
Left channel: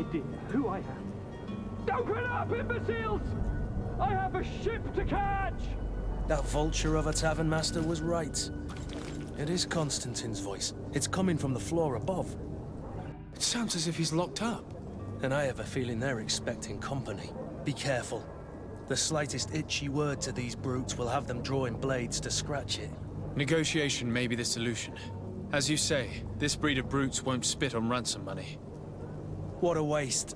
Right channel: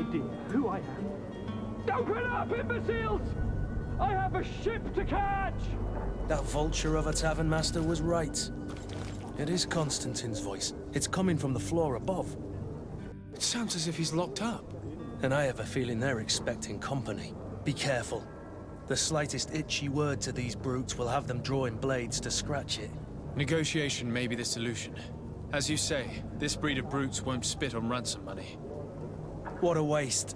idea who I am? Open up, imbeciles! I have a ship to catch! That vulture of a tavern master was right. It is Constantine's voice. It's coming from the floor above. It sounds as if he's locked up. And I have a feeling they're expecting company. Be careful. The slightest itchy word to these brutes will have them drawing blades to scratch it. Negotiation may be the solution. As you say, this breed of brutes won't spit on ransom money. What a waste.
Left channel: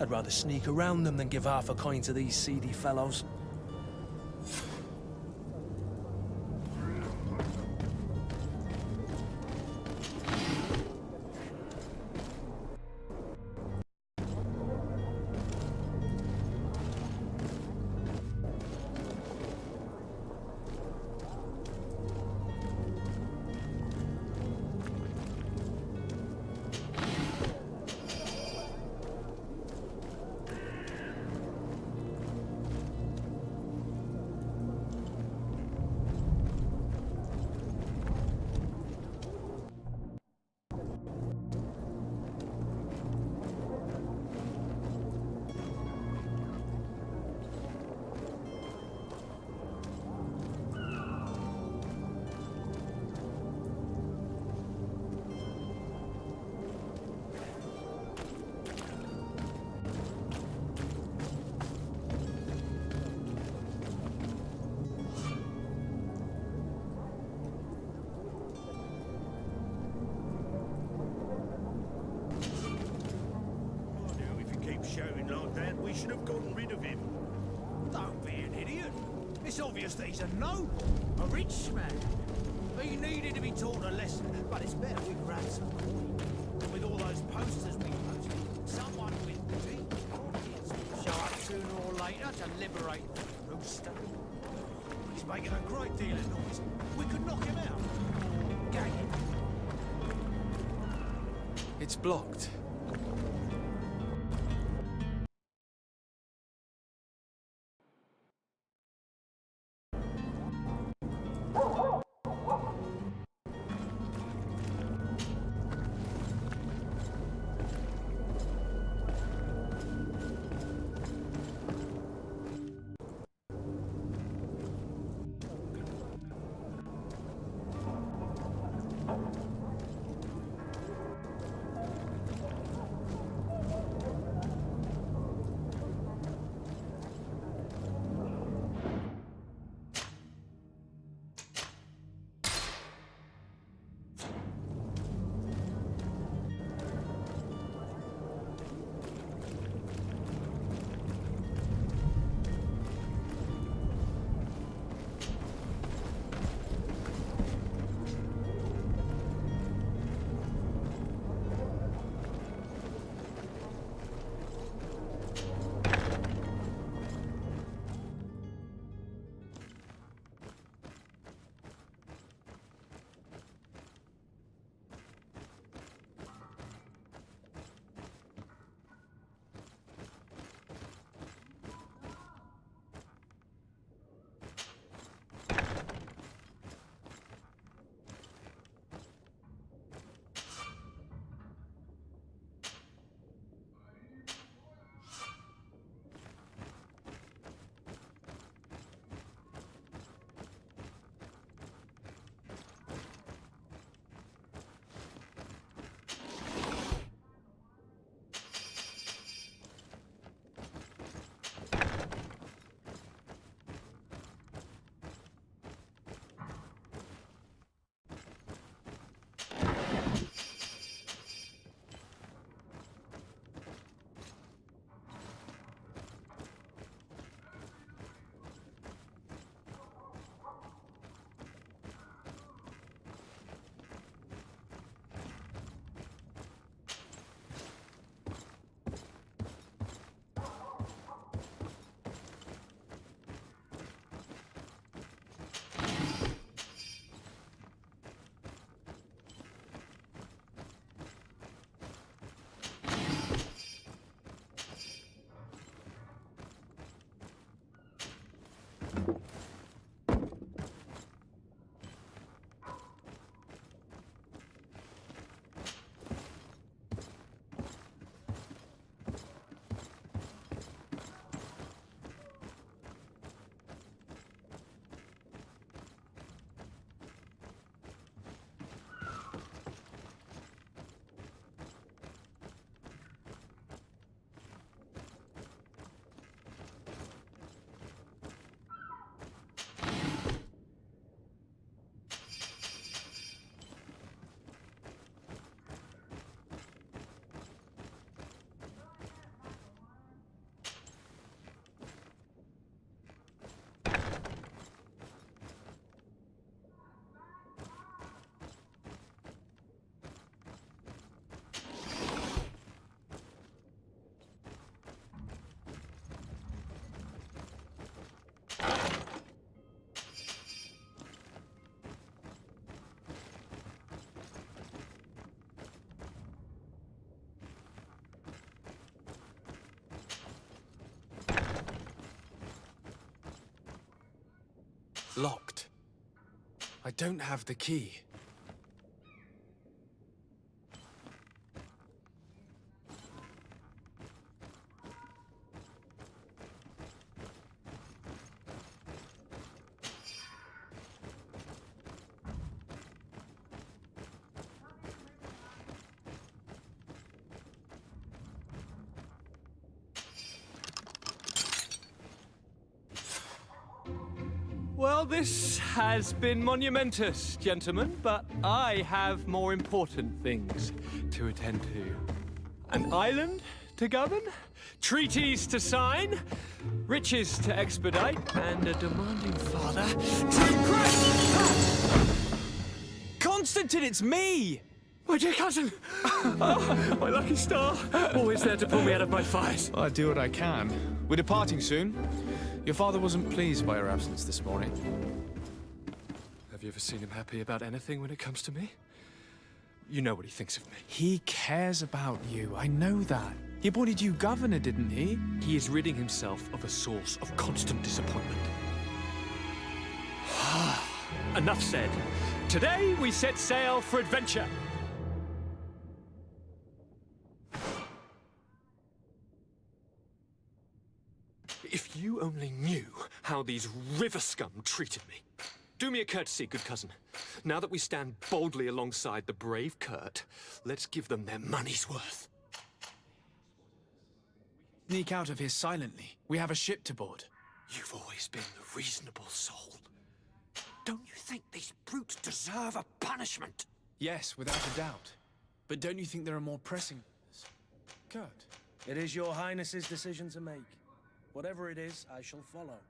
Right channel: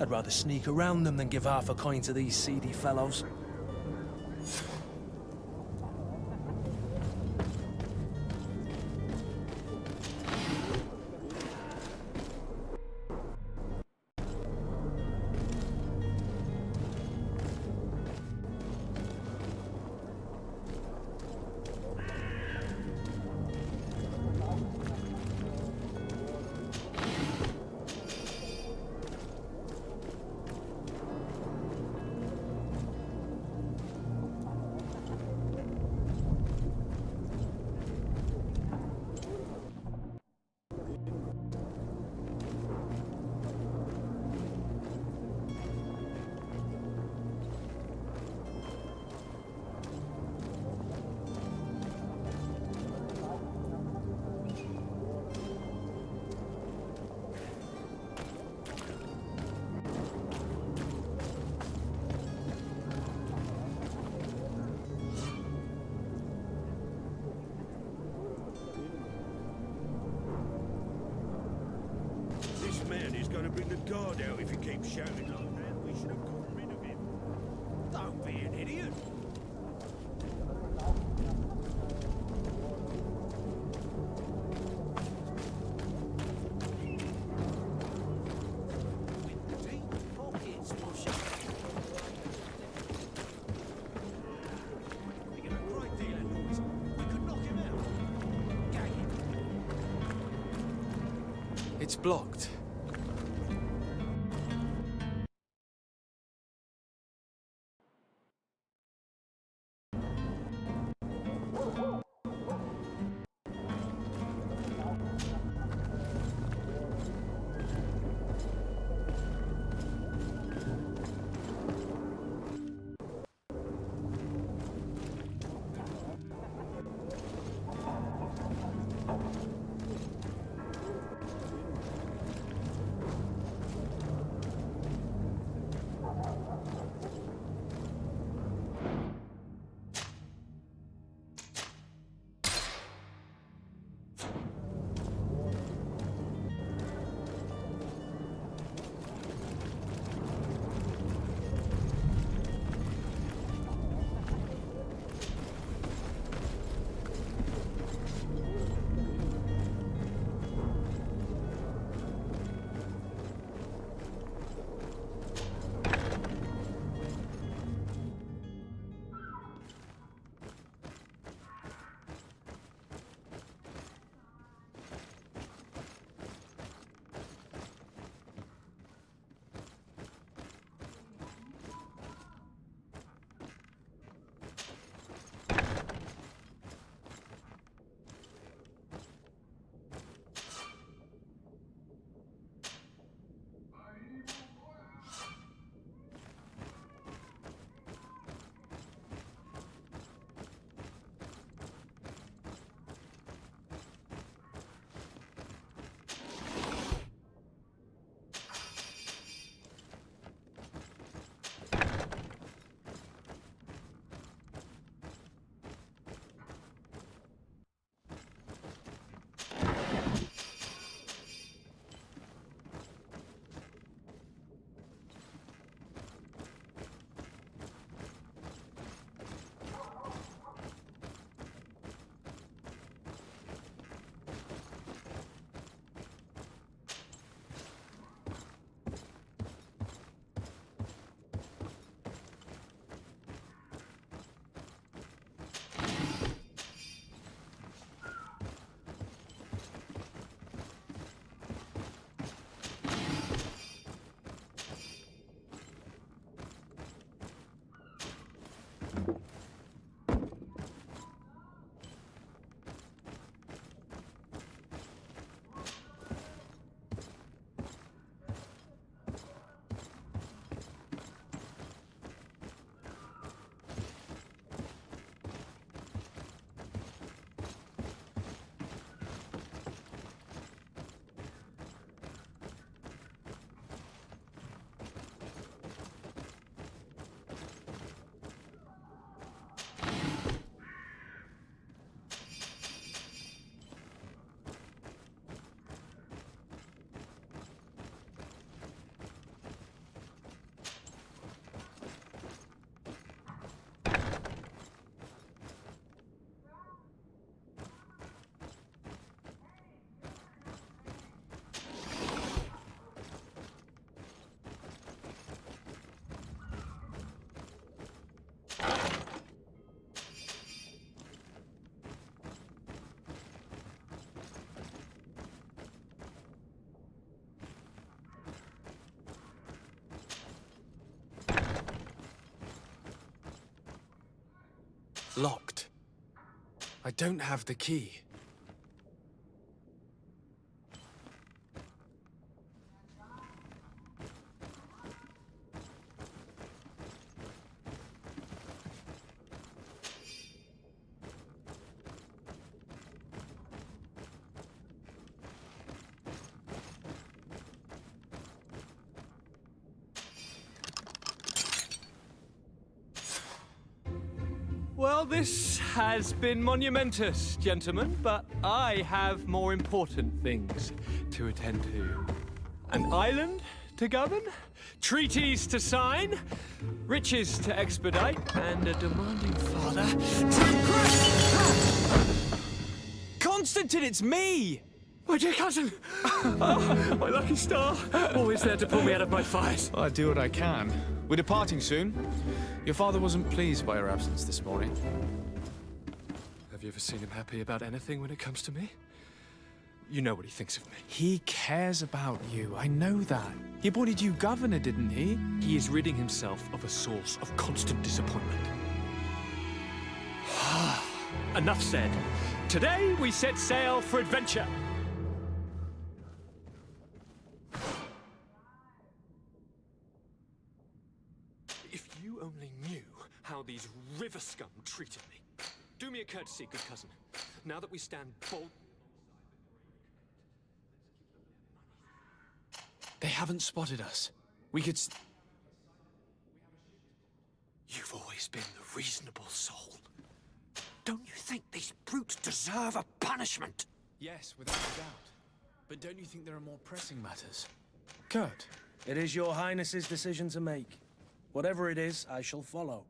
I'd rather sneak around them than give half a coin to these seedy fellows. Shouting like that, we should have gotten rid of him. Don't be an idiot. It's obvious that he's a noble, a rich man. He needed to be taught a lesson, but it's better with ransom. With all those posters we posted, someone with deep pockets will show up sooner or later to liberate the monster. He's making a great deal of noise. We could knock him out. Or gag him. It's blocked. Locked. I don't have the key. Well, this has been monumentous, gentlemen, but I have more important things to attend to. An island to govern, treaties to sign, riches to expedite, and a demanding father to grant. Constantine, it's me! My dear cousin! Oh, my lucky star! Always there to pull me out of my fires. Well, I do what I can. We're departing soon. Your father wasn't pleased by your absence this morning. Have you ever seen him happy about anything when it comes to me? You know what he thinks of me. He cares about you, I know that. He appointed you governor, didn't he? He is ridding himself of a source of constant disappointment. Enough said. Today we set sail for adventure. If you only knew how these river scum treated me. Do me a courtesy, good cousin. Now that we stand boldly alongside the brave Kurt, let's give them their money's worth. They haven't spotted us. We could sneak out of here silently. We have a ship to board. You've always been the reasonable soul. Don't you think these brutes deserve a punishment? Yes, without a doubt. But don't you think there are more pressing matters? Kurt? It is your highness's decision to make. Whatever it is, I shall follow.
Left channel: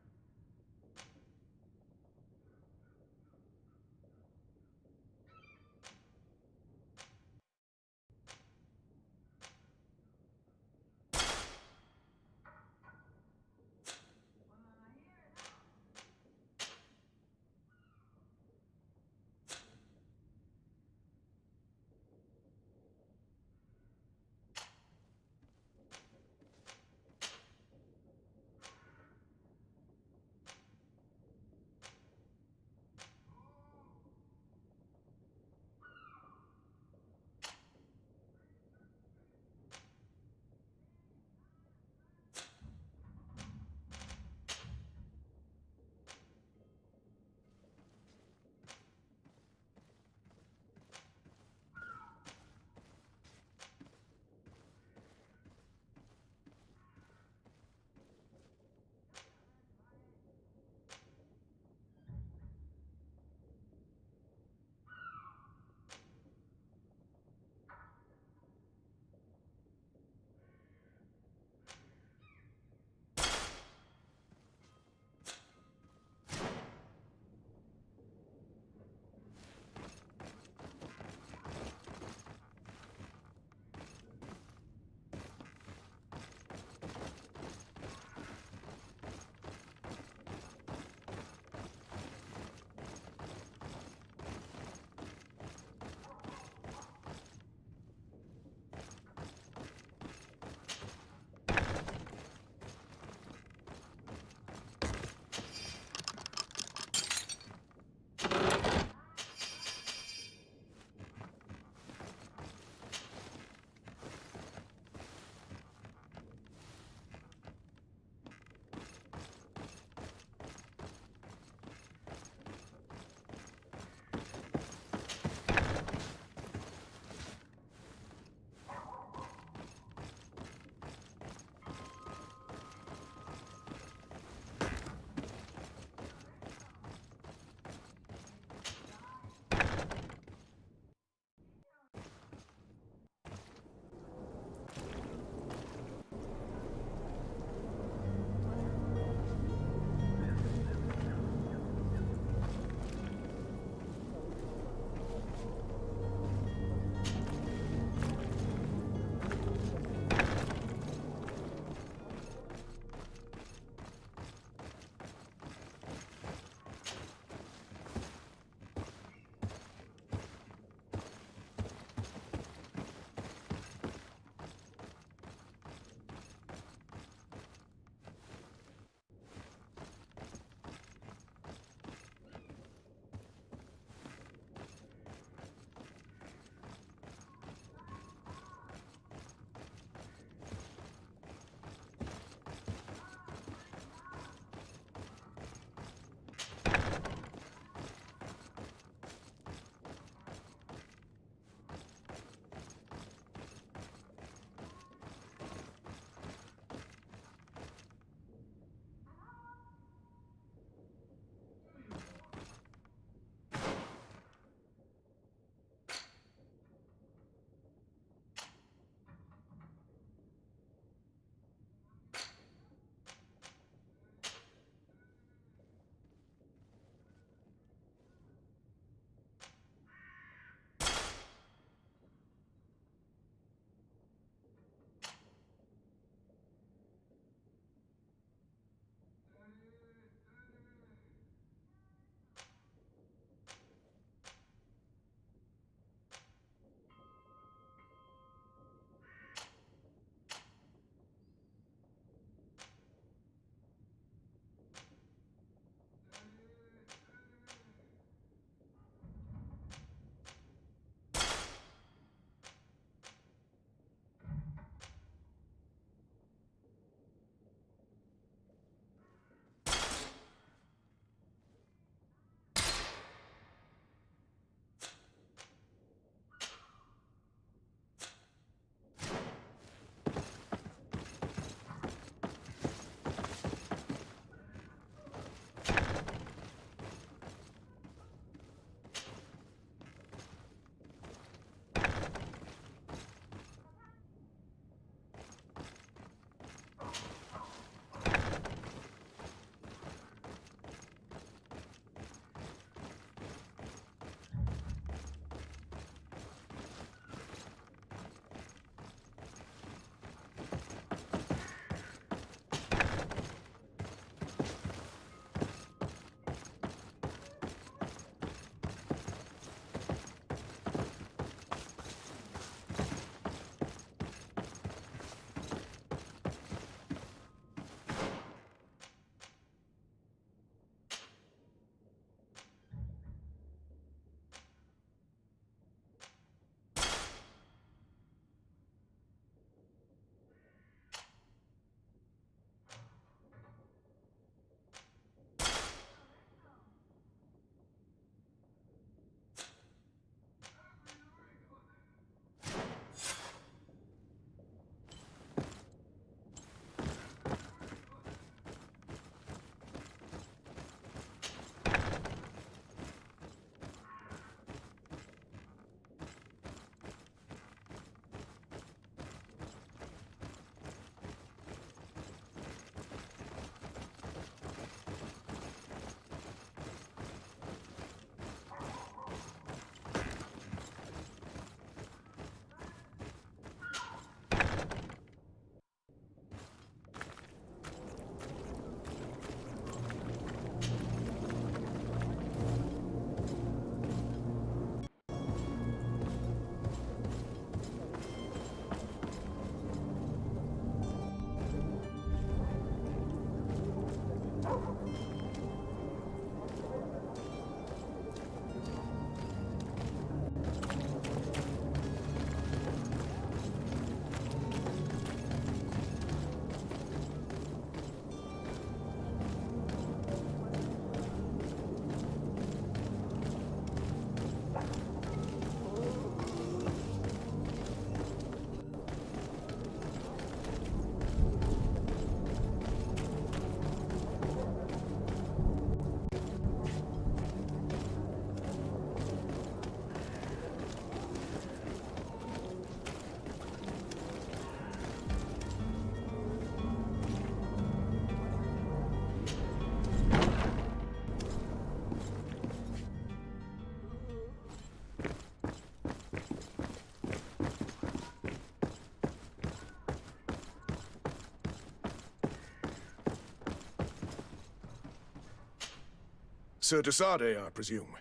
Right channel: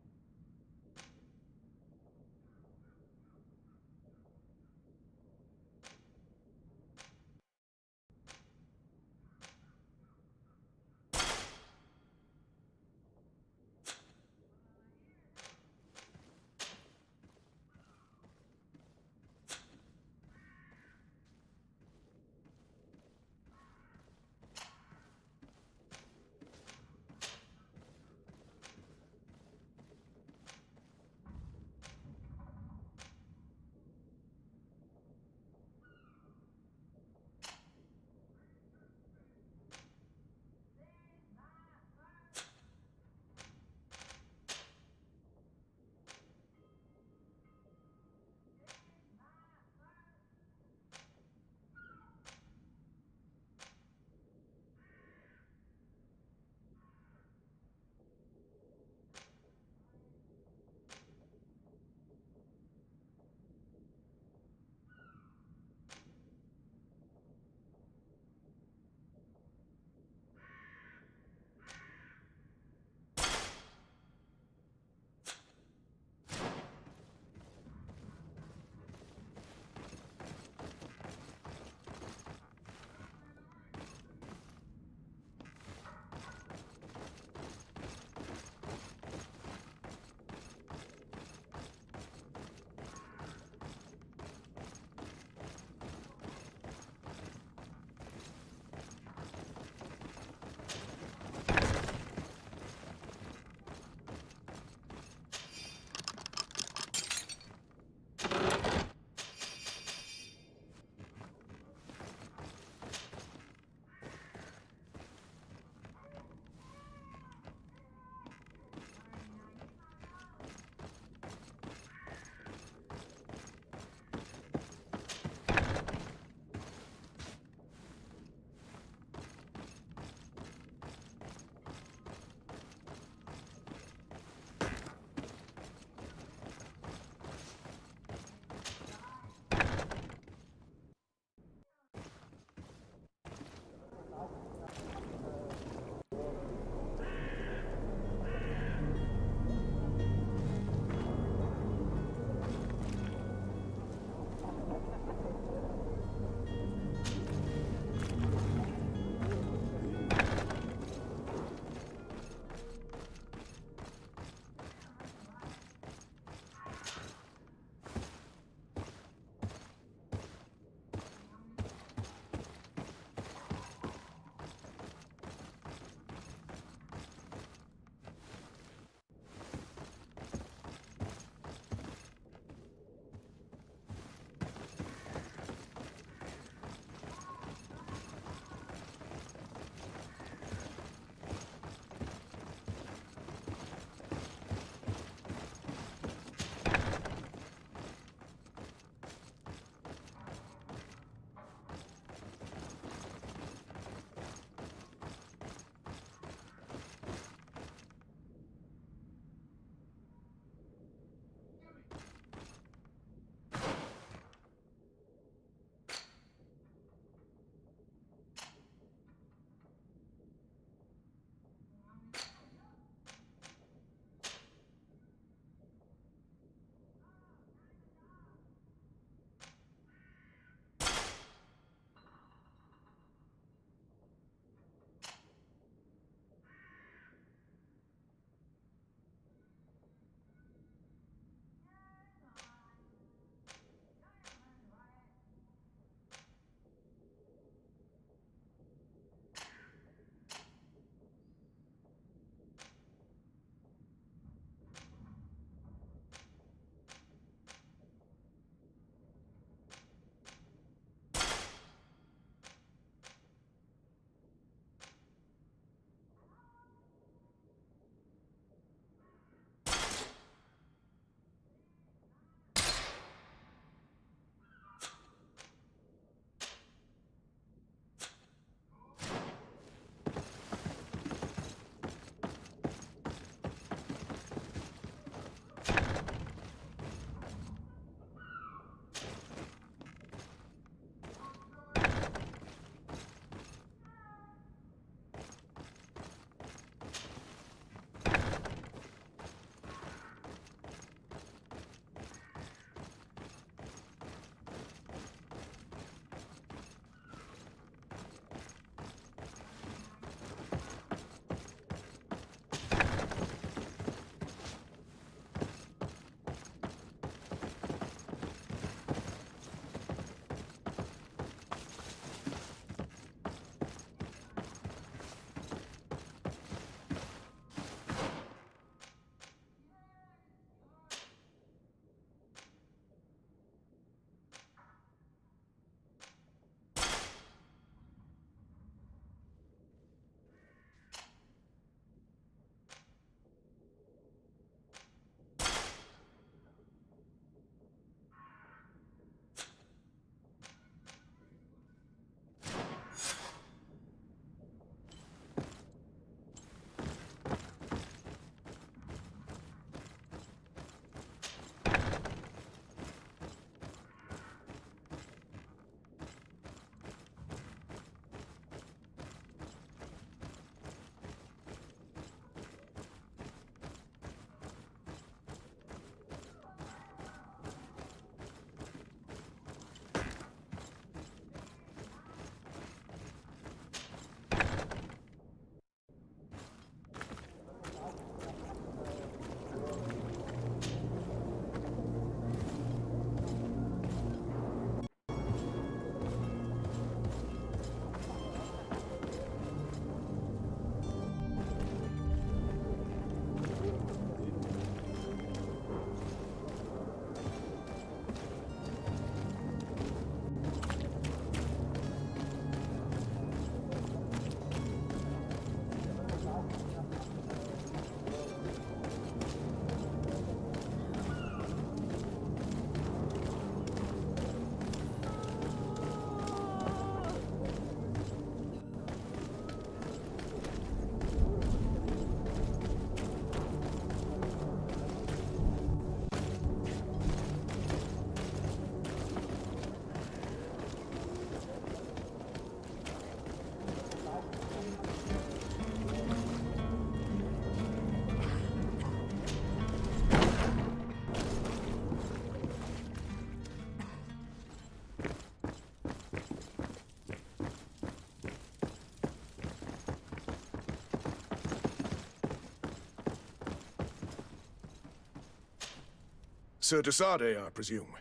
Sir Desade, I presume.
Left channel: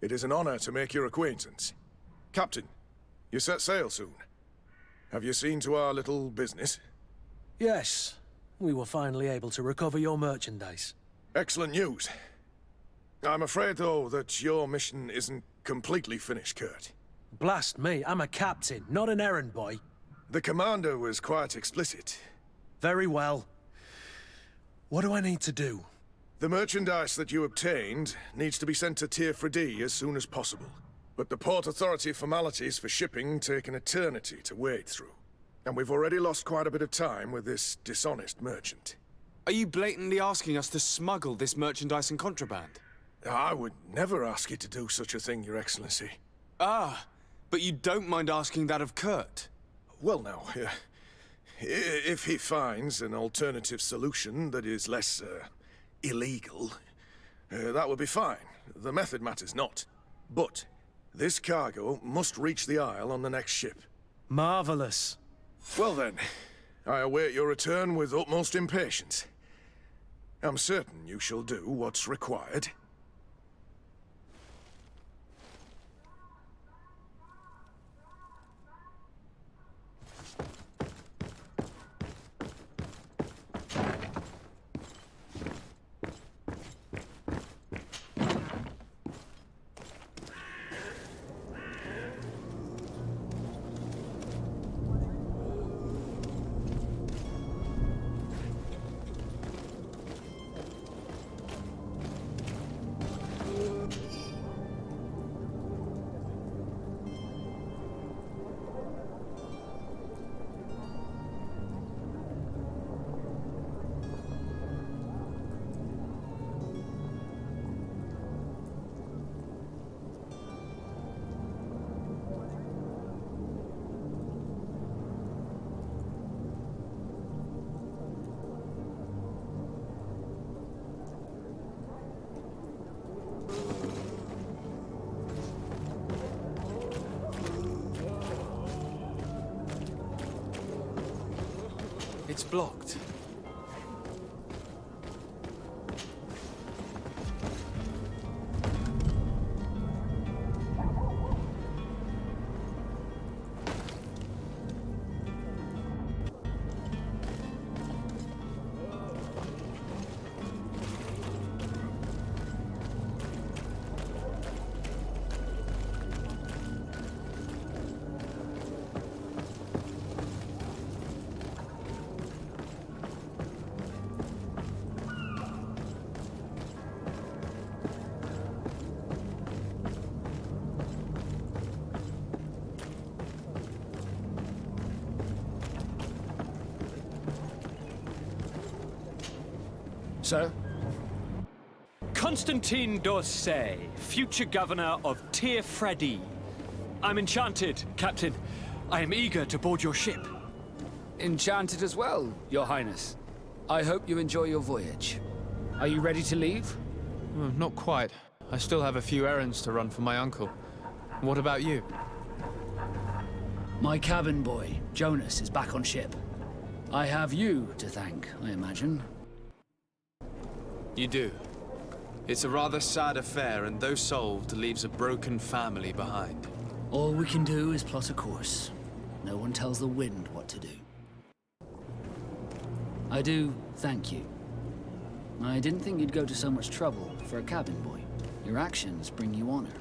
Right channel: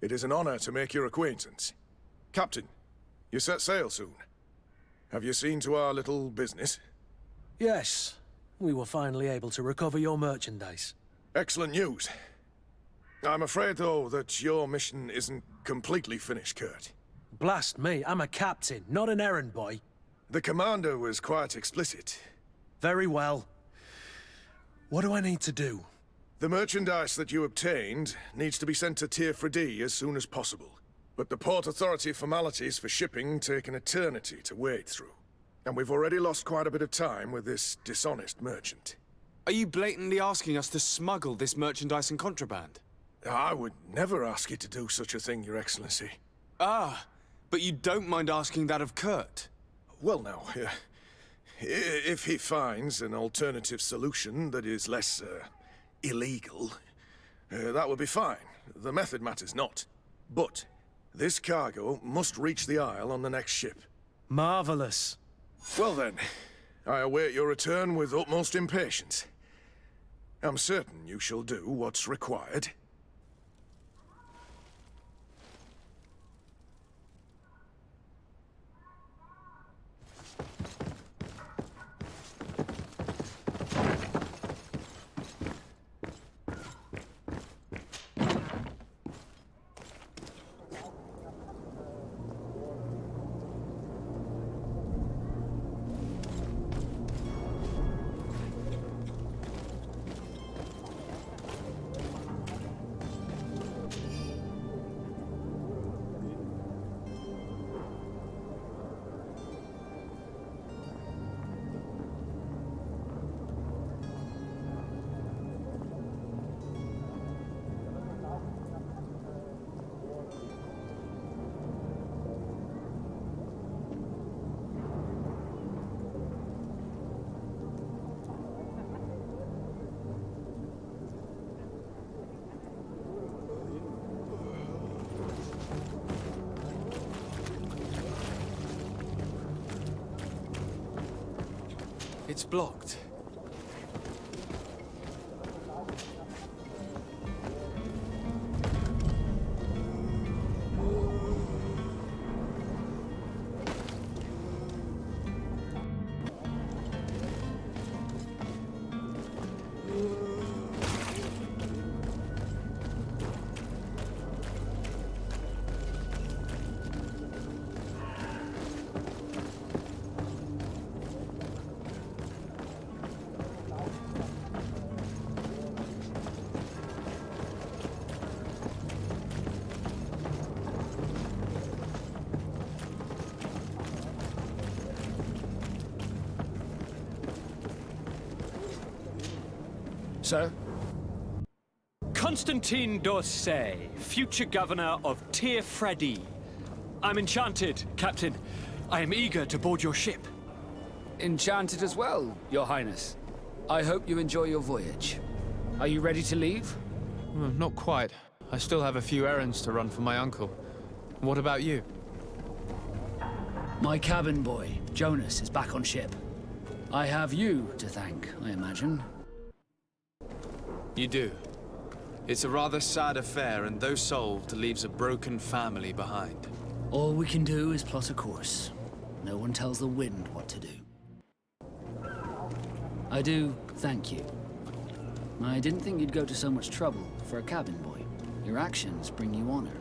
It is an honor to make your acquaintance. Captain, you set sail soon. Have you seen to our little business? Yes. We were finally able to recover your merchandise. Excellent news. I'm afraid, though, that your mission isn't completely finished, Kurt. Blast me, I'm a captain, not an errand boy. The commander was quite explicit. Very well. What do I need to do? The merchandise that you obtained needs to be sent to Tier 4D as soon as possible. But the Port Authority formalities for shipping take an eternity to wade through. And we've already lost quite a bit of time with this dishonest merchant. Are you blatantly asking us to smuggle this merchandise and contraband? I would never ask you to do such a thing, Your Excellency. Ah, but you don't mind asking that of Kurt? Well now, if he finds an alternative solution that is less, illegal, that would be fine. The method matters not. But this cargo must reach the Isle on the next ship. Marvelous. Well then, I await your return with utmost impatience. I'm certain you shall do what's required. It's blocked. Sir? Constantine d'Orsay, future governor of Tier 4D. I'm enchanted, Captain. I am eager to board your ship. Enchanted as well, Your Highness. I hope you enjoy your voyage. Are you ready to leave? Not quite. I still have a few errands to run for my uncle. What about you? My cabin boy, Jonas, is back on ship. I have you to thank, I imagine. You do. It's a rather sad affair, and though solved, leaves a broken family behind. All we can do is plot a course. No one tells the wind what to do. I do thank you. I didn't think you'd go to so much trouble for a cabin boy. Your actions bring you honor.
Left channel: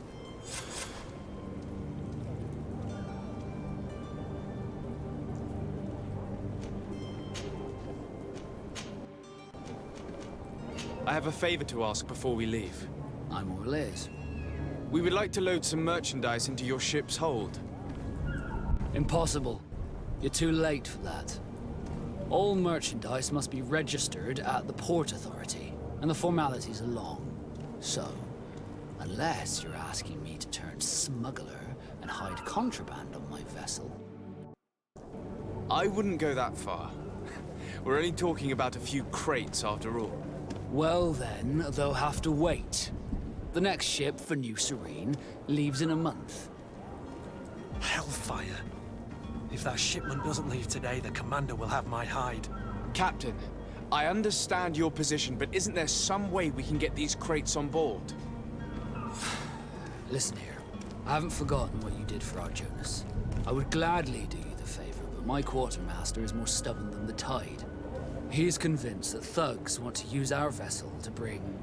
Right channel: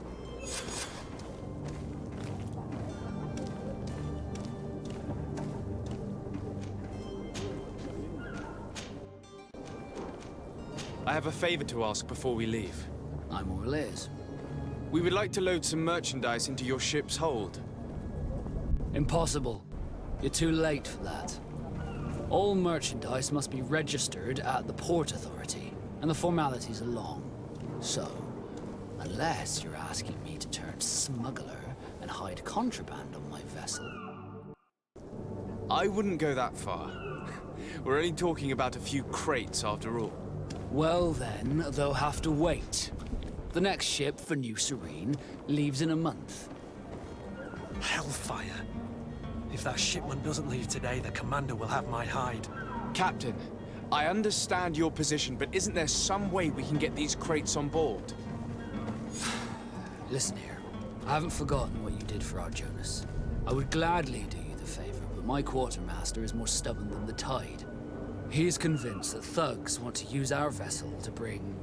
I have a favor to ask before we leave. I'm all ears. We would like to load some merchandise into your ship's hold. Impossible. You're too late for that. All merchandise must be registered at the Port Authority, and the formalities are long. So, unless you're asking me to turn smuggler and hide contraband on my vessel... I wouldn't go that far. We're only talking about a few crates after all. Well then, they'll have to wait. The next ship for New Serene leaves in a month. Hellfire. If that shipment doesn't leave today, the commander will have my hide. Captain, I understand your position, but isn't there some way we can get these crates on board? Listen here. I haven't forgotten what you did for our Jonas. I would gladly do you the favor, but my quartermaster is more stubborn than the tide. He is convinced that thugs want to use our vessel to bring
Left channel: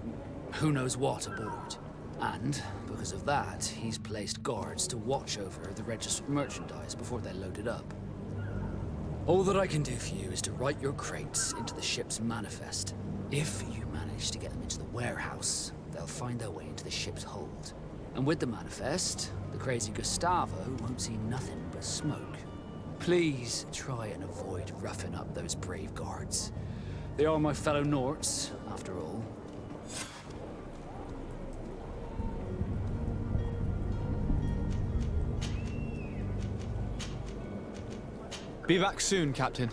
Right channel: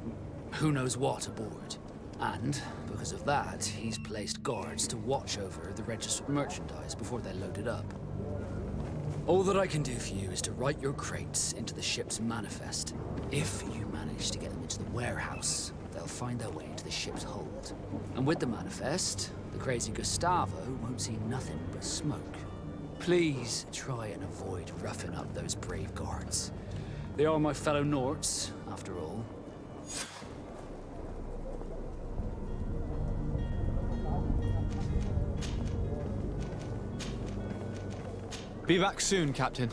who knows what aboard. And, because of that, he's placed guards to watch over the registered merchandise before they're loaded up. All that I can do for you is to write your crates into the ship's manifest. If you manage to get them into the warehouse, they'll find their way into the ship's hold. And with the manifest, the crazy Gustavo won't see nothing but smoke. Please try and avoid roughing up those brave guards. They are my fellow Norts, after all. Be back soon, Captain.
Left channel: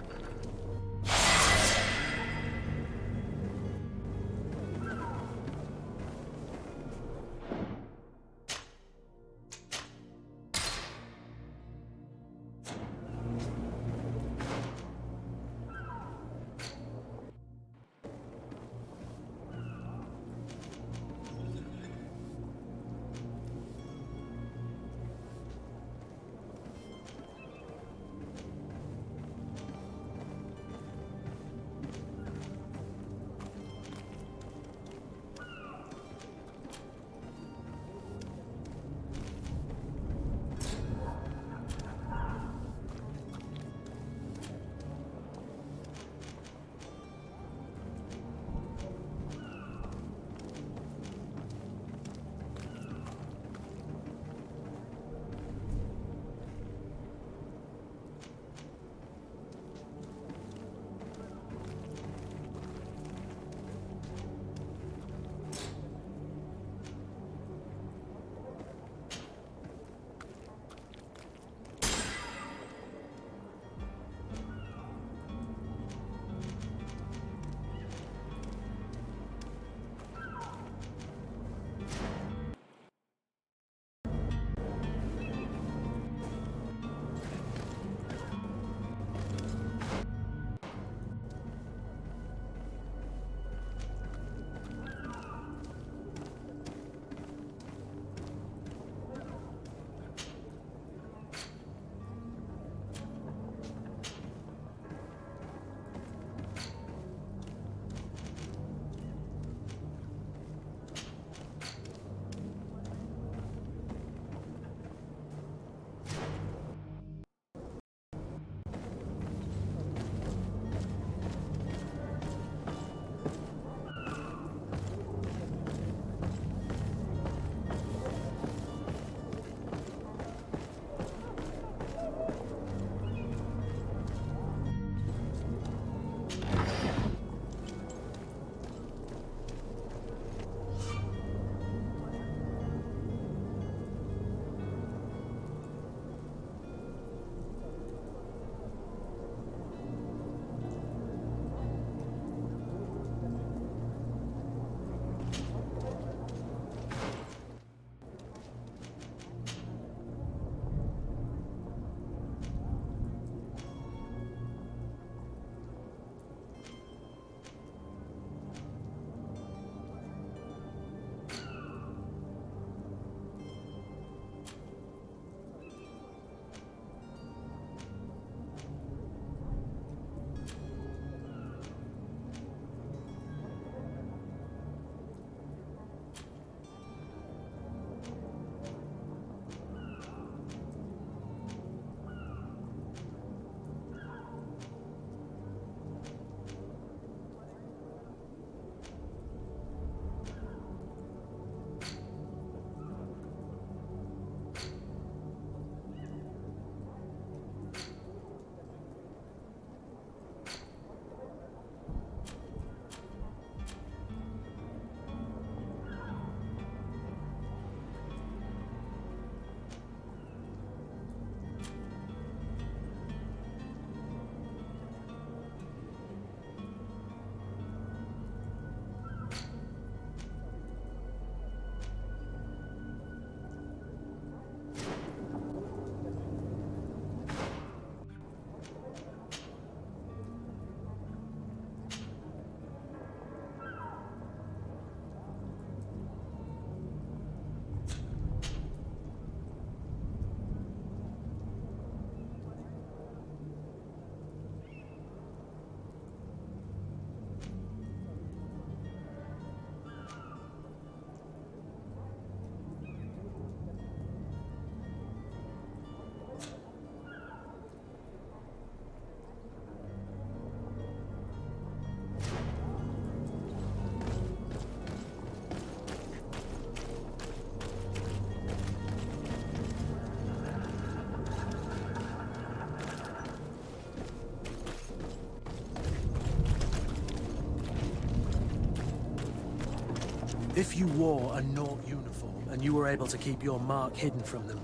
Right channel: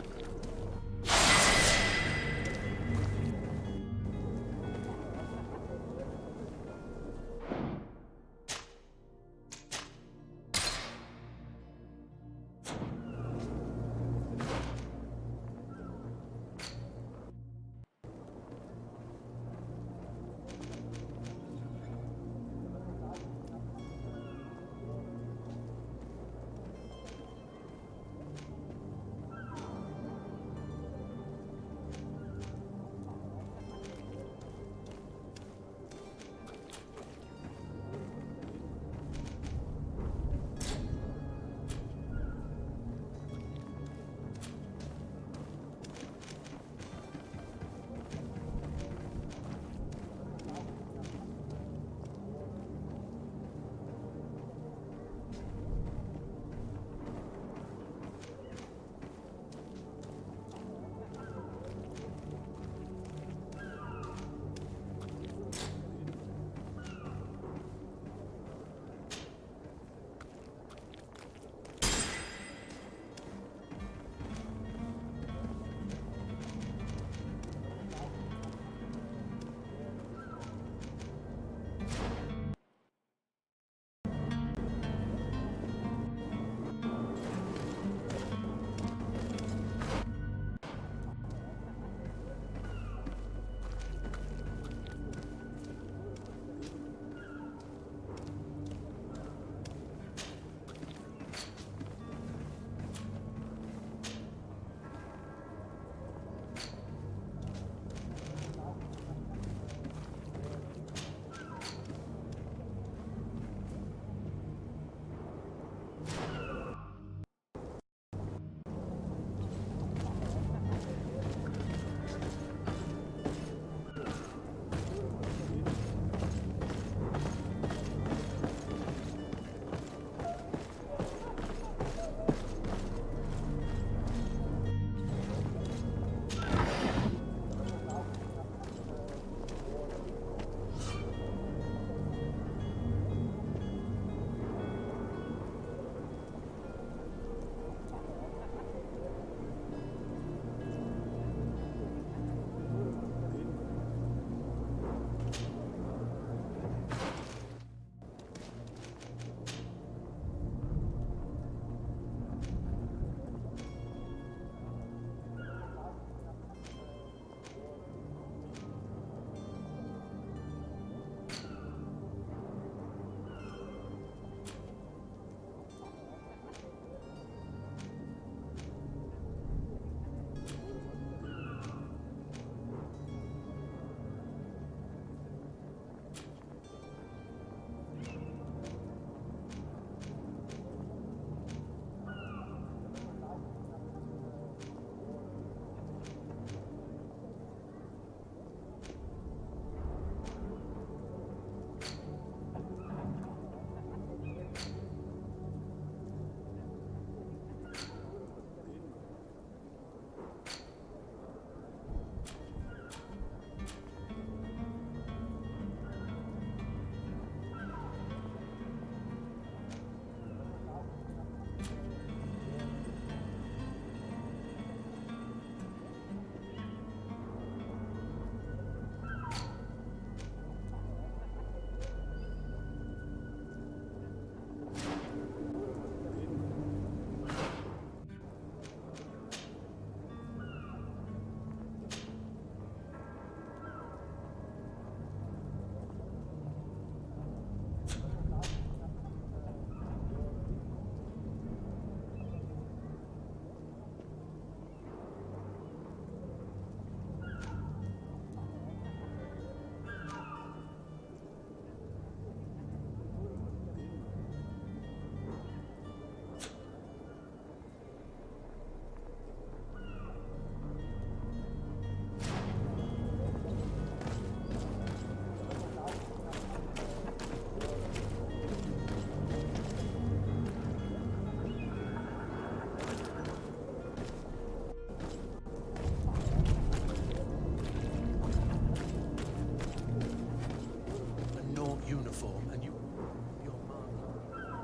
you wore a Naut uniform and you were able to keep your mark hidden from them,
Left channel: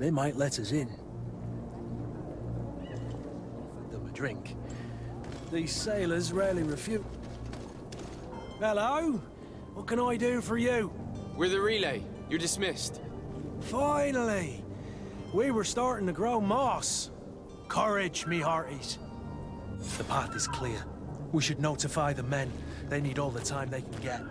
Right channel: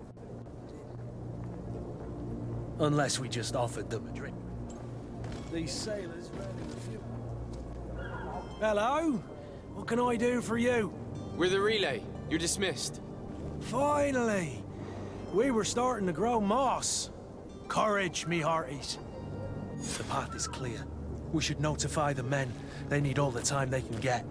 they might let us in. Unless we just offered them a drink. These sailors rarely refuse. Hello? What can I do for you? We're the relay. You're dismissed. Finally! We were starting to grow moss. Courage, me hearties. The path is clear. We should notify the men. They need all the time they can get.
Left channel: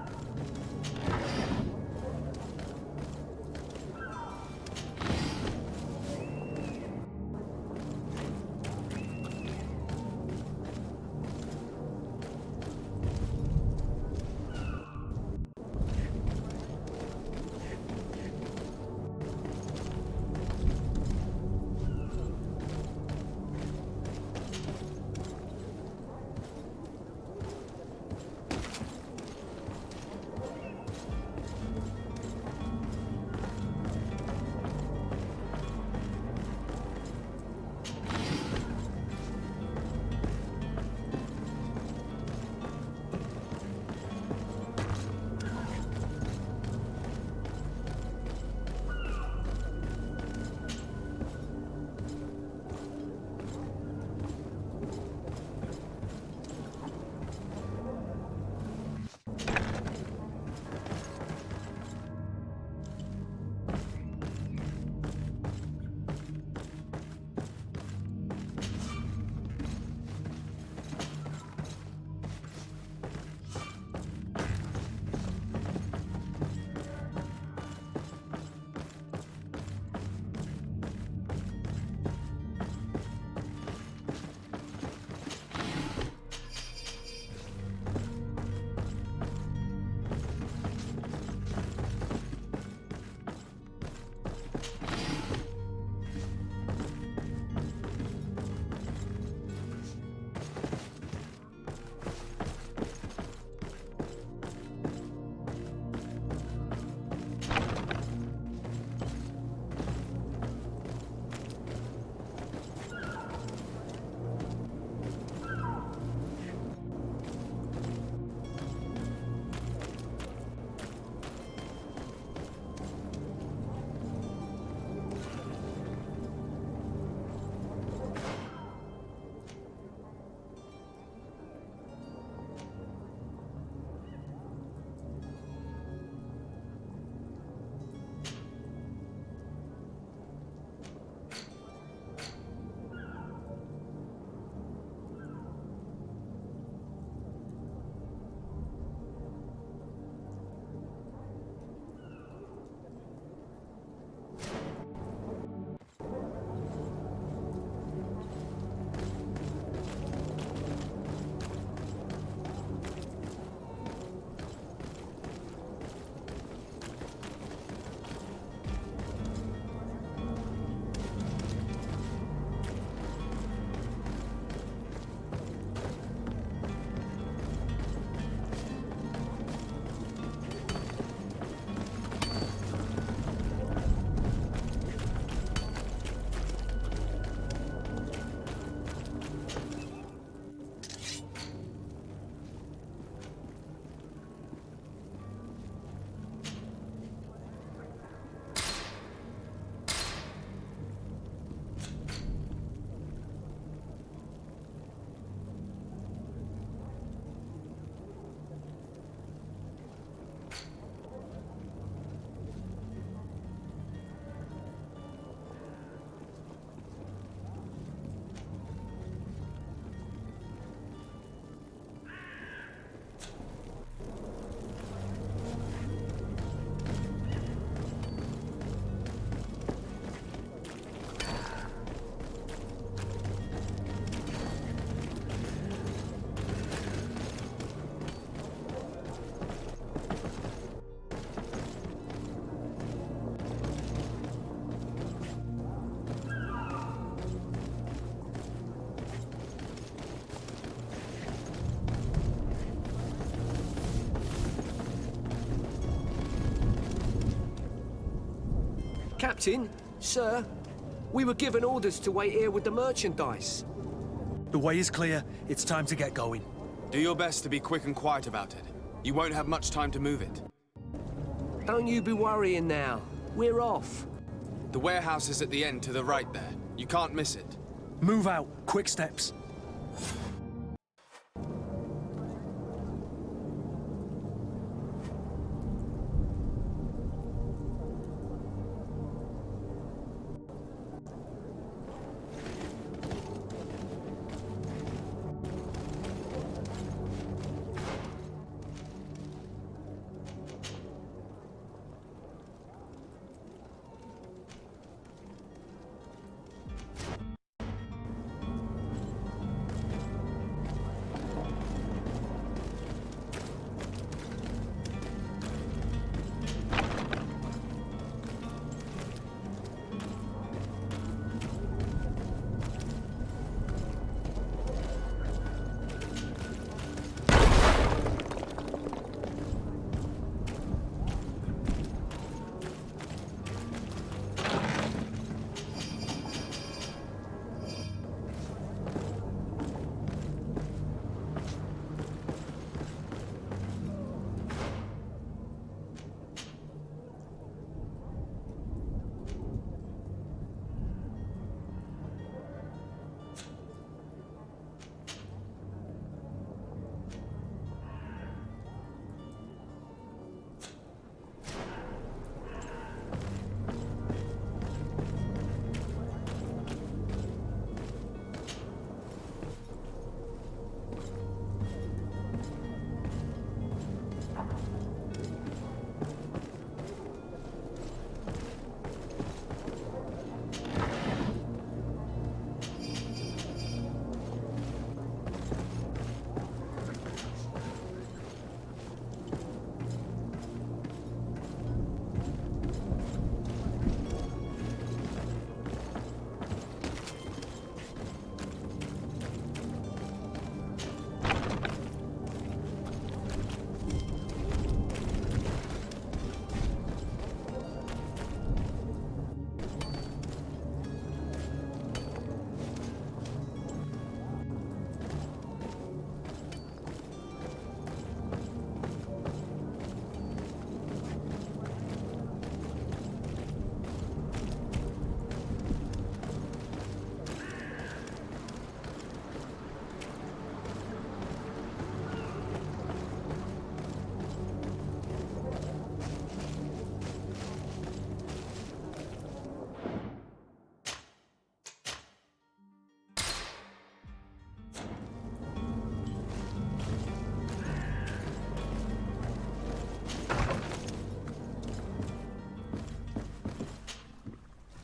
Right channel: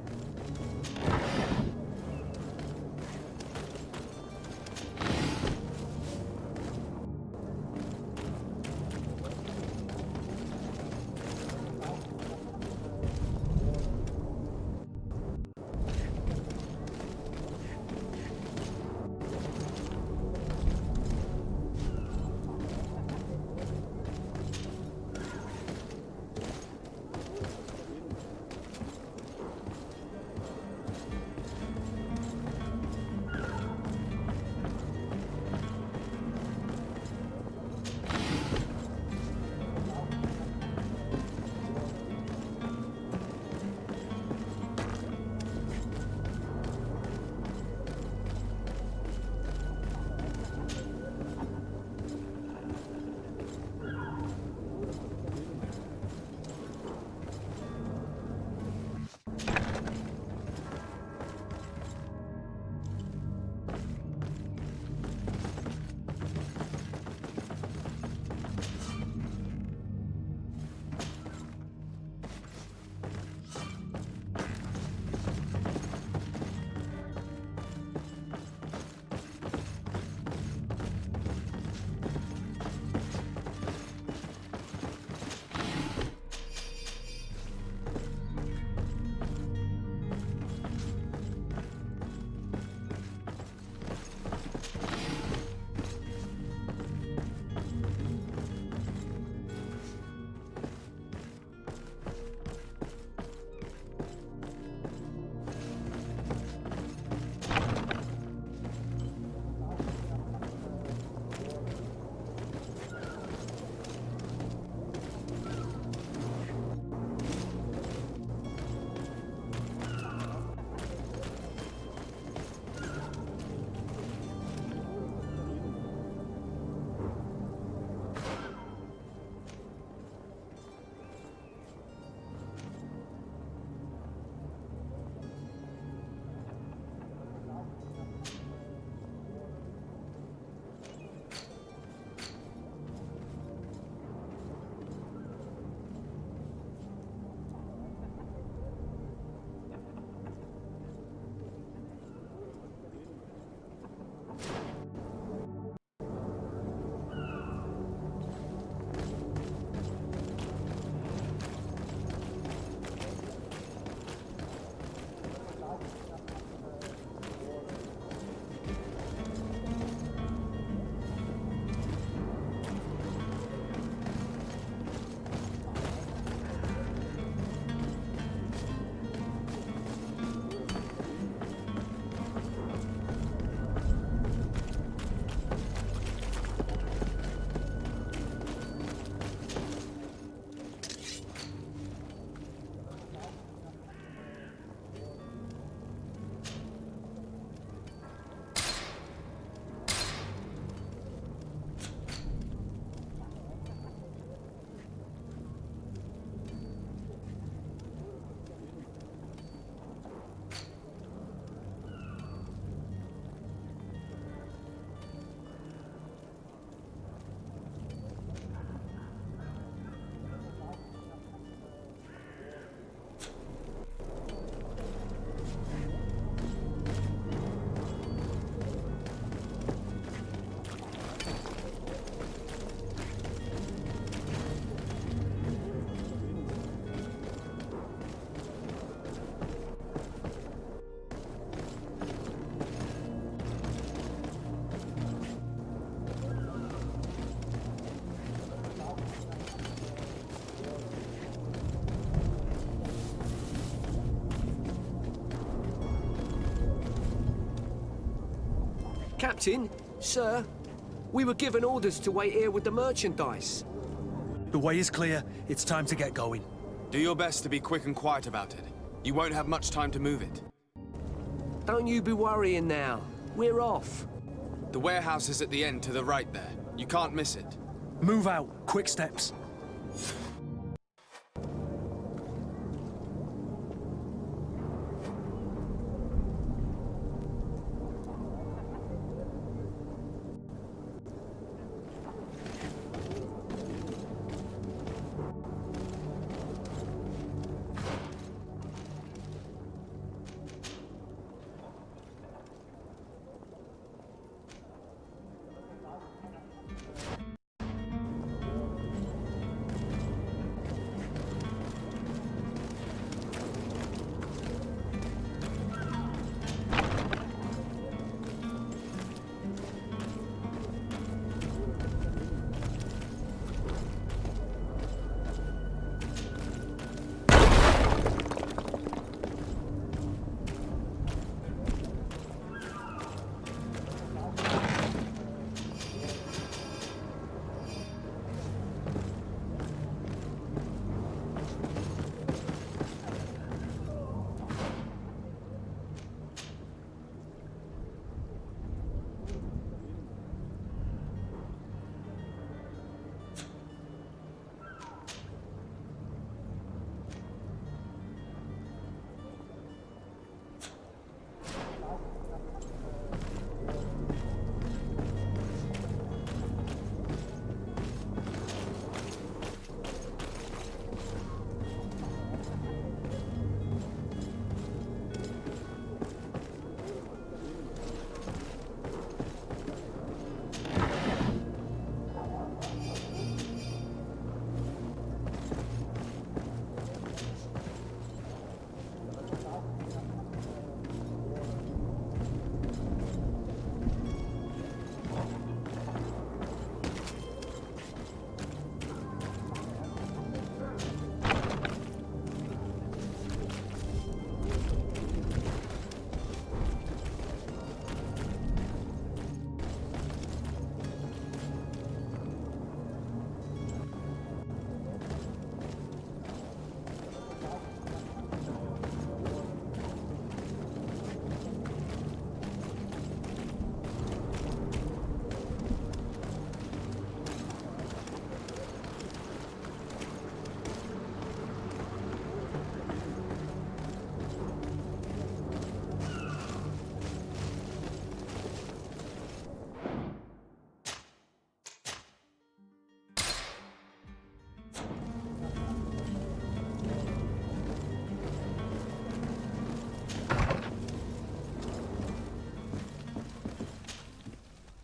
Captain, sir, we were given orders to wait here with the merchandise. The way is clear. It's time to get going. Do your best to be quick and quiet about it. You won't have much time to move it. Don't you be worrying now. We're off. The warehouse is at the end to the right there. You can't miss it. Move out. Quick steps.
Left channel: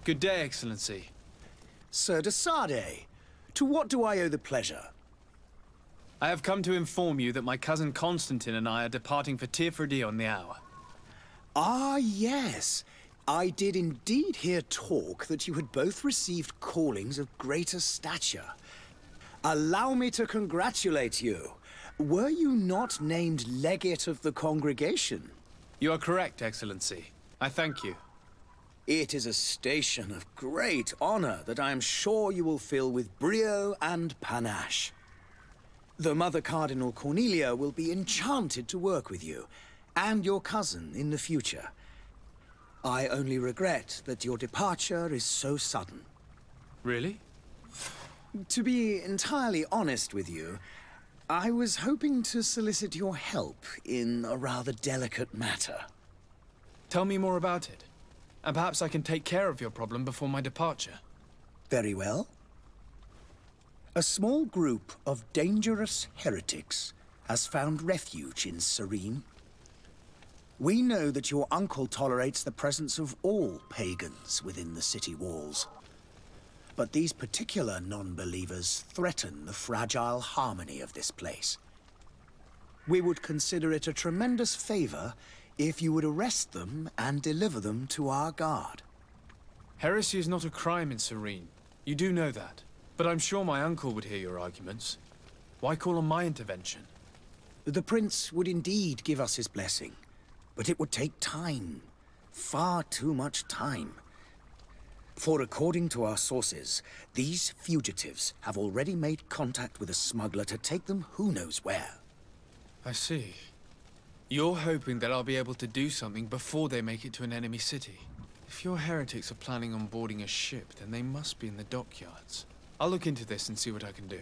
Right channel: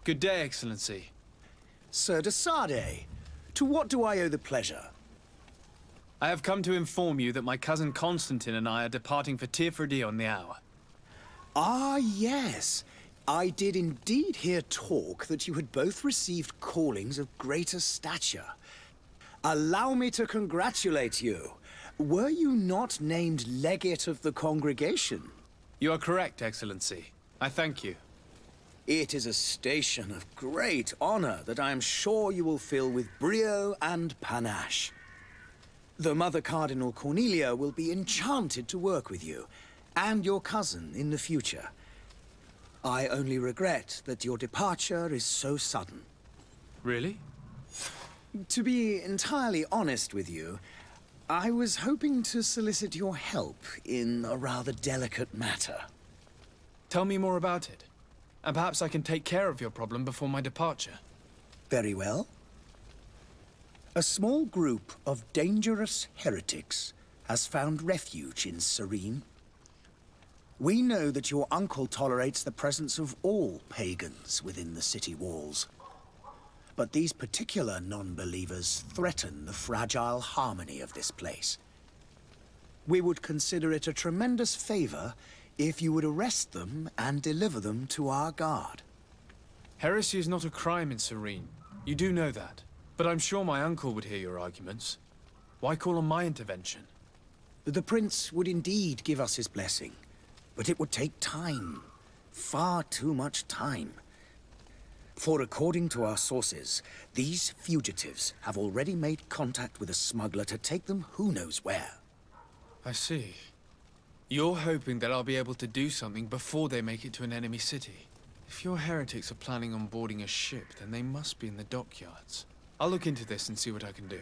Good day, Excellency. Sir de Sardet, to what do I owe the pleasure? I have come to inform you that my cousin Constantine and I are departing for Tirfredi on the hour. Ah, yes. I did indeed hear talk that you had both received callings of greater stature. Allow me to congratulate you. Were you not named legate of the congregation? You are correct, Excellency. I thank you. It is a station of great honor that I am sure you will fill with brio and panache. The Mother Cardinal Cornelia will be enchanted to work with you, and your cousin in the future. I only regret that your departure is so sudden. Really? To be entirely honest with you, I was hoping to solicit your help in a rather delicate matter. Tell me more about it. And perhaps I can take care of your problem before my departure. Very well. A small group of dangerous heretics has found refuge in Serene. We know that your uncle tolerates the presence of all pagans within the city walls. But these particular non-believers threaten the fragile harmony of this place. We would consider it a tremendous favor if you would arrest them and deliver them to our guard. Heresy is not a crime in Serene. You do know that. But I'm sure my uncle would hear your arguments. Why call on my intervention? The Prince would indeed give us his blessing, but it would take time. Far too much time. For according to our sources, these fugitives have already made contact with a smuggler to take them who knows where. I see. You're hoping that I'll be able to do something before they make it to an enemy city. If your heretics are planning on boarding a ship, then they must be in the dockyards. I'll look into this and see what I can do.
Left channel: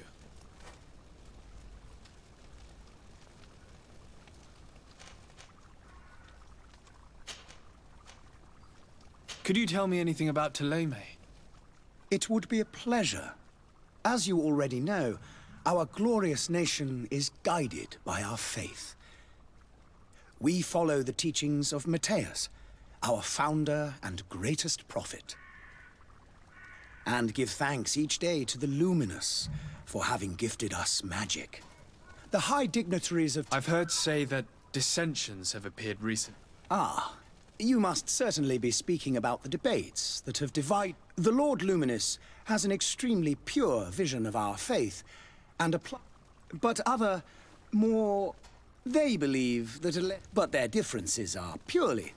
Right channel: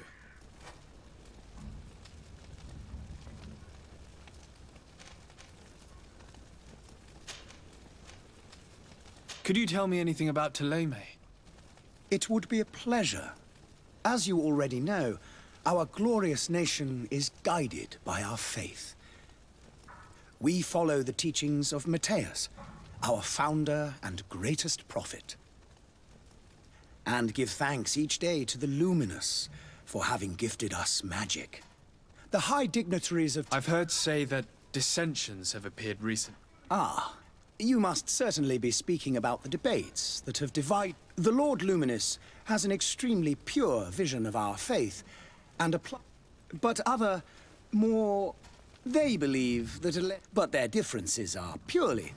Could you tell me anything about Thélème? It would be a pleasure. As you already know, our glorious nation is guided by our faith. We follow the teachings of Matthias, our founder and greatest prophet, and give thanks each day to the Luminous for having gifted us magic. The high dignitaries of... I've heard say that dissensions have appeared recently. Ah, you must certainly be speaking about the debates that have divided... The Lord Luminous has an extremely pure vision of our faith, and but other, more... They believe that but their differences are purely...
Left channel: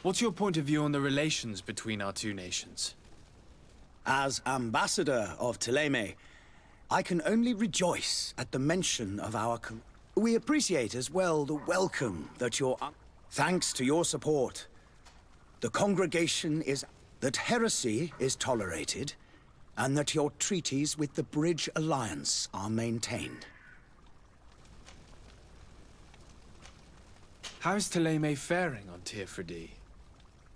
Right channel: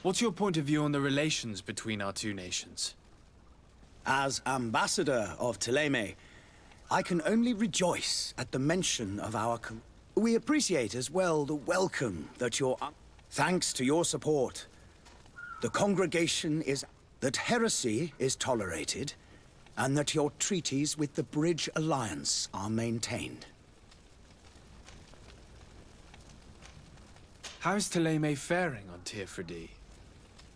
What's your point of view on the relations between our two nations? As ambassador of Thélème, I can only rejoice at the mention of our... We appreciate as well the welcome that your... Thanks to your support, the congregation is... that heresy is tolerated, and that your treaties with the Bridge Alliance are maintained. How is Thélème faring on Teofredi?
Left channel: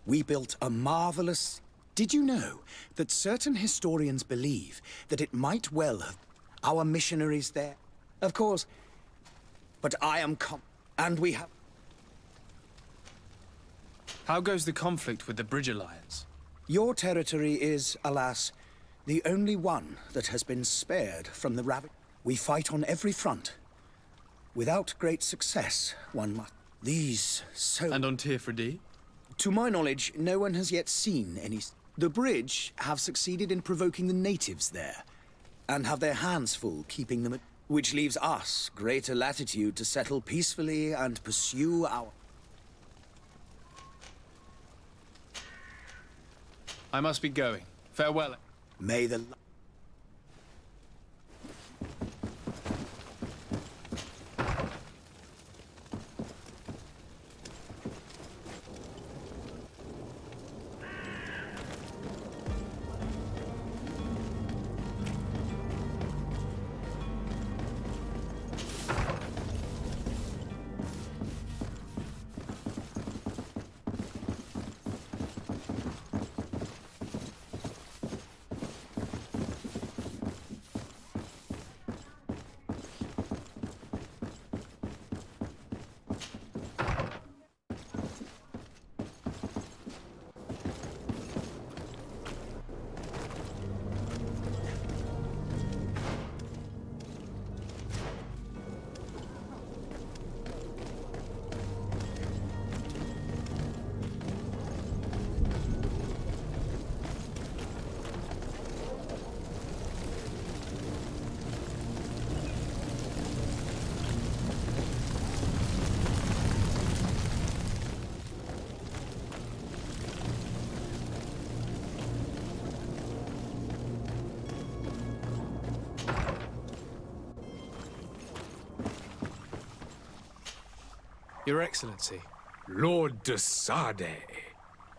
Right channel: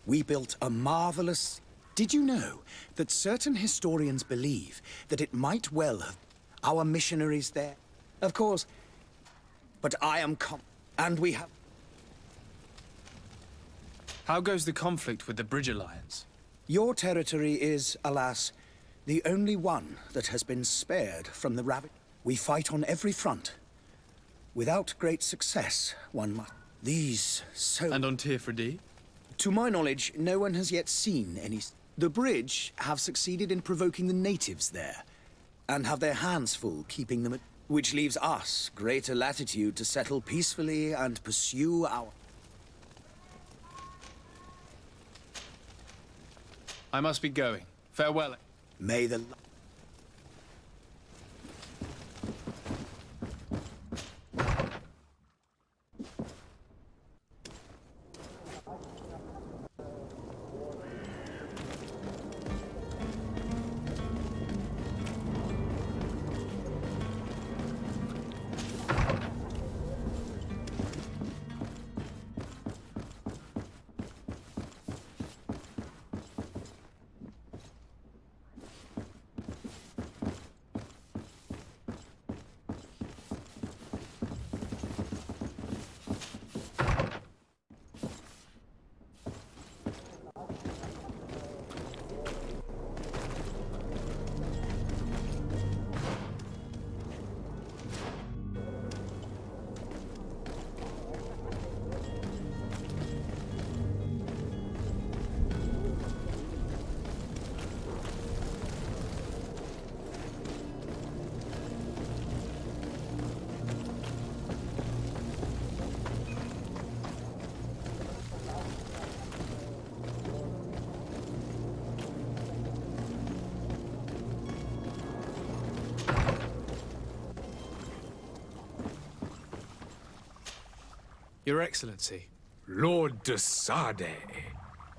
We built a marvelous... Did you know that certain historians believe that it might well have... Our missionaries there? Of course, but I am and we have... How goes the conflict with the Bridge Alliance? Your territory is, alas, the only one that has been spared from the ravage. We fight on every front. Without great success, one must... These so... And on Teofredi? To my knowledge, no one has yet seen any... The Bridge have succeeded in provoking the natives there, and have their hands full keeping them at... Which leaves us greater latitude to settle peacefully and pursue our... I must be going. Farewell. May the... Your Excellency. Lord de Sade,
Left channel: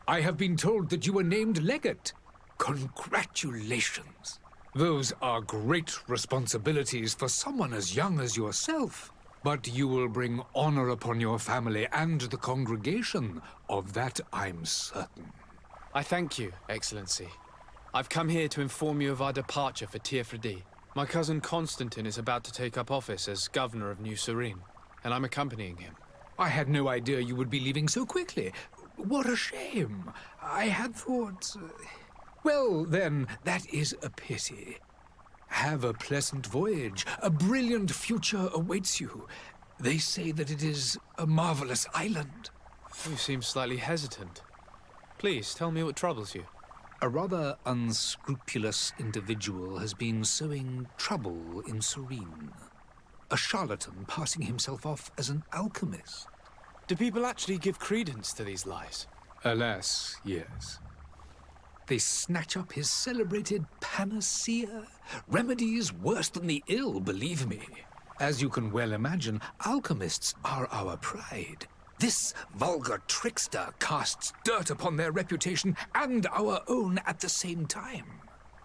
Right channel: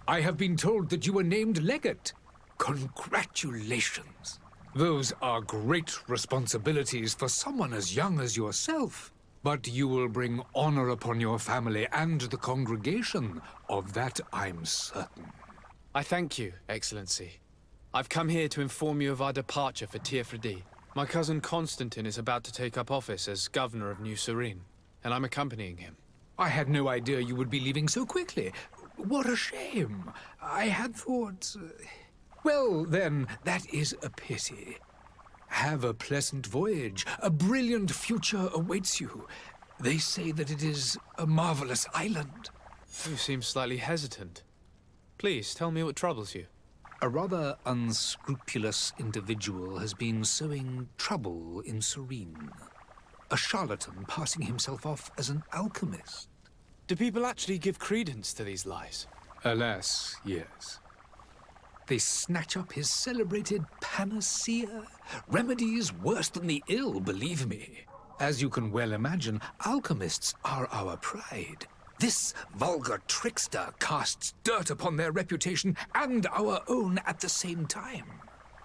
I have been told that you were named legate. Congratulations. Those are great responsibilities for someone as young as yourself. But you will bring honor upon your family and the congregation. Of that I'm certain. I thank you, Excellency. I've come here to inform you of our departure for Teofredi. My cousin Constantine is about to take up office as governor of New Serene, and I'm accompanying him. I had no idea you would be leaving so quickly. What a shame. I had thought... Well, then, that is a pity. Have a pleasant voyage. A brilliant future awaits you. They say that it is a marvelous island. You seem slightly hesitant. Please, tell me what troubles you. A rather unscrupulous individual has been sowing trouble in Serene. A charlatan passing himself off as an alchemist. Do people actually give credence to these lies? Alas, yes. They snatch up his celebrated panacea. Remedies worse than the ill, believe me. As you can well imagine, alchemists are our pride. This vulgar trickster casts dirt upon their reputation and our own at the same time.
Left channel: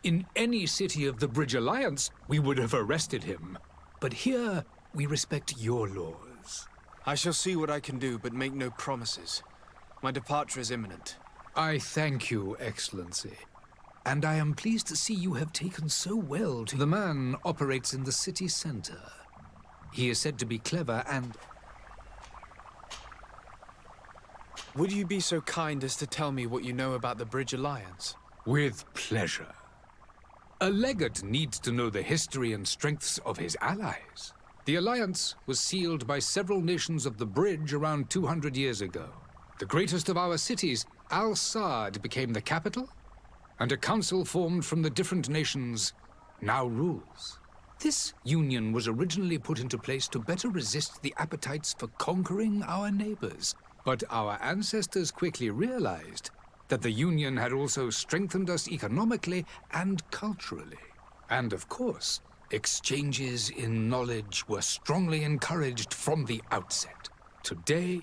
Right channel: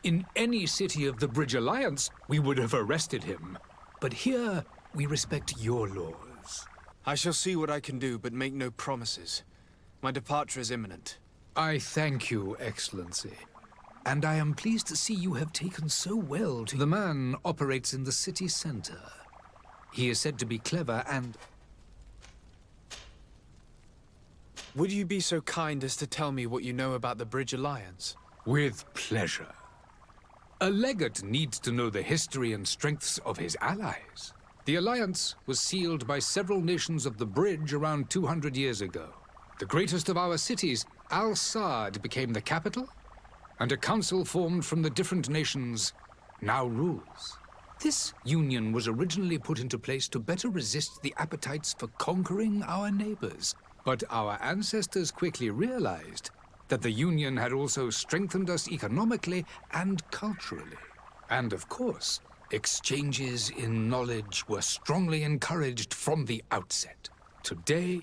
In any city of the Bridge Alliance, we would have arrested him. But here, we respect your laws. I shall see what I can do, but make no promises. My departure is imminent. I thank you, Excellency. And I am pleased to see you have taken so well to... The man operates in the city center. He is said to be clever and... Would you be so kind as to tell me what you know about the Bridge Alliance? With pleasure. A legate needs to know the history and strengths of his allies. The alliance was sealed by several nations of the Bridge around 200 years ago. The greatest of our cities, Al-Saad, became the capital, and a council formed from the different nations now rules. This union was originally put into place to better resist the appetites for conquering our neighbors. But our ancestors quickly realized that the union had also strengthened us economically and culturally. And of course, exchanges in knowledge were strongly encouraged from the outset. Today,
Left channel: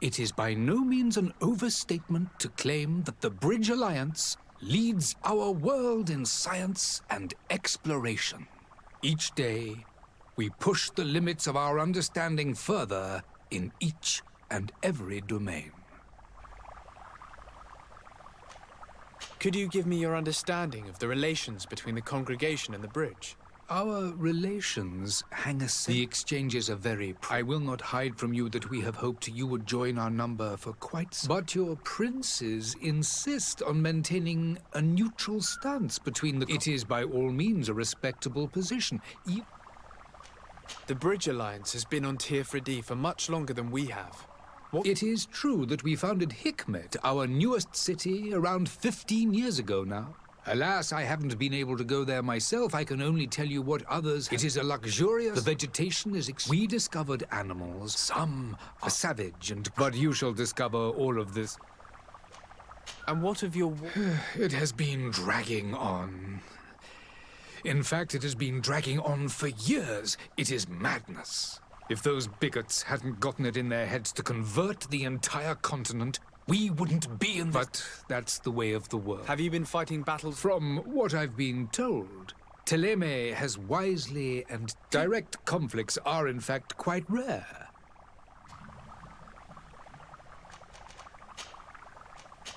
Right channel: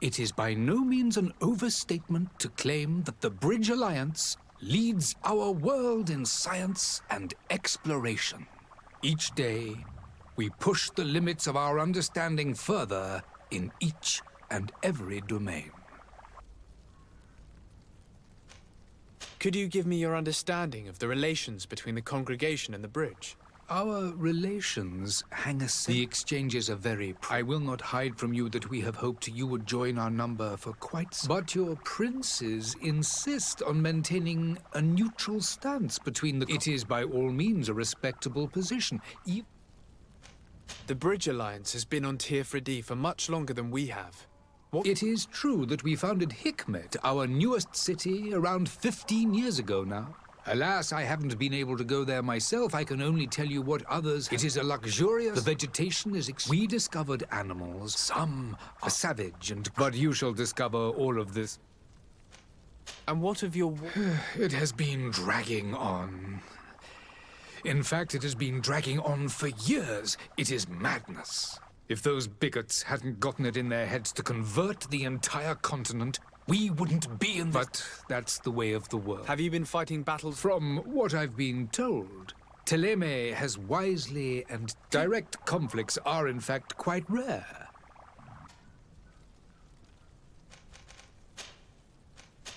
it is by no means an overstatement to claim that the Bridge Alliance leads our world in science and exploration. Each day, we push the limits of our understanding further in each and every domain. Could you give me your understanding of the relations between the congregation and the bridge? Our relations hang aside. The exchanges are very... I will not hide from you that we have hoped you would join our number for quite some... But your princes insist on maintaining a neutral stance between the... It is by all means a respectable position. The Bridge Alliance has been on Tir-Fredi for much longer than we have. It is true that we founded Hikmet, our newest city, around 15 years ago now. Alas, I haven't been able to go there myself. I can only tell you what others... It is a luxurious... The vegetation is... We discovered animals. Some are savage and... But you shall discover all of this. And what of your... It has been dragging on. In fact, it has been dragging on for years. It is madness. If those bigots hadn't gotten it in their heads to convert the entire continent, we wouldn't be in this... But that's the way of the world. Have you been fighting battles? From what I've been told, Teleme has wisely and direct conflicts are in fact quite rare.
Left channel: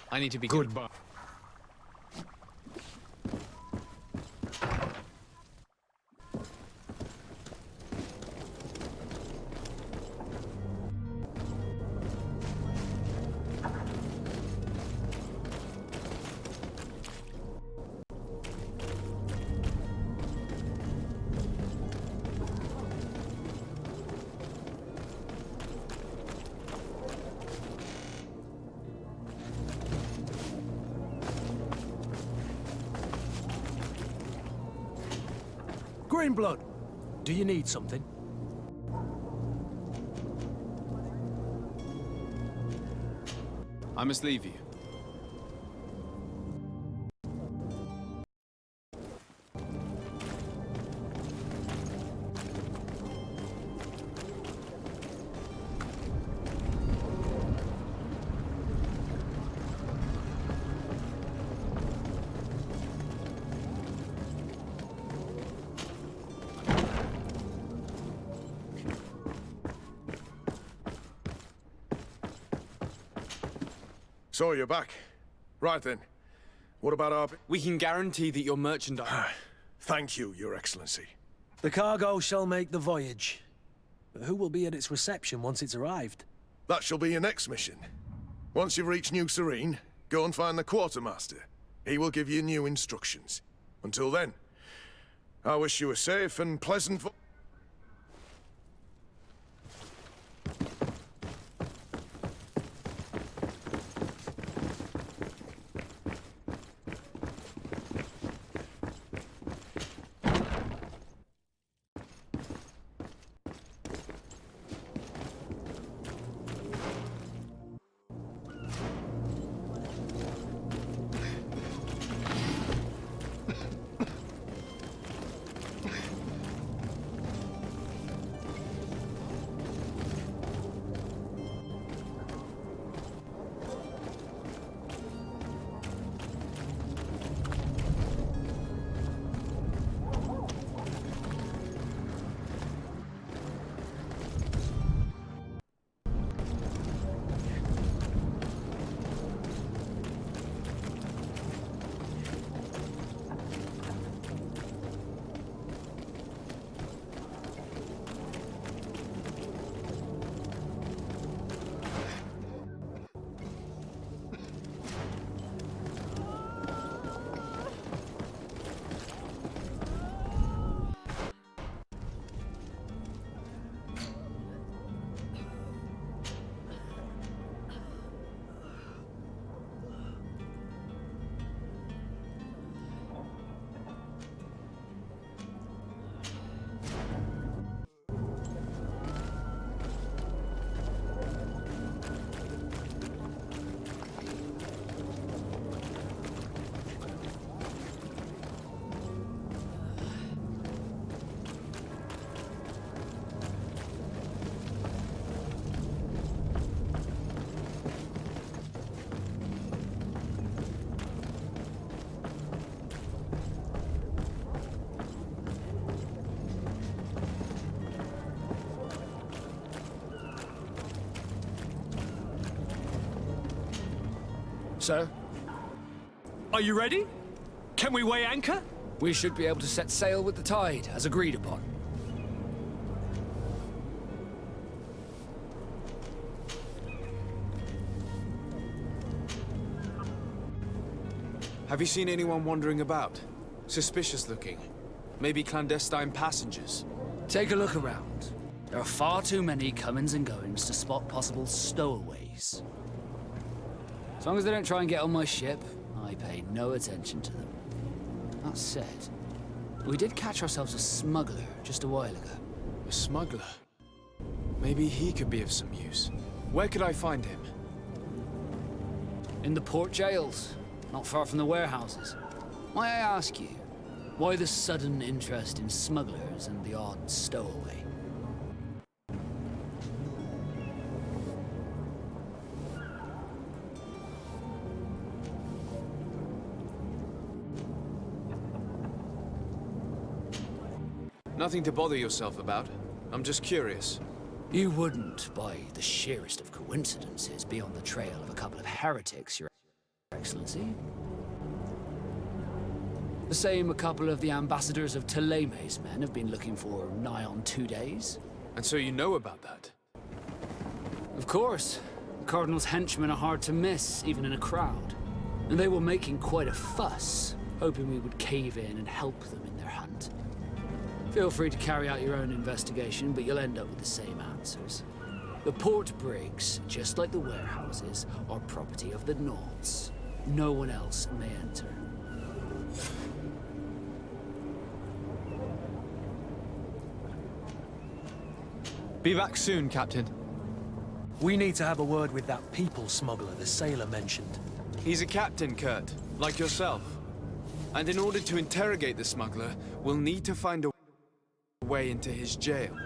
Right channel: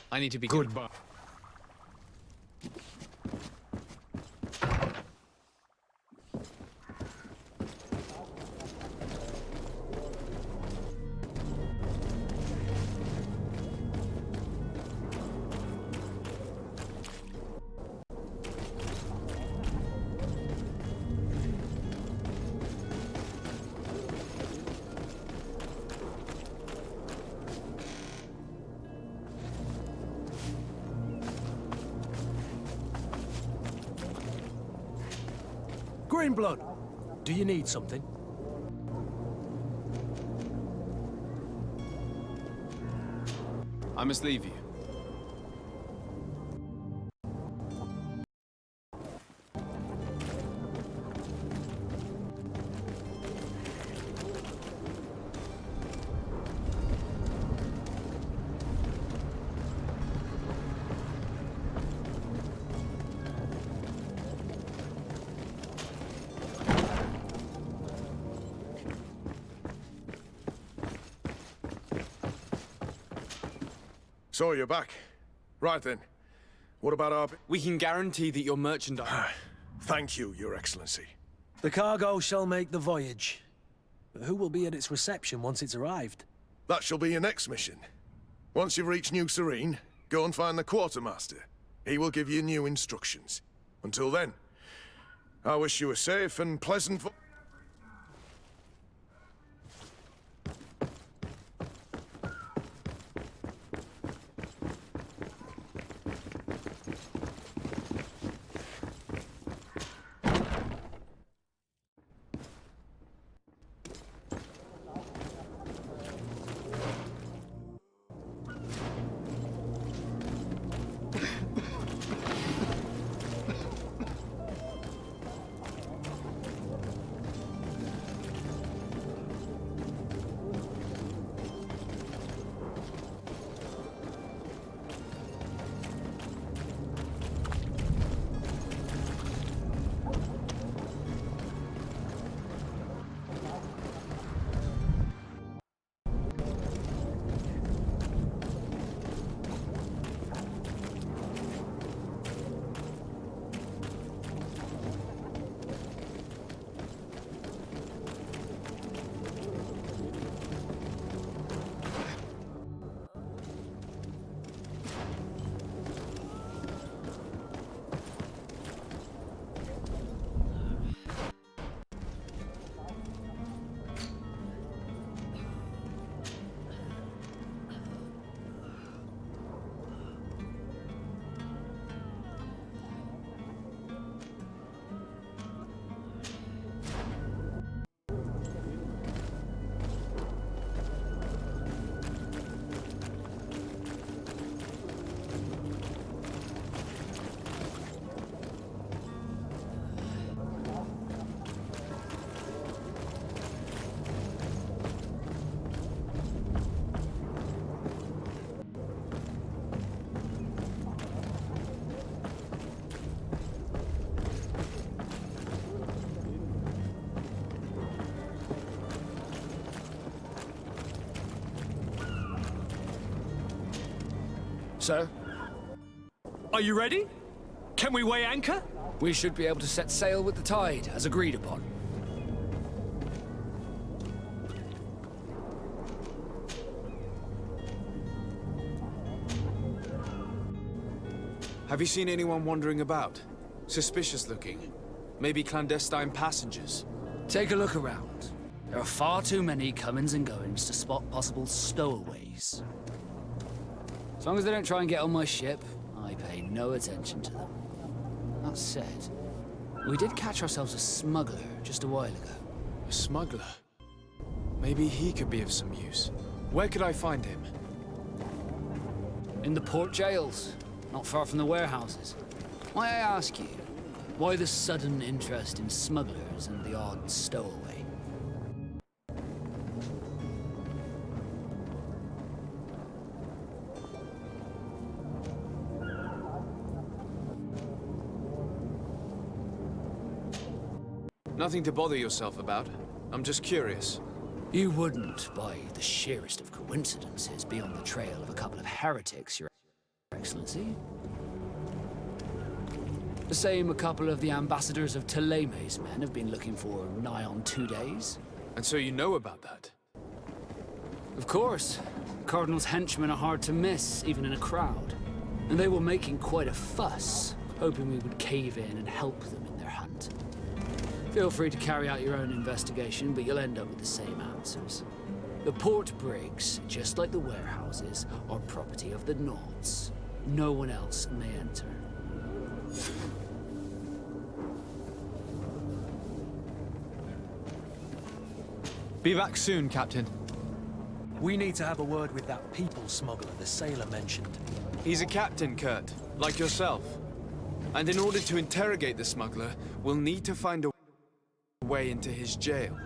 I need to be... Goodbye. Greenblood, do you need something? I must leave you. So you're back. Right then. What about our... We can guarantee that your merchandise... Thank you, Your Excellency. The cargo shall make the voyage. But who will be at its reception once it's arrived? That shall be your next mission. Once you've reached New Serene, go and find the quartermaster. He will give you new instructions. Until then, I wish you a safe and pleasant... Sir? Are you ready? Can we weigh anchor? We should be able to set sail with the tide, as agreed upon. Have you seen anyone wandering about? Suspicious looking. Maybe clandestine passengers. Take a look around. There are far too many comings and goings to spot possible stowaways. As long as they don't try and get on my ship, I pay no attention to them. That said, we did catch ourselves a smuggler just a while ago. A smuggler? Maybe he could be of some use. Where could I find him? In the port jails, not far from the warehouses. May I ask you, why the sudden interest in smugglers and the odd stowaway? Nothing to bother yourself about. I'm just curious. You wouldn't, by the sheerest of coincidences, be on the trail of a couple of heretics, Your Excellency. The same a couple of the ambassadors of Ptolemy's men have been looking for nigh on 2 days. And so you know about that? Of course. The Cardinal's henchmen are hard to miss, even in a crowd. And they were making quite a fuss, hoping we would cave in and help them in their hunt. Feel free to carry out your own investigation, but you'll end up with the same answers. The port brigs, just like the warehouses, are property of the Nauts. No one else may enter. Be back soon, Captain. We need to have a word with that people smuggler the sailor mentioned. He's a captain, Kurt, like yourself. And in order to interrogate the smuggler, we'll need to find a way into his jail.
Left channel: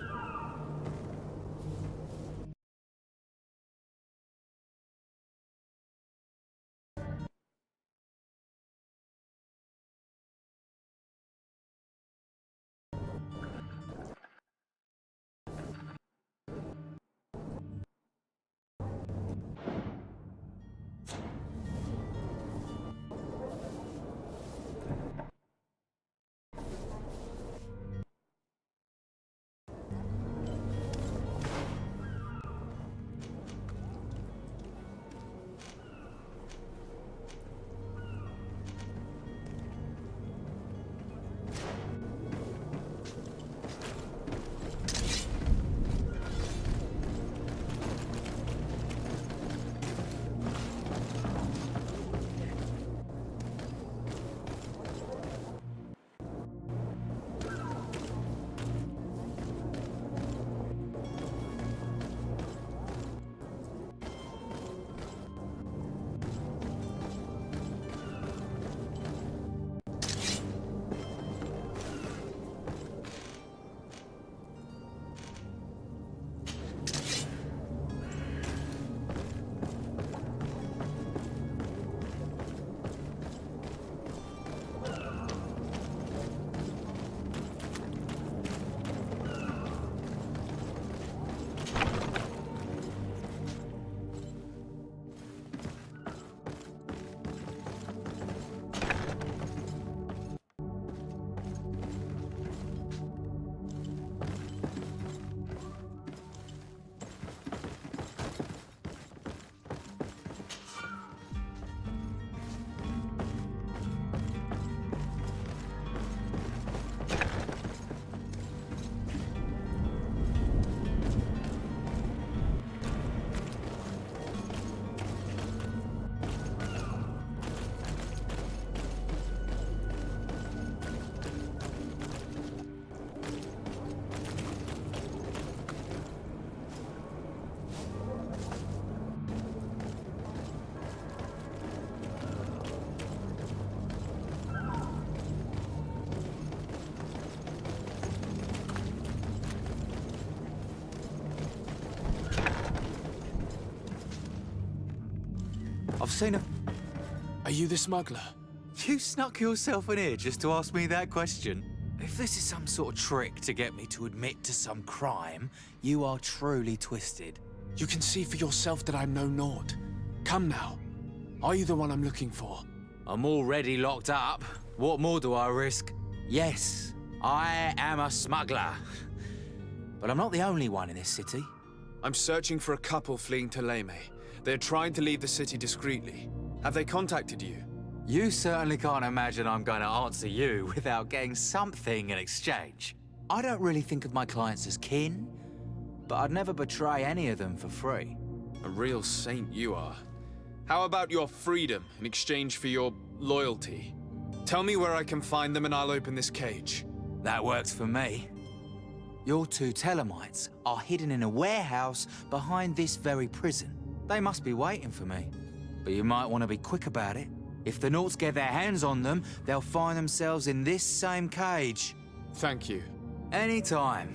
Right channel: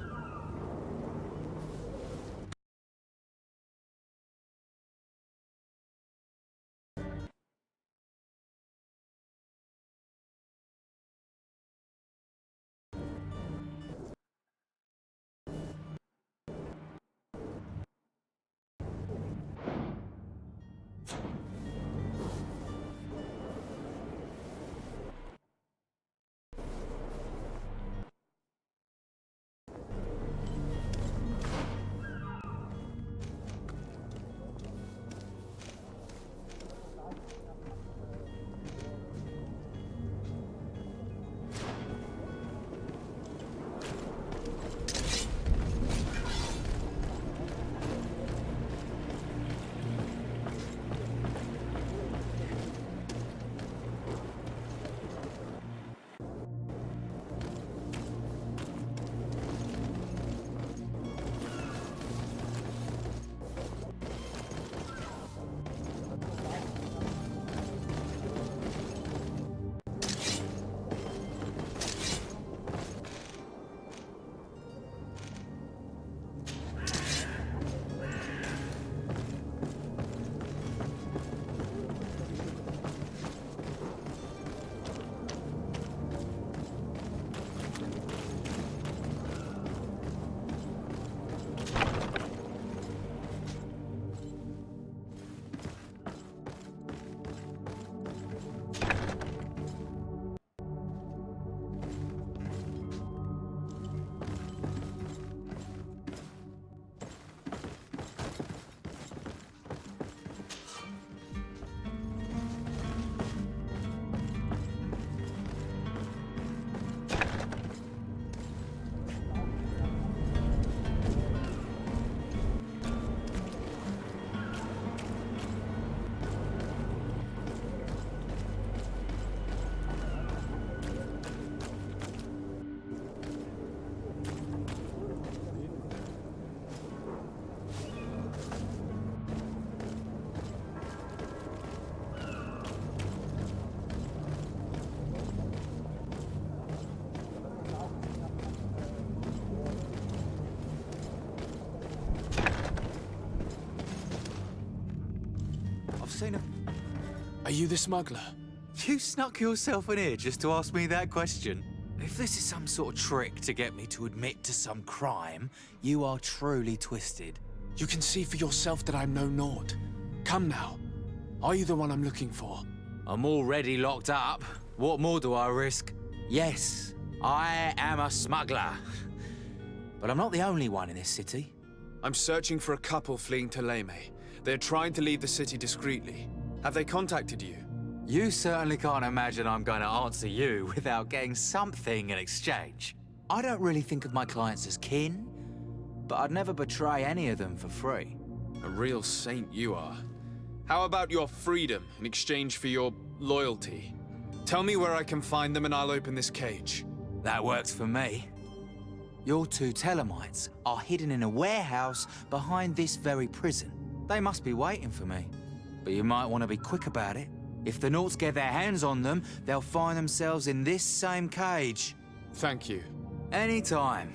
I've seen a... Are you the smuggler? You snuck yourself in here just to ask me that question? If this is some sort of trick to get me to admit to some crime, you are truly twisted. You can see for yourself that I'm no naught. Come now. Are you the one I'm looking for? I'm already locked up. What more do I risk? Yes, I am a smuggler. But I'm not the only one in this city. I'm searching for a couple fleeing to Leme. They're trying to leave the city discreetly. Have they contacted you? You certainly can't imagine I'm going to answer you without getting something in exchange. I don't really think of my clients as kin, but I'd never betray any of them for free. A real saint you are. How about your freedom in exchange for your loyalty? Tell me where I can find them and I'll open this cage. That works for me. Your two Telemites are hidden in a warehouse behind this very prison. They must be waiting for me. But you might want to be quick about it. If the Nauts get their hands on them, they'll find themselves in this same cage. Thank you. Anytime.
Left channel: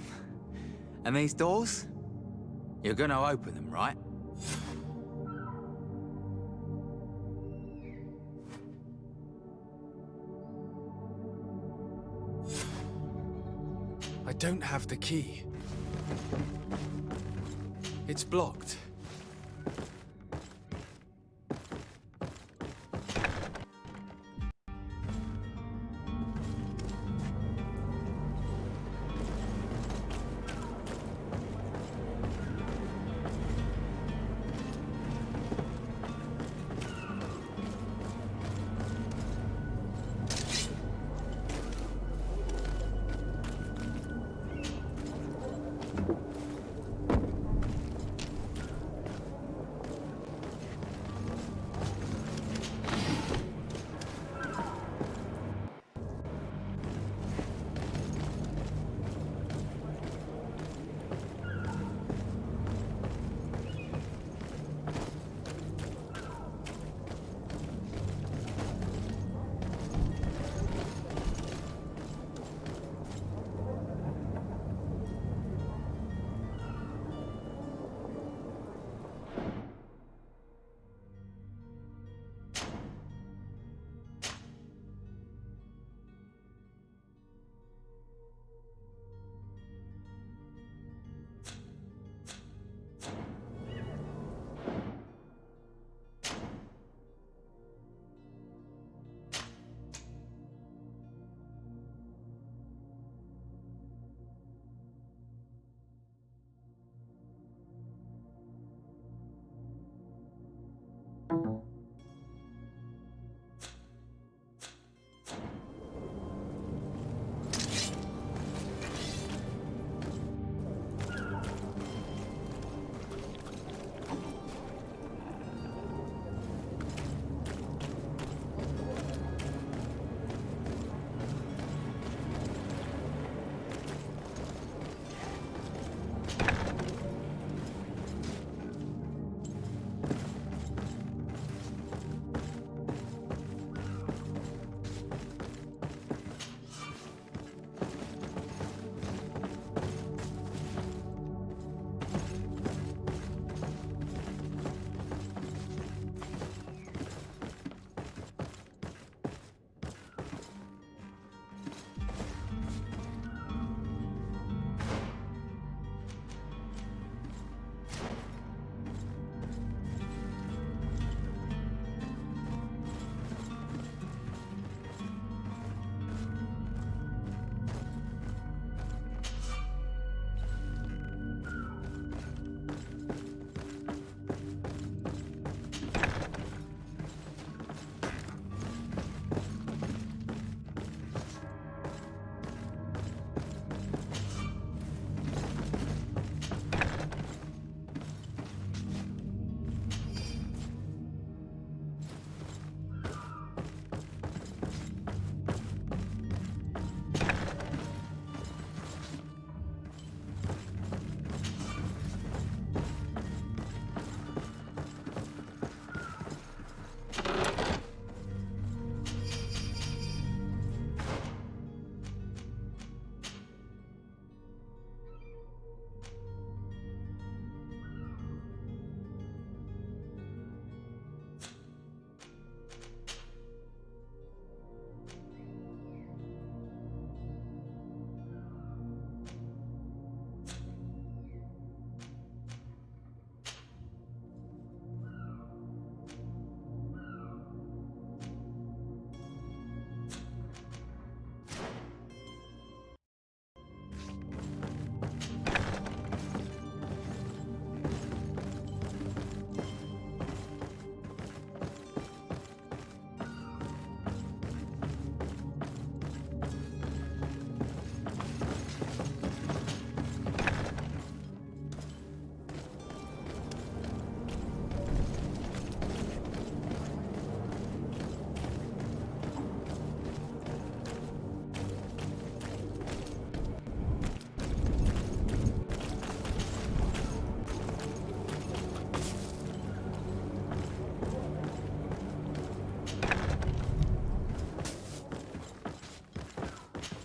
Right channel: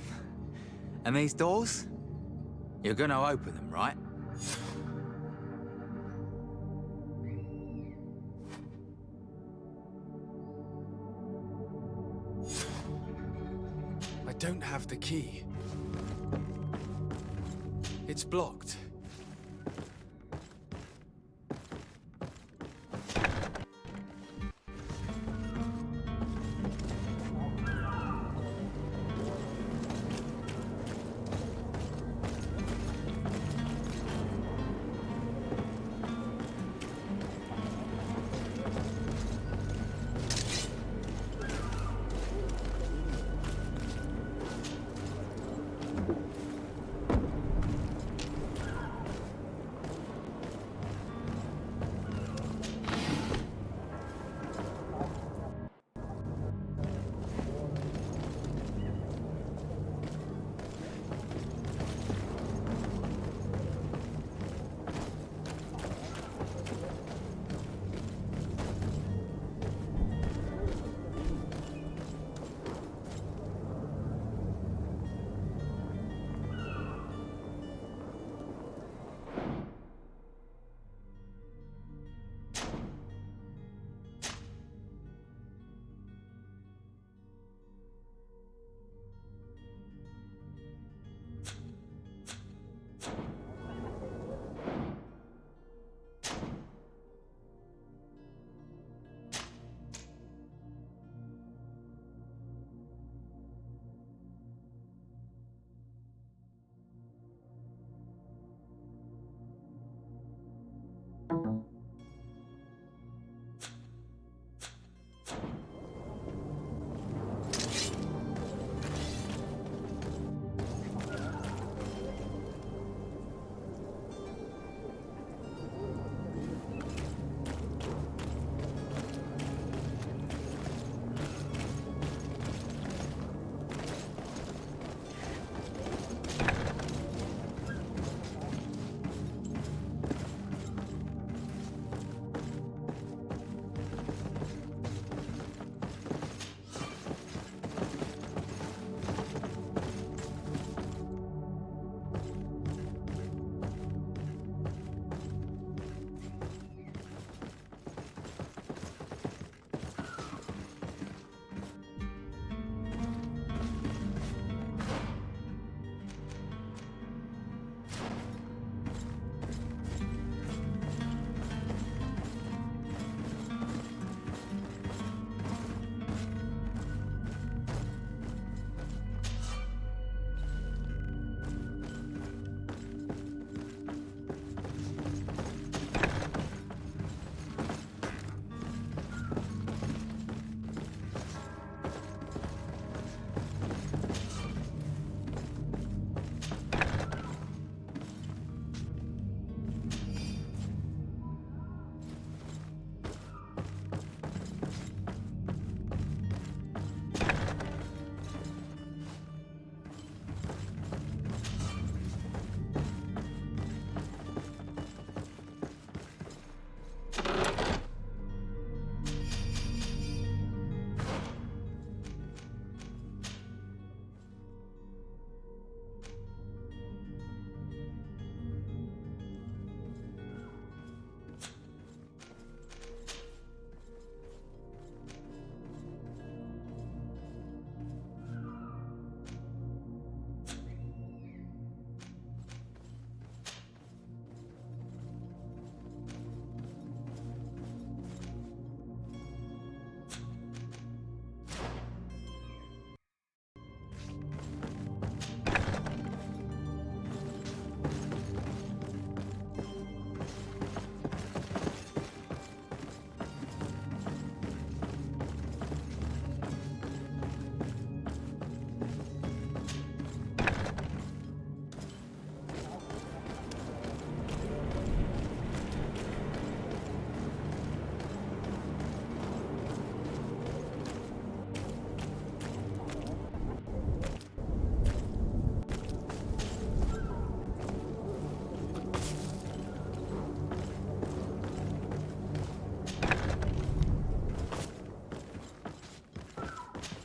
And these doors? You're gonna open them, right? I don't have the key. It's blocked.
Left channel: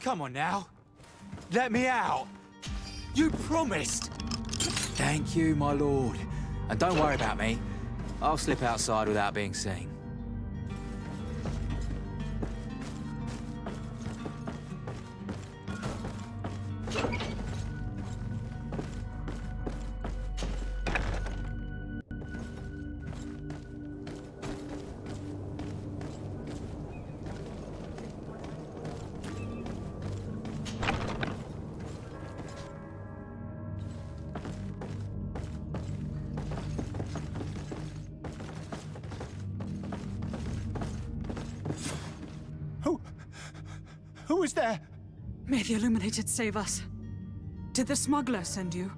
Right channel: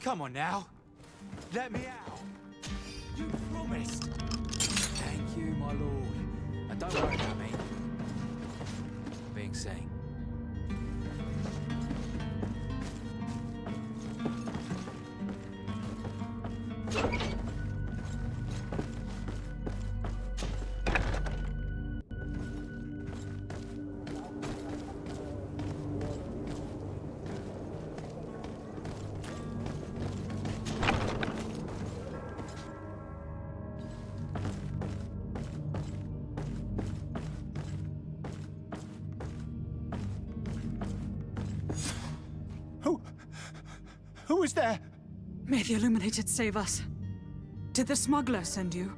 Come on now. Let me out. You promised. Thank you, my lord. And don't worry about me. I'll slip outside without being seen. Who is there? May the Illuminated save us. Did the smuggler send you?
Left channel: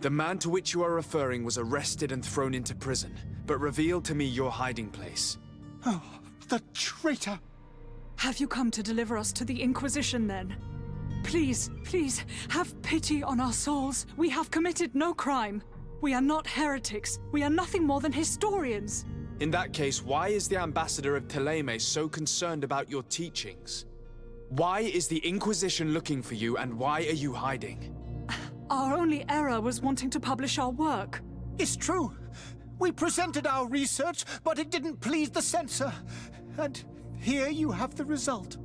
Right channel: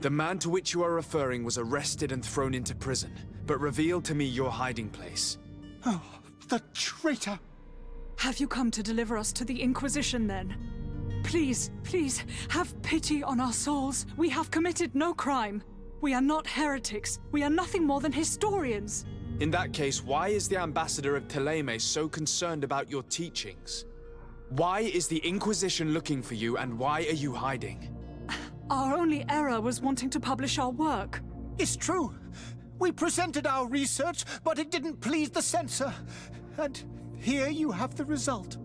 The man to which you are referring was arrested and thrown into prison, but revealed to me your hiding place. Oh, the traitor! Have you come to deliver us to the Inquisition, then? Please, please, have pity on our souls. We have committed no crime. We are not heretics. We are nothing more than historians. In that case, why is the ambassador of Thélème so concerned about your teachings? Why is the Inquisition looking for you, and why are you hiding? Our only error was wanting to publish our work. It's true. We presented our research, but it didn't please the censor. And here you have the result.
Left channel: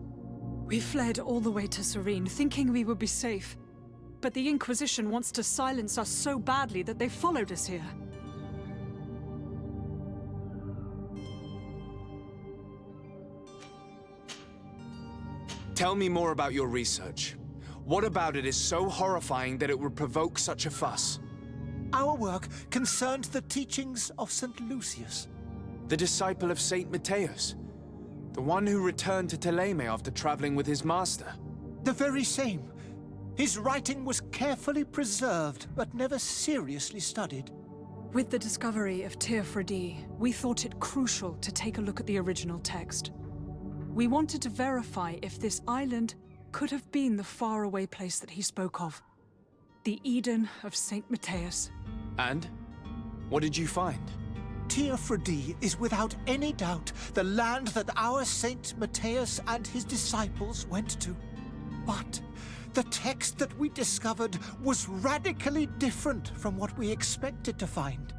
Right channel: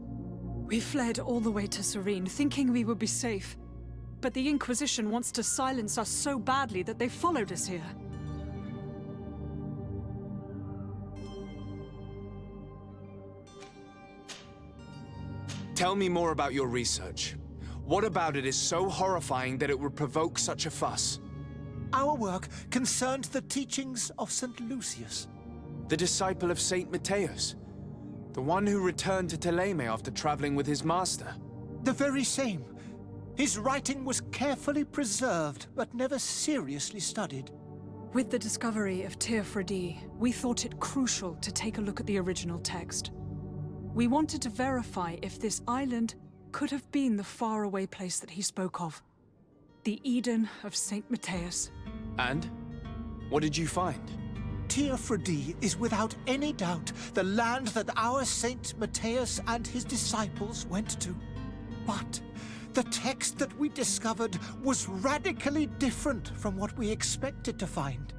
We fled all the way to Serene, thinking we would be safe. But the Inquisition wants to silence us so badly that they followed us here. Tell me more about your research. What about it is so horrifying that it would provoke such a fuss? Our work concerned the teachings of St. Lucius. The disciple of Saint Matthias? The one who returned to Thélème after traveling with his master? The very same. His writing was carefully preserved, but never seriously studied. With the discovery of Teofredi, we thought it crucial to take a look at the original text. We wanted to verify if this island could have been the faraway place that he spoke of. The Eden of Saint Matthias. And? What did you find? Teofredi is without any doubt the land that our Saint Matthias and his disciples went to. But the text that we discovered was radically different from what we expected to find.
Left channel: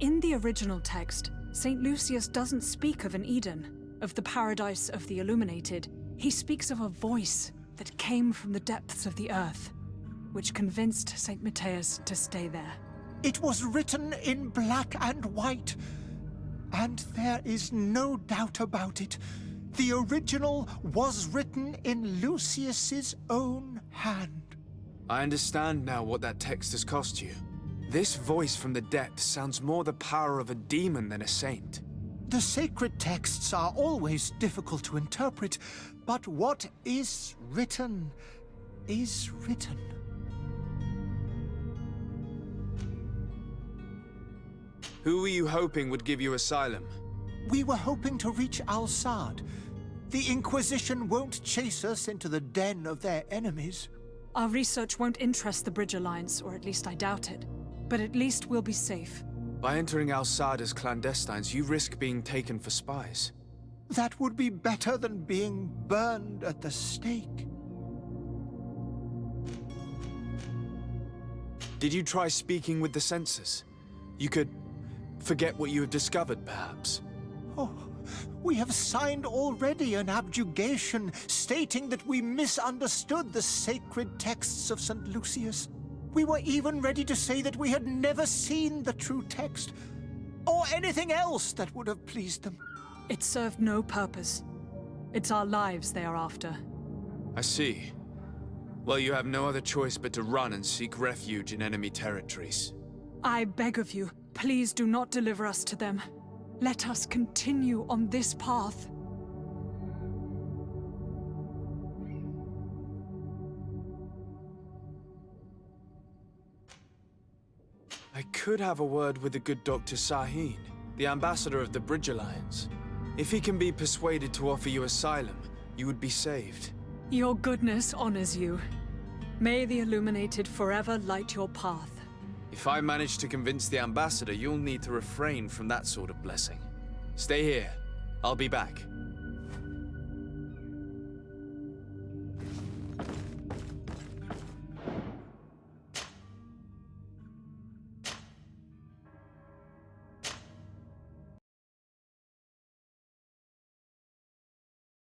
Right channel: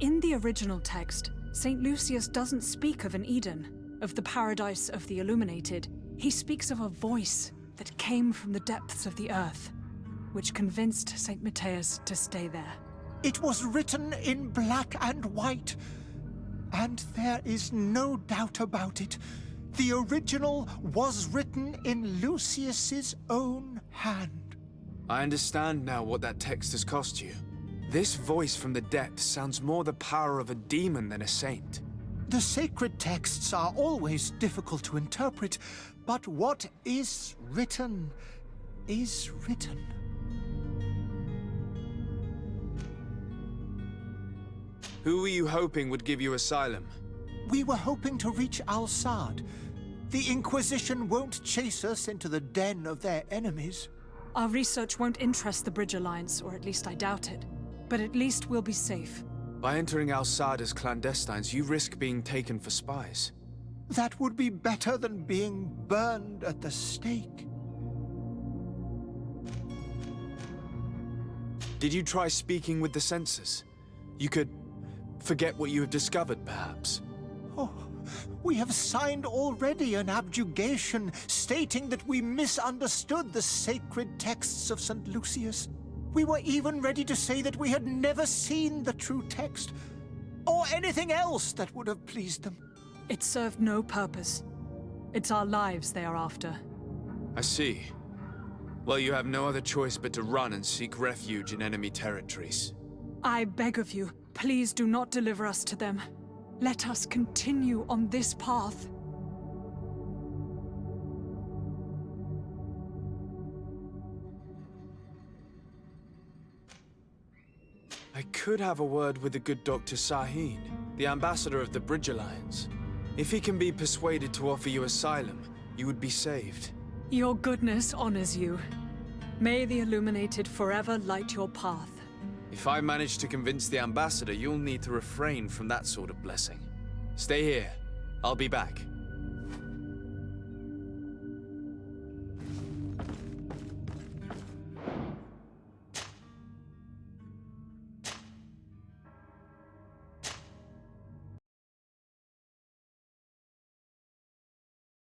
In the original text, Saint Lucius doesn't speak of an Eden, of the paradise of the Illuminated. He speaks of a voice that came from the depths of the earth, which convinced Saint Matthias to stay there. It was written in black and white, and there is no doubt about it. The original was written in Lucius's own hand. I understand now what that text has cost you. This voice from the depths sounds more the power of a demon than a saint. The sacred texts are always difficult to interpret, but what is written is written. Who were you hoping would give you asylum? We were hoping to reach Al-Sad. The Inquisition won't chase us into the den of their enemies. Our research won't interest the Bridge Alliance, or at least I doubt it. But at least we'll be safe. By entering Al-Sad as clandestines, you risk being taken for spies. That would be better than being burned at the stake. Did you try speaking with the censors? You could forget what you have discovered, perhaps. Oh, we have signed already an abjuration stating that we misunderstood the sacred texts of St. Lucius. We were even ready to say that we had never seen the true text, or anything else that would have pleased them. It served no purpose. It's our lives they are after. I see. Well, you have no other choice but to run and seek refuge in enemy territories. I beg of you, please do not deliver us to them. Let us continue on this path. I could have a word with the good Dr. Sahin, the ambassador of the Bridge Alliance. If he can be persuaded to offer you asylum, you would be saved. Your goodness honors you. May the Illuminated forever light your path. If I manage to convince the ambassador, you'll need to refrain from that sort of blessing. Stay here. I'll be back.